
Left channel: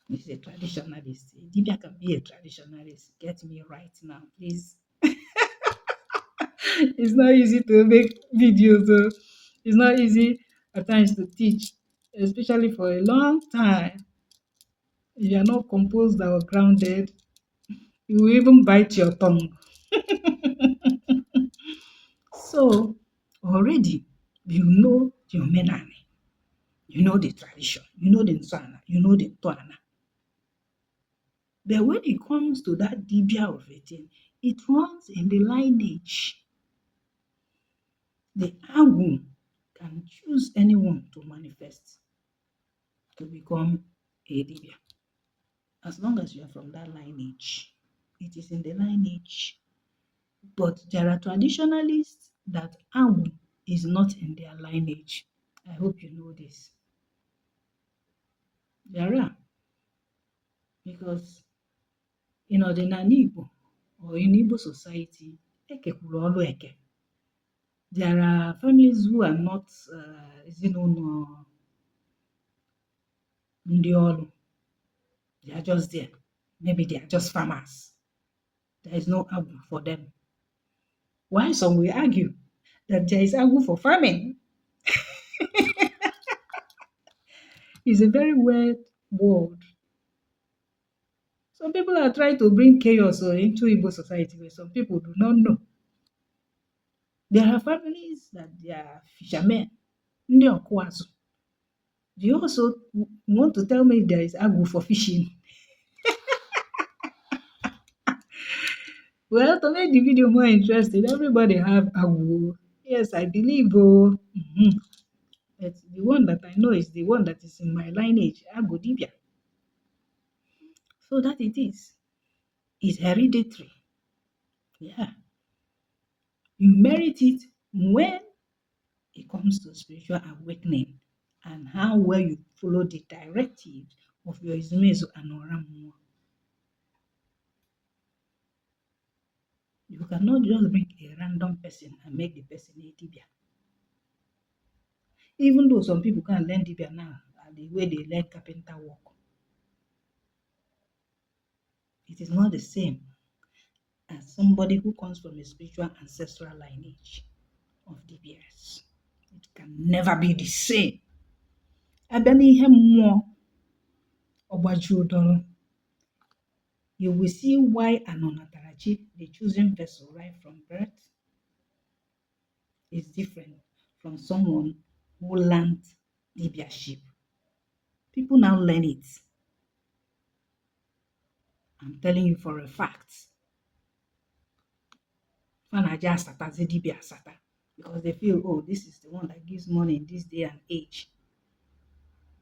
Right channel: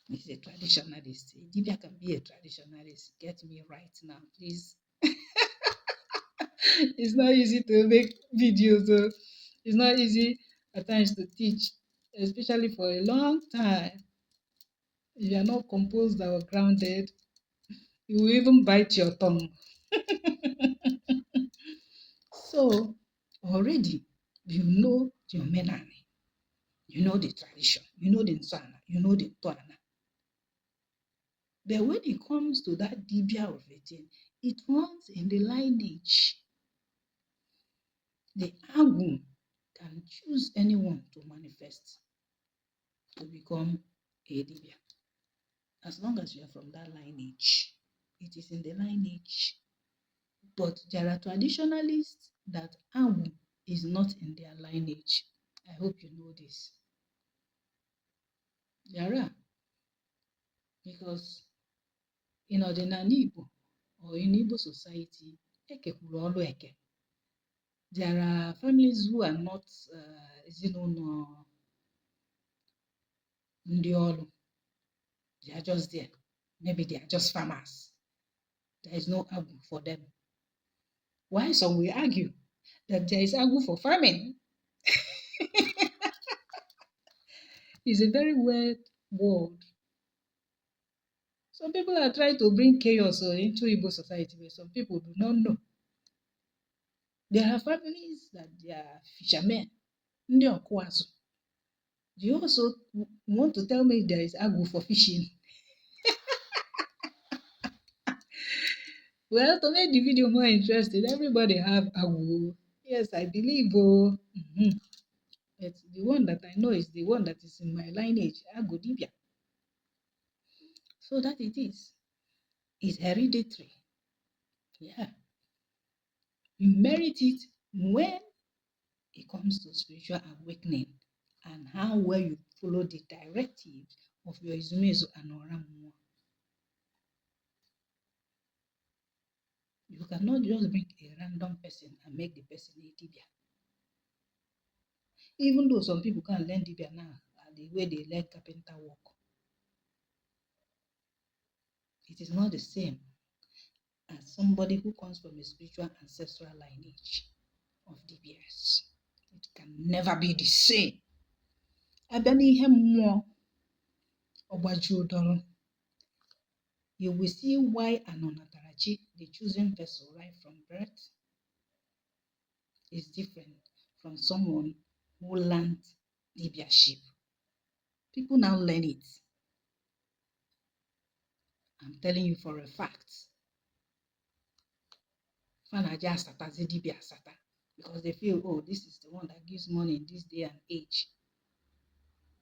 He's a traditionalist. A Dibia can be a traditionalist. Get me right now, please. It's not easy to make videos. It's not easy at times to teach, especially for a long time. If you are not composed or grounded, you will even bite your tongue. So already you know the Omenani, you know the tradition, you know the Nsana, you know the Toana. But when it comes to that Dibia of it, it runs in the lineage. The Agu can choose anyone to manifest to become a Dibia. As long as you are from that lineage, it is in the lineage. But there are traditionalists that Agu is not in their lineage. I hope you know this. There are. Because in ordinary Igbo or in Igbo society, ekekwuru ọlụ eke. There are families who are not ezinụlọ ndị ọlụ. They are just there. Maybe they are just farmers. There is no Agu for them. Why some will argue that there is Agu for farming? It's a very weird word. Some people are trying to bring chaos into Igbo society, but some people do not know. There are families that they are fishermen. Ndị ọkụ azụ. Do you also want to tell me there is Agu for fishing? Well, to make the video more interesting, everybody have Agu. Yes, I believe. But the one that I know is the one that is in my lineage, Agu Dibia. So that it is. It's hereditary. Yeah. You merit it when it comes to spiritual awakening and how well you follow the directives of your Izumezu and Oramuwa. You cannot just bring a random person and make the person a Dibia. Even though some people can learn Dibia now, the way they learn carpenter work, it is not the same as somebody who comes from a spiritual ancestral lineage of Dibịas. It can never be the same. Abịa n'ihe mmụọ ọgbaji ụdọrọ, you will see why an Onatarachi, the chosen vessel right from birth, is different from someone who learned Dibiaship. People now learn it. I'm telling you for a fact. Fanaja Asatazi Dibia Asata. Because they feel, oh, this is the one that gives money in this day and age.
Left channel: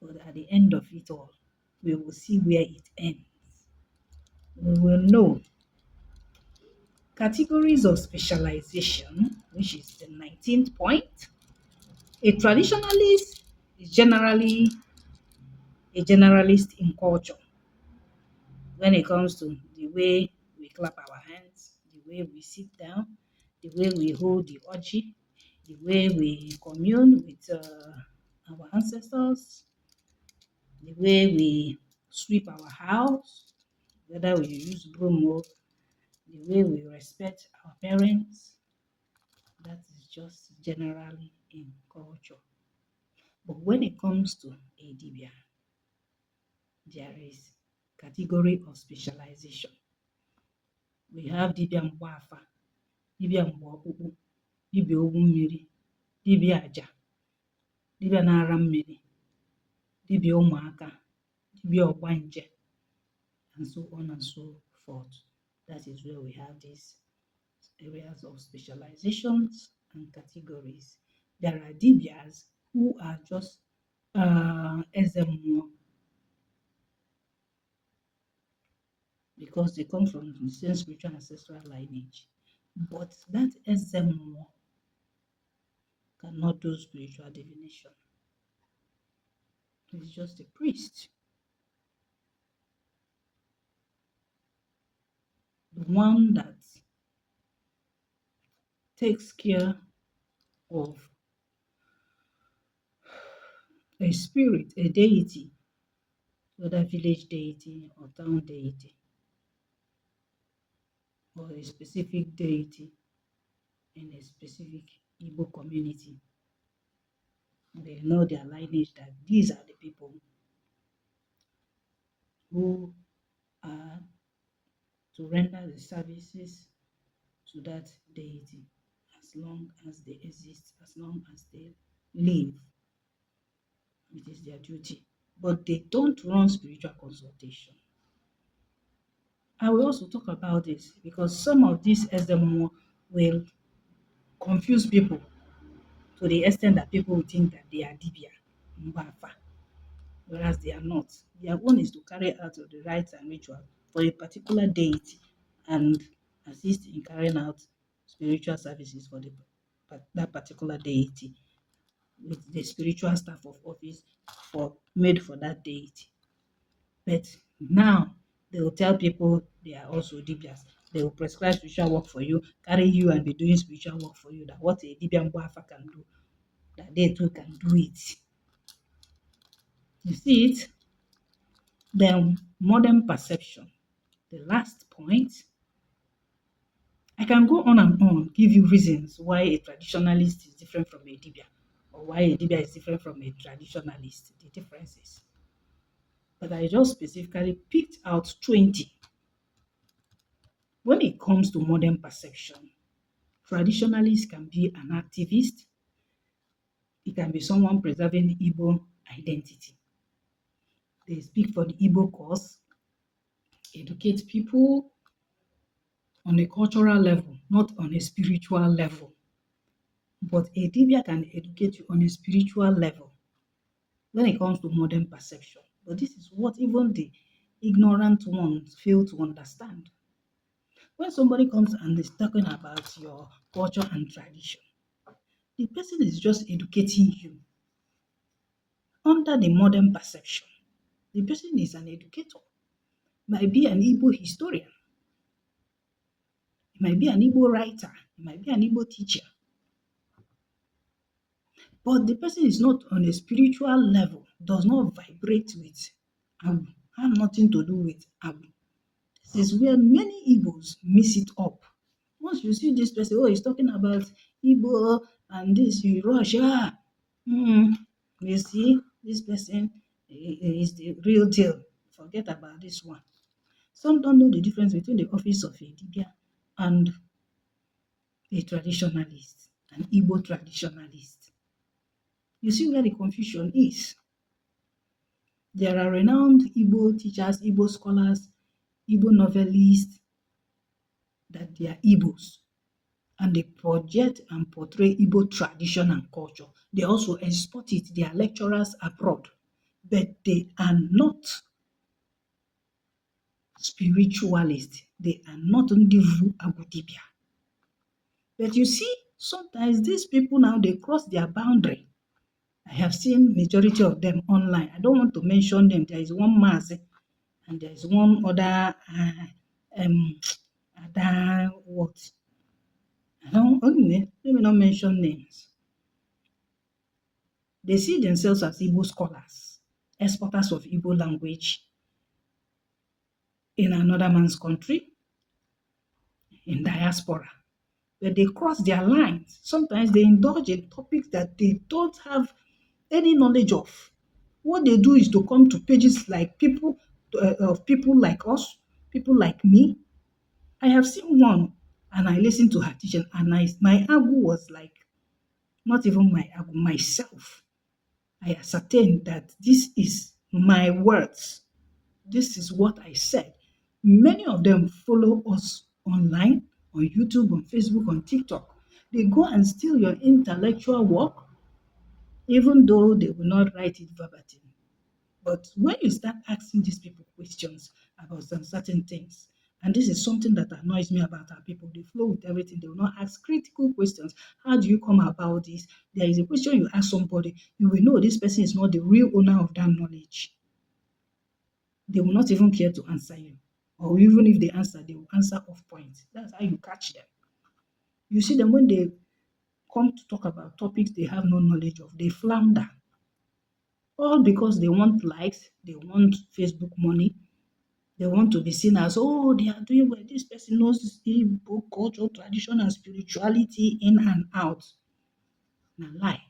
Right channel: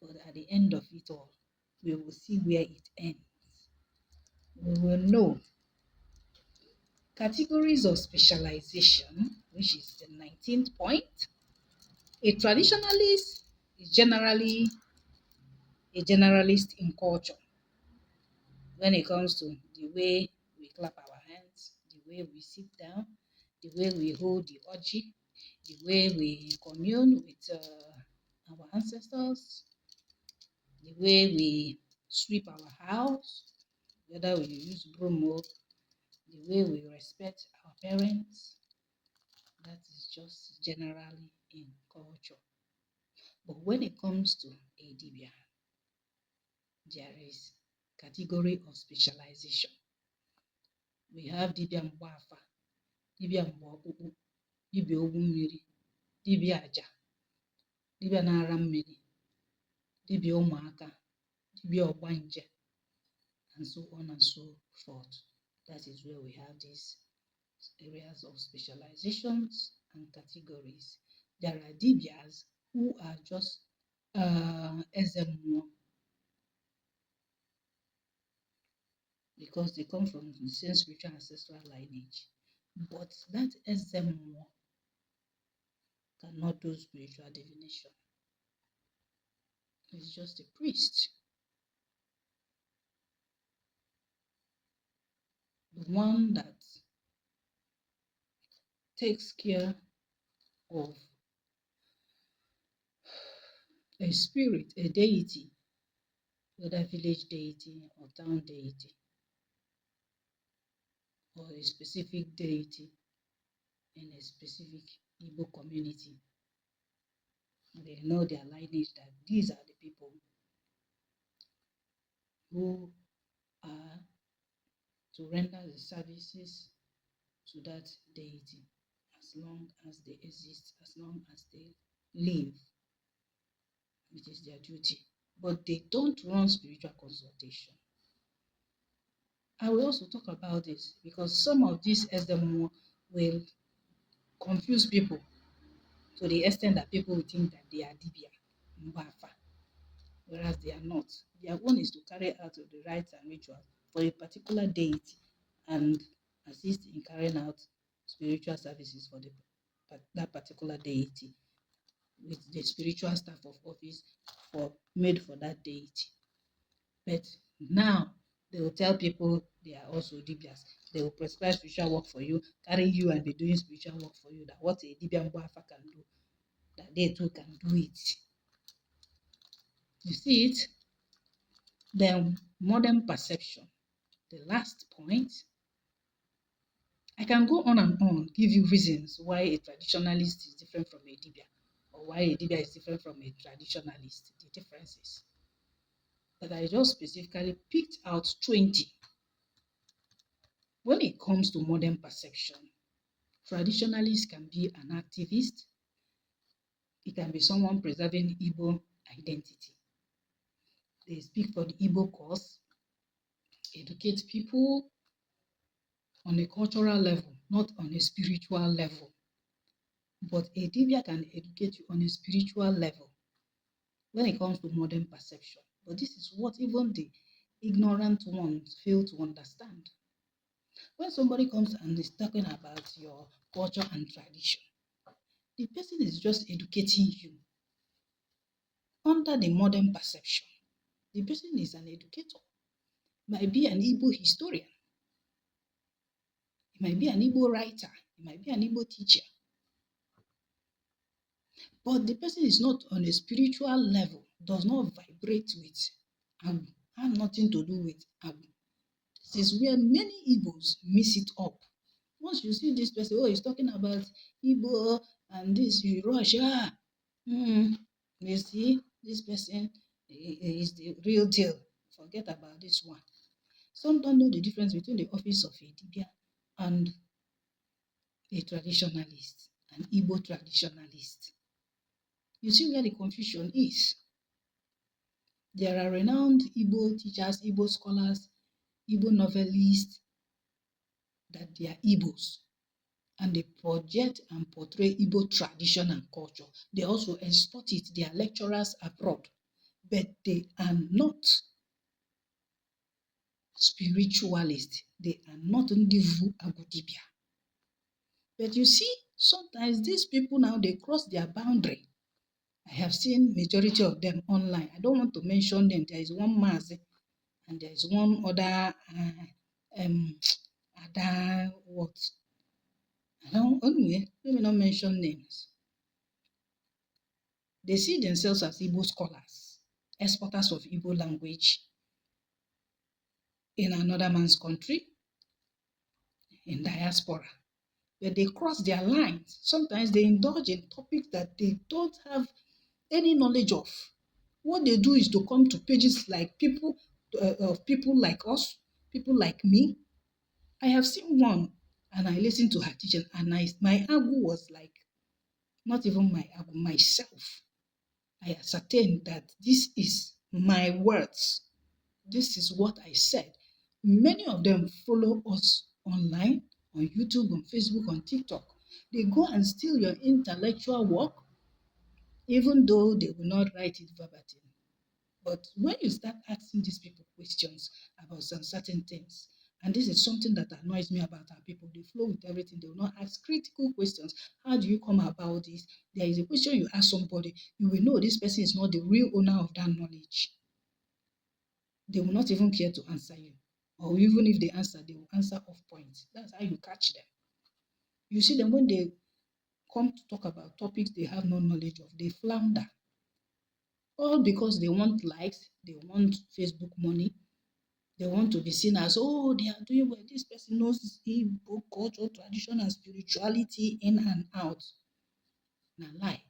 But at the end of it all, we will see where it ends. We will know. Categories of specialization, which is the 19th point. A traditionalist is generally a generalist in culture when it comes to the way we clap our hands, the way we sit down, the way we hold the orgy, the way we commune with our ancestors, the way we sweep our house, whether we use broom or the way we respect our parents. That is just generally in culture. But when it comes to a Dibịa, there is category of specialization. We have Dibịa Mgbafa, Dibịa Mgbaokpukpu, Dibịa Ogwu Mmiri, Dibịa Aja, Dibịa na-ara mmiri, Dibịa ụmụaka, Dibịa Ọgbanje, and so on and so forth. That is where we have these areas of specializations and categories. There are Dibịas who are just Ezemwo, because they come from the same spiritual ancestral lineage. But that Ezemwo cannot do spiritual divination. He's just a priest. The one that takes care of a spirit, a deity, whether village deity or town deity, or a specific deity in a specific Igbo community. They know their lineage, that these are the people who are to render the services to that deity as long as they exist, as long as they live. It is their duty. But they don't run spiritual consultation. I will also talk about this because some of these SMO will confuse people to the extent that people will think that they are Dibịa, Mgbafa, whereas they are not. Their own is to carry out the rites and rituals for a particular deity and assist in carrying out spiritual services for that particular deity with the spiritual staff of office made for that deity. But now they will tell people they are also Dibịas. They will prescribe spiritual work for you, carry you and be doing spiritual work for you. That what a Dibịa Mgbafa can do, that they too can do it. You see it? Then modern perception. The last point. I can go on and on, give you reasons why a traditionalist is different from a Dibịa, or why a Dibịa is different from a traditionalist, the differences. But I just specifically picked out 20. When it comes to modern perception, traditionalists can be an activist. It can be someone preserving Igbo identity. They speak for the Igbo cause, educate people on a cultural level, not on a spiritual level. But a Dibịa can educate you on a spiritual level when it comes to modern perception. But this is what even the ignorant ones fail to understand. When somebody comes and is talking about your culture and tradition, the person is just educating you. Under the modern perception, the person is an educator. Might be an Igbo historian. It might be an Igbo writer. It might be an Igbo teacher. But the person is not on a spiritual level, does not vibrate with Abu, have nothing to do with Abu. This is where many Igbos mix it up. Once you see this person, oh, he's talking about Igbo and this, you rush, you see, this person is the real deal. Forget about this one. Some don't know the difference between the office of a Dibịa and a traditionalist, an Igbo traditionalist. You see where the confusion is. There are renowned Igbo teachers, Igbo scholars, Igbo novelists, that they are Igbos, and they project and portray Igbo tradition and culture. They also export it. They are lecturers abroad, but they are not spiritualists. They are not Ndivu Abu Dibịa. But you see, sometimes these people now, they cross their boundary. I have seen majority of them online. I don't want to mention them. There is one Mazi and there is one other, Ada what? I don't, anyway, let me not mention names. They see themselves as Igbo scholars, exporters of Igbo language in another man's country, in diaspora. But they cross their lines. Sometimes they indulge in topics that they don't have any knowledge of. What they do is to come to pages like people of people like us, people like me. I have seen one and I listened to her teaching and my agu was like not even my agu, myself. I ascertained that this is my words. This is what I said. Many of them follow us online, on YouTube, on Facebook, on TikTok. They go and steal your intellectual work, even though they will not write it verbatim. But when you start asking these people questions about some certain things, and this is something that annoys me about our people, they flow with everything. They will not ask critical questions. How do you come about this? There is a question you ask somebody, you will know this person is not the real owner of that knowledge. They will not even care to answer you. Or even if they answer, they will answer off point. That's how you catch them. You see them when they come to talk about topics they have no knowledge of, they flounder. All because they want likes, they want Facebook money, they want to be seen as, oh, they are doing well. This person knows Igbo culture, tradition, and spirituality in and out. Now, lie.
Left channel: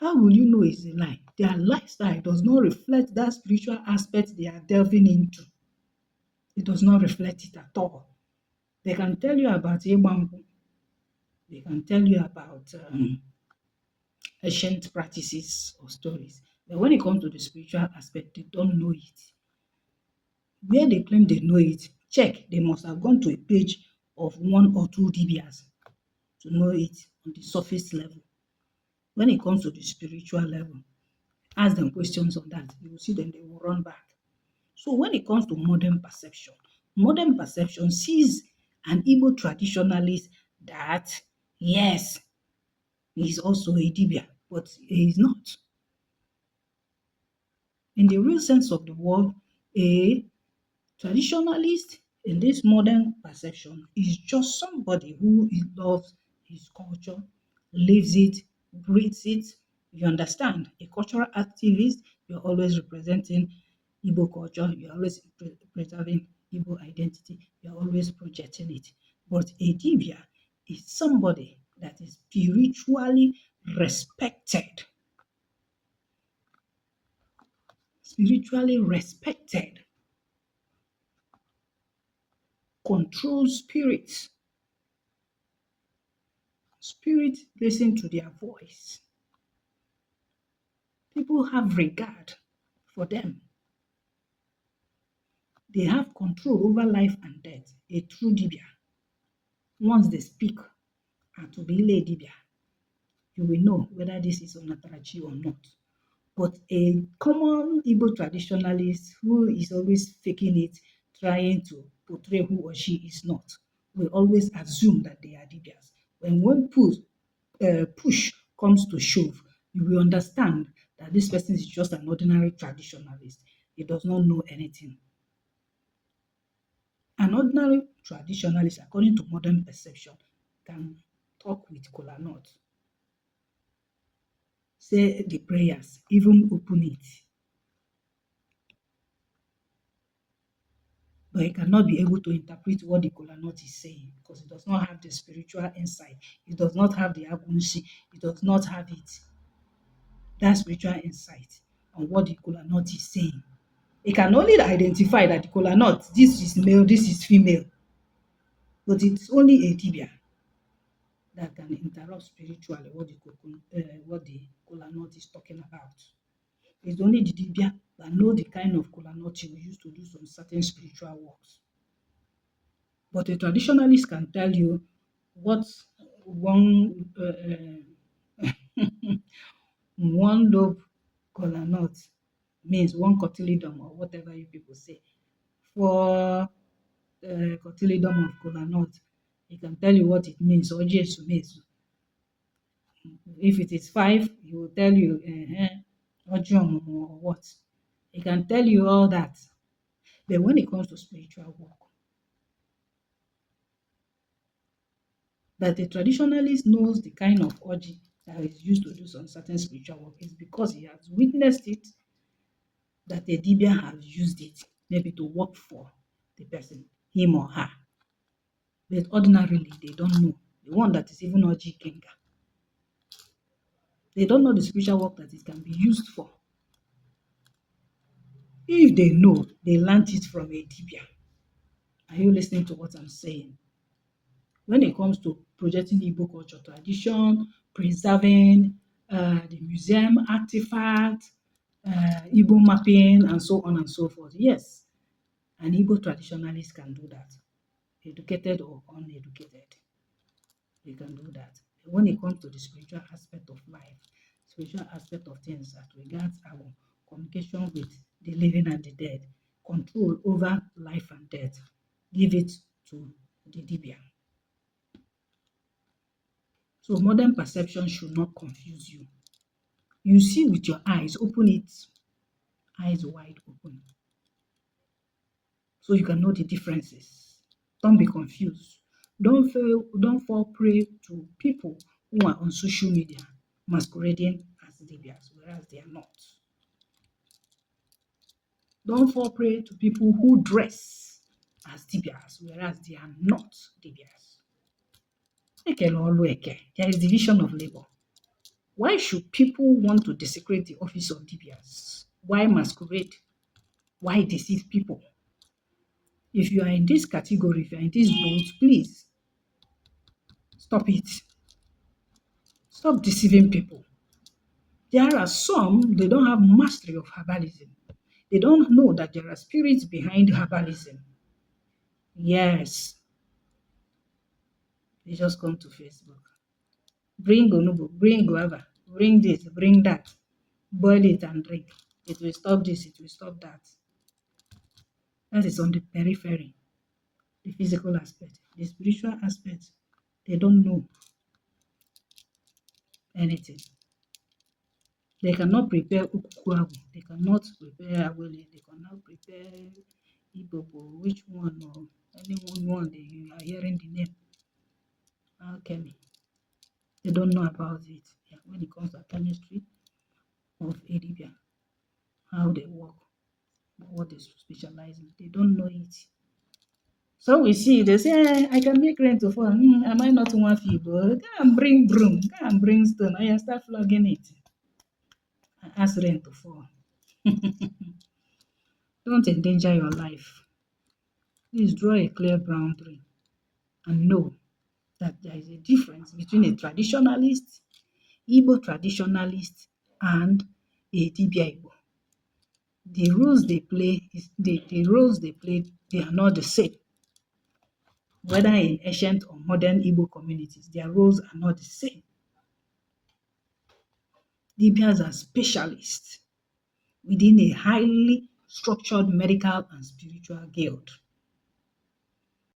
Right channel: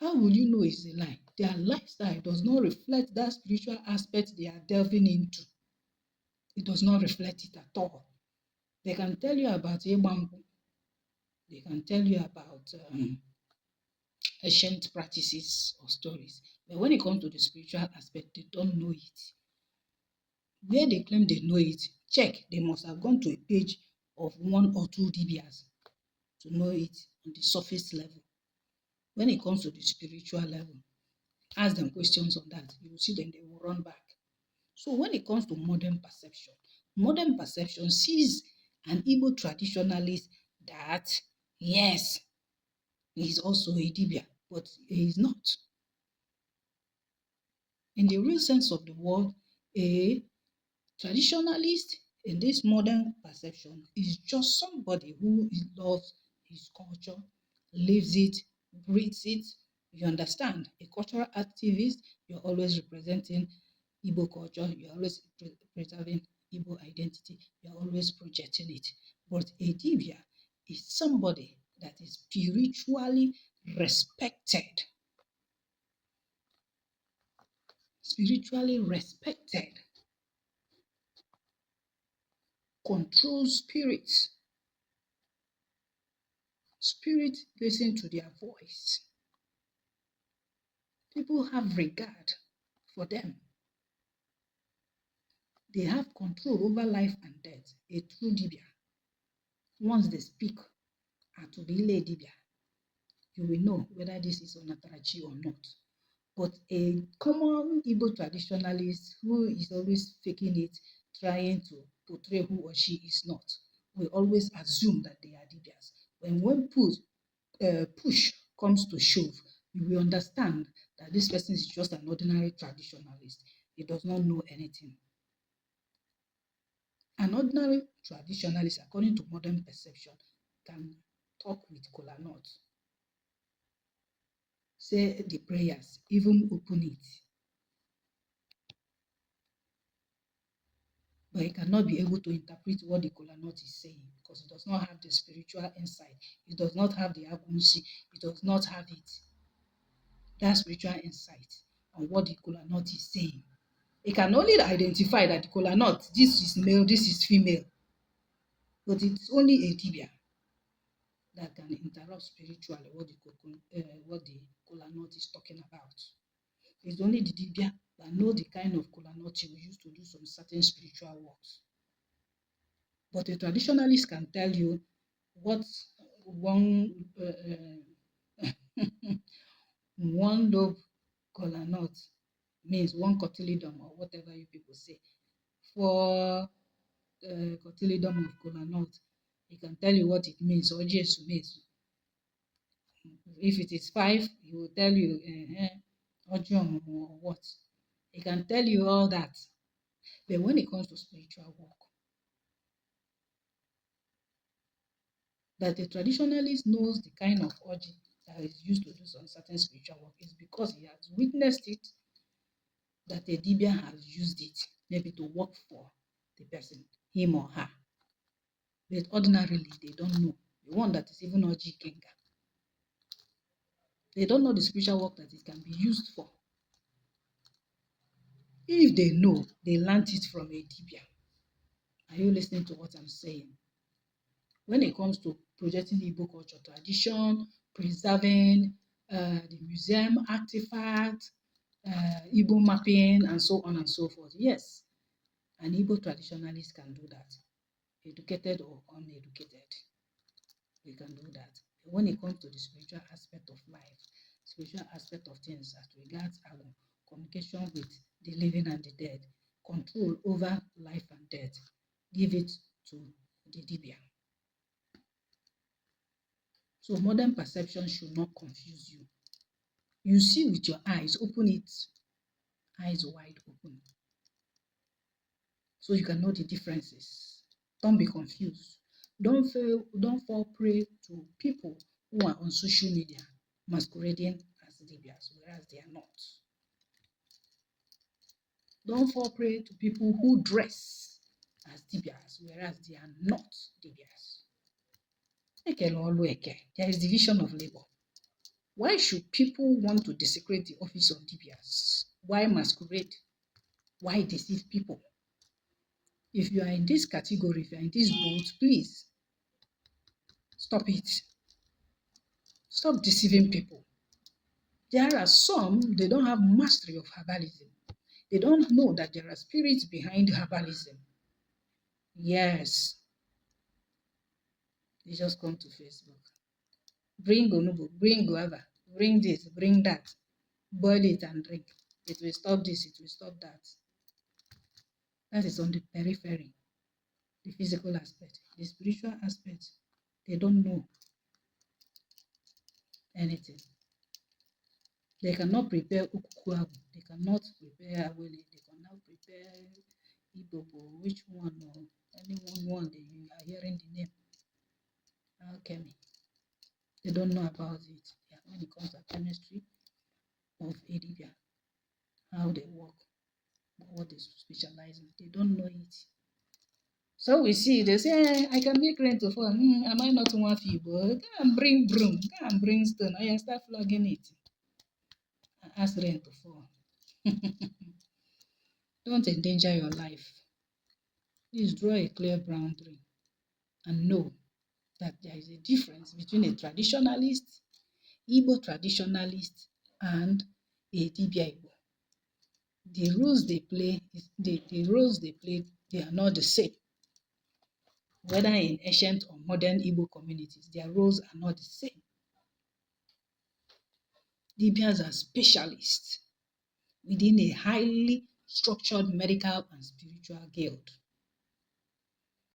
How will you know it's a lie? Their lifestyle does not reflect that spiritual aspect they are delving into. It does not reflect it at all. They can tell you about Igbo. They can tell you about ancient practices or stories. But when it comes to the spiritual aspect, they don't know it. Where they claim they know it, check, they must have gone to a page of one or two Dibịas to know it on the surface level. When it comes to the spiritual level, ask them questions on that. You will see them, they will run back. So when it comes to modern perception sees an Igbo traditionalist that, yes, he's also a Dibịa, but he is not. In the real sense of the word, a traditionalist in this modern perception is just somebody who loves his culture, lives it, breathes it. You understand? A cultural activist, you're always representing Igbo culture, you're always preserving Igbo identity, you're always projecting it. But a Dibia is somebody that is spiritually respected, controls spirits. Spirit listen to their voice. People have regard for them. They have control over life and death. A true Dibia, once they speak, to be a Dibia, you will know whether this is Onatarachi or not. But a common Igbo traditionalist who is always faking it, trying to portray who or she is not, will always assume that they are Dibias. When one push comes to shove, you will understand that this person is just an ordinary traditionalist. He does not know anything. An ordinary traditionalist, according to modern perception, can talk with kola nut, say the prayers, even open it. But he cannot be able to interpret what the kola nut is saying because he does not have the spiritual insight. He does not have the agunshi. He does not have it. That spiritual insight on what the kola nut is saying. He can only identify that the kola nut, this is male, this is female. But it's only a Dibia that can interrupt spiritually what the kola nut is talking about. It's only the Dibia that know the kind of kola nut you use to do some certain spiritual works. But a traditionalist can tell you what one one lobe kola nut means, one cotyledon or whatever you people say. For cotyledon of kola nut, he can tell you what it means, or Jesu means. If it is 5, he will tell you or what. He can tell you all that. But when it comes to spiritual work, That a traditionalist knows the kind of orgy that is used to do some certain spiritual work is because he has witnessed it, that a Dibia has used it maybe to work for the person, him or her. But ordinarily, they don't know. The one that is even orgy kenga, they don't know the spiritual work that it can be used for. If they know, they learned it from a Dibia. Are you listening to what I'm saying? When it comes to projecting Igbo culture tradition, preserving the museum artifact, Igbo mapping, and so on and so forth, yes, an Igbo traditionalist can do that, educated or uneducated. They can do that. But when it comes to the spiritual aspect of life, spiritual aspect of things as regards our communication with the living and the dead, control over life and death, give it to the Dibia. So modern perception should not confuse you. You see with your eyes, open it, eyes wide open, so you can know the differences. Don't be confused. Don't fall prey to people who are on social media masquerading as Dibịas, whereas they are not. Don't fall prey to people who dress as Dibịas, whereas they are not Dibịas. There is division of labor. Why should people want to desecrate the office of Dibịas? Why masquerade? Why deceive people? If you are in this category, if you are in this boat, please stop it. Stop deceiving people. There are some, they don't have mastery of herbalism. They don't know that there are spirits behind herbalism. Yes, they just come to Facebook. Bring onubu, bring guava, bring this, bring that. Boil it and drink. It will stop this, it will stop that. That is on the periphery, the physical aspect. The spiritual aspect, they don't know anything. They cannot prepare ukuku, they cannot prepare awele, they cannot prepare ibobo, which one or any one you are hearing the name. Alchemy. They don't know about it. Yeah, when it comes to chemistry of Dibia, how they work, what they specialize in, they don't know it. So we see, they say, I can make rain to fall. Am I not one feeble? Go and bring broom, go and bring stone, and start flogging it. And ask rain to fall. Don't endanger your life. Please draw a clear boundary and know that there is a difference between a traditionalist, Igbo traditionalist, and a Dibia Igbo. The roles they play, they are not the same. Whether in ancient or modern Igbo communities, their roles are not the same. Dibias are specialists within a highly structured medical and spiritual guild.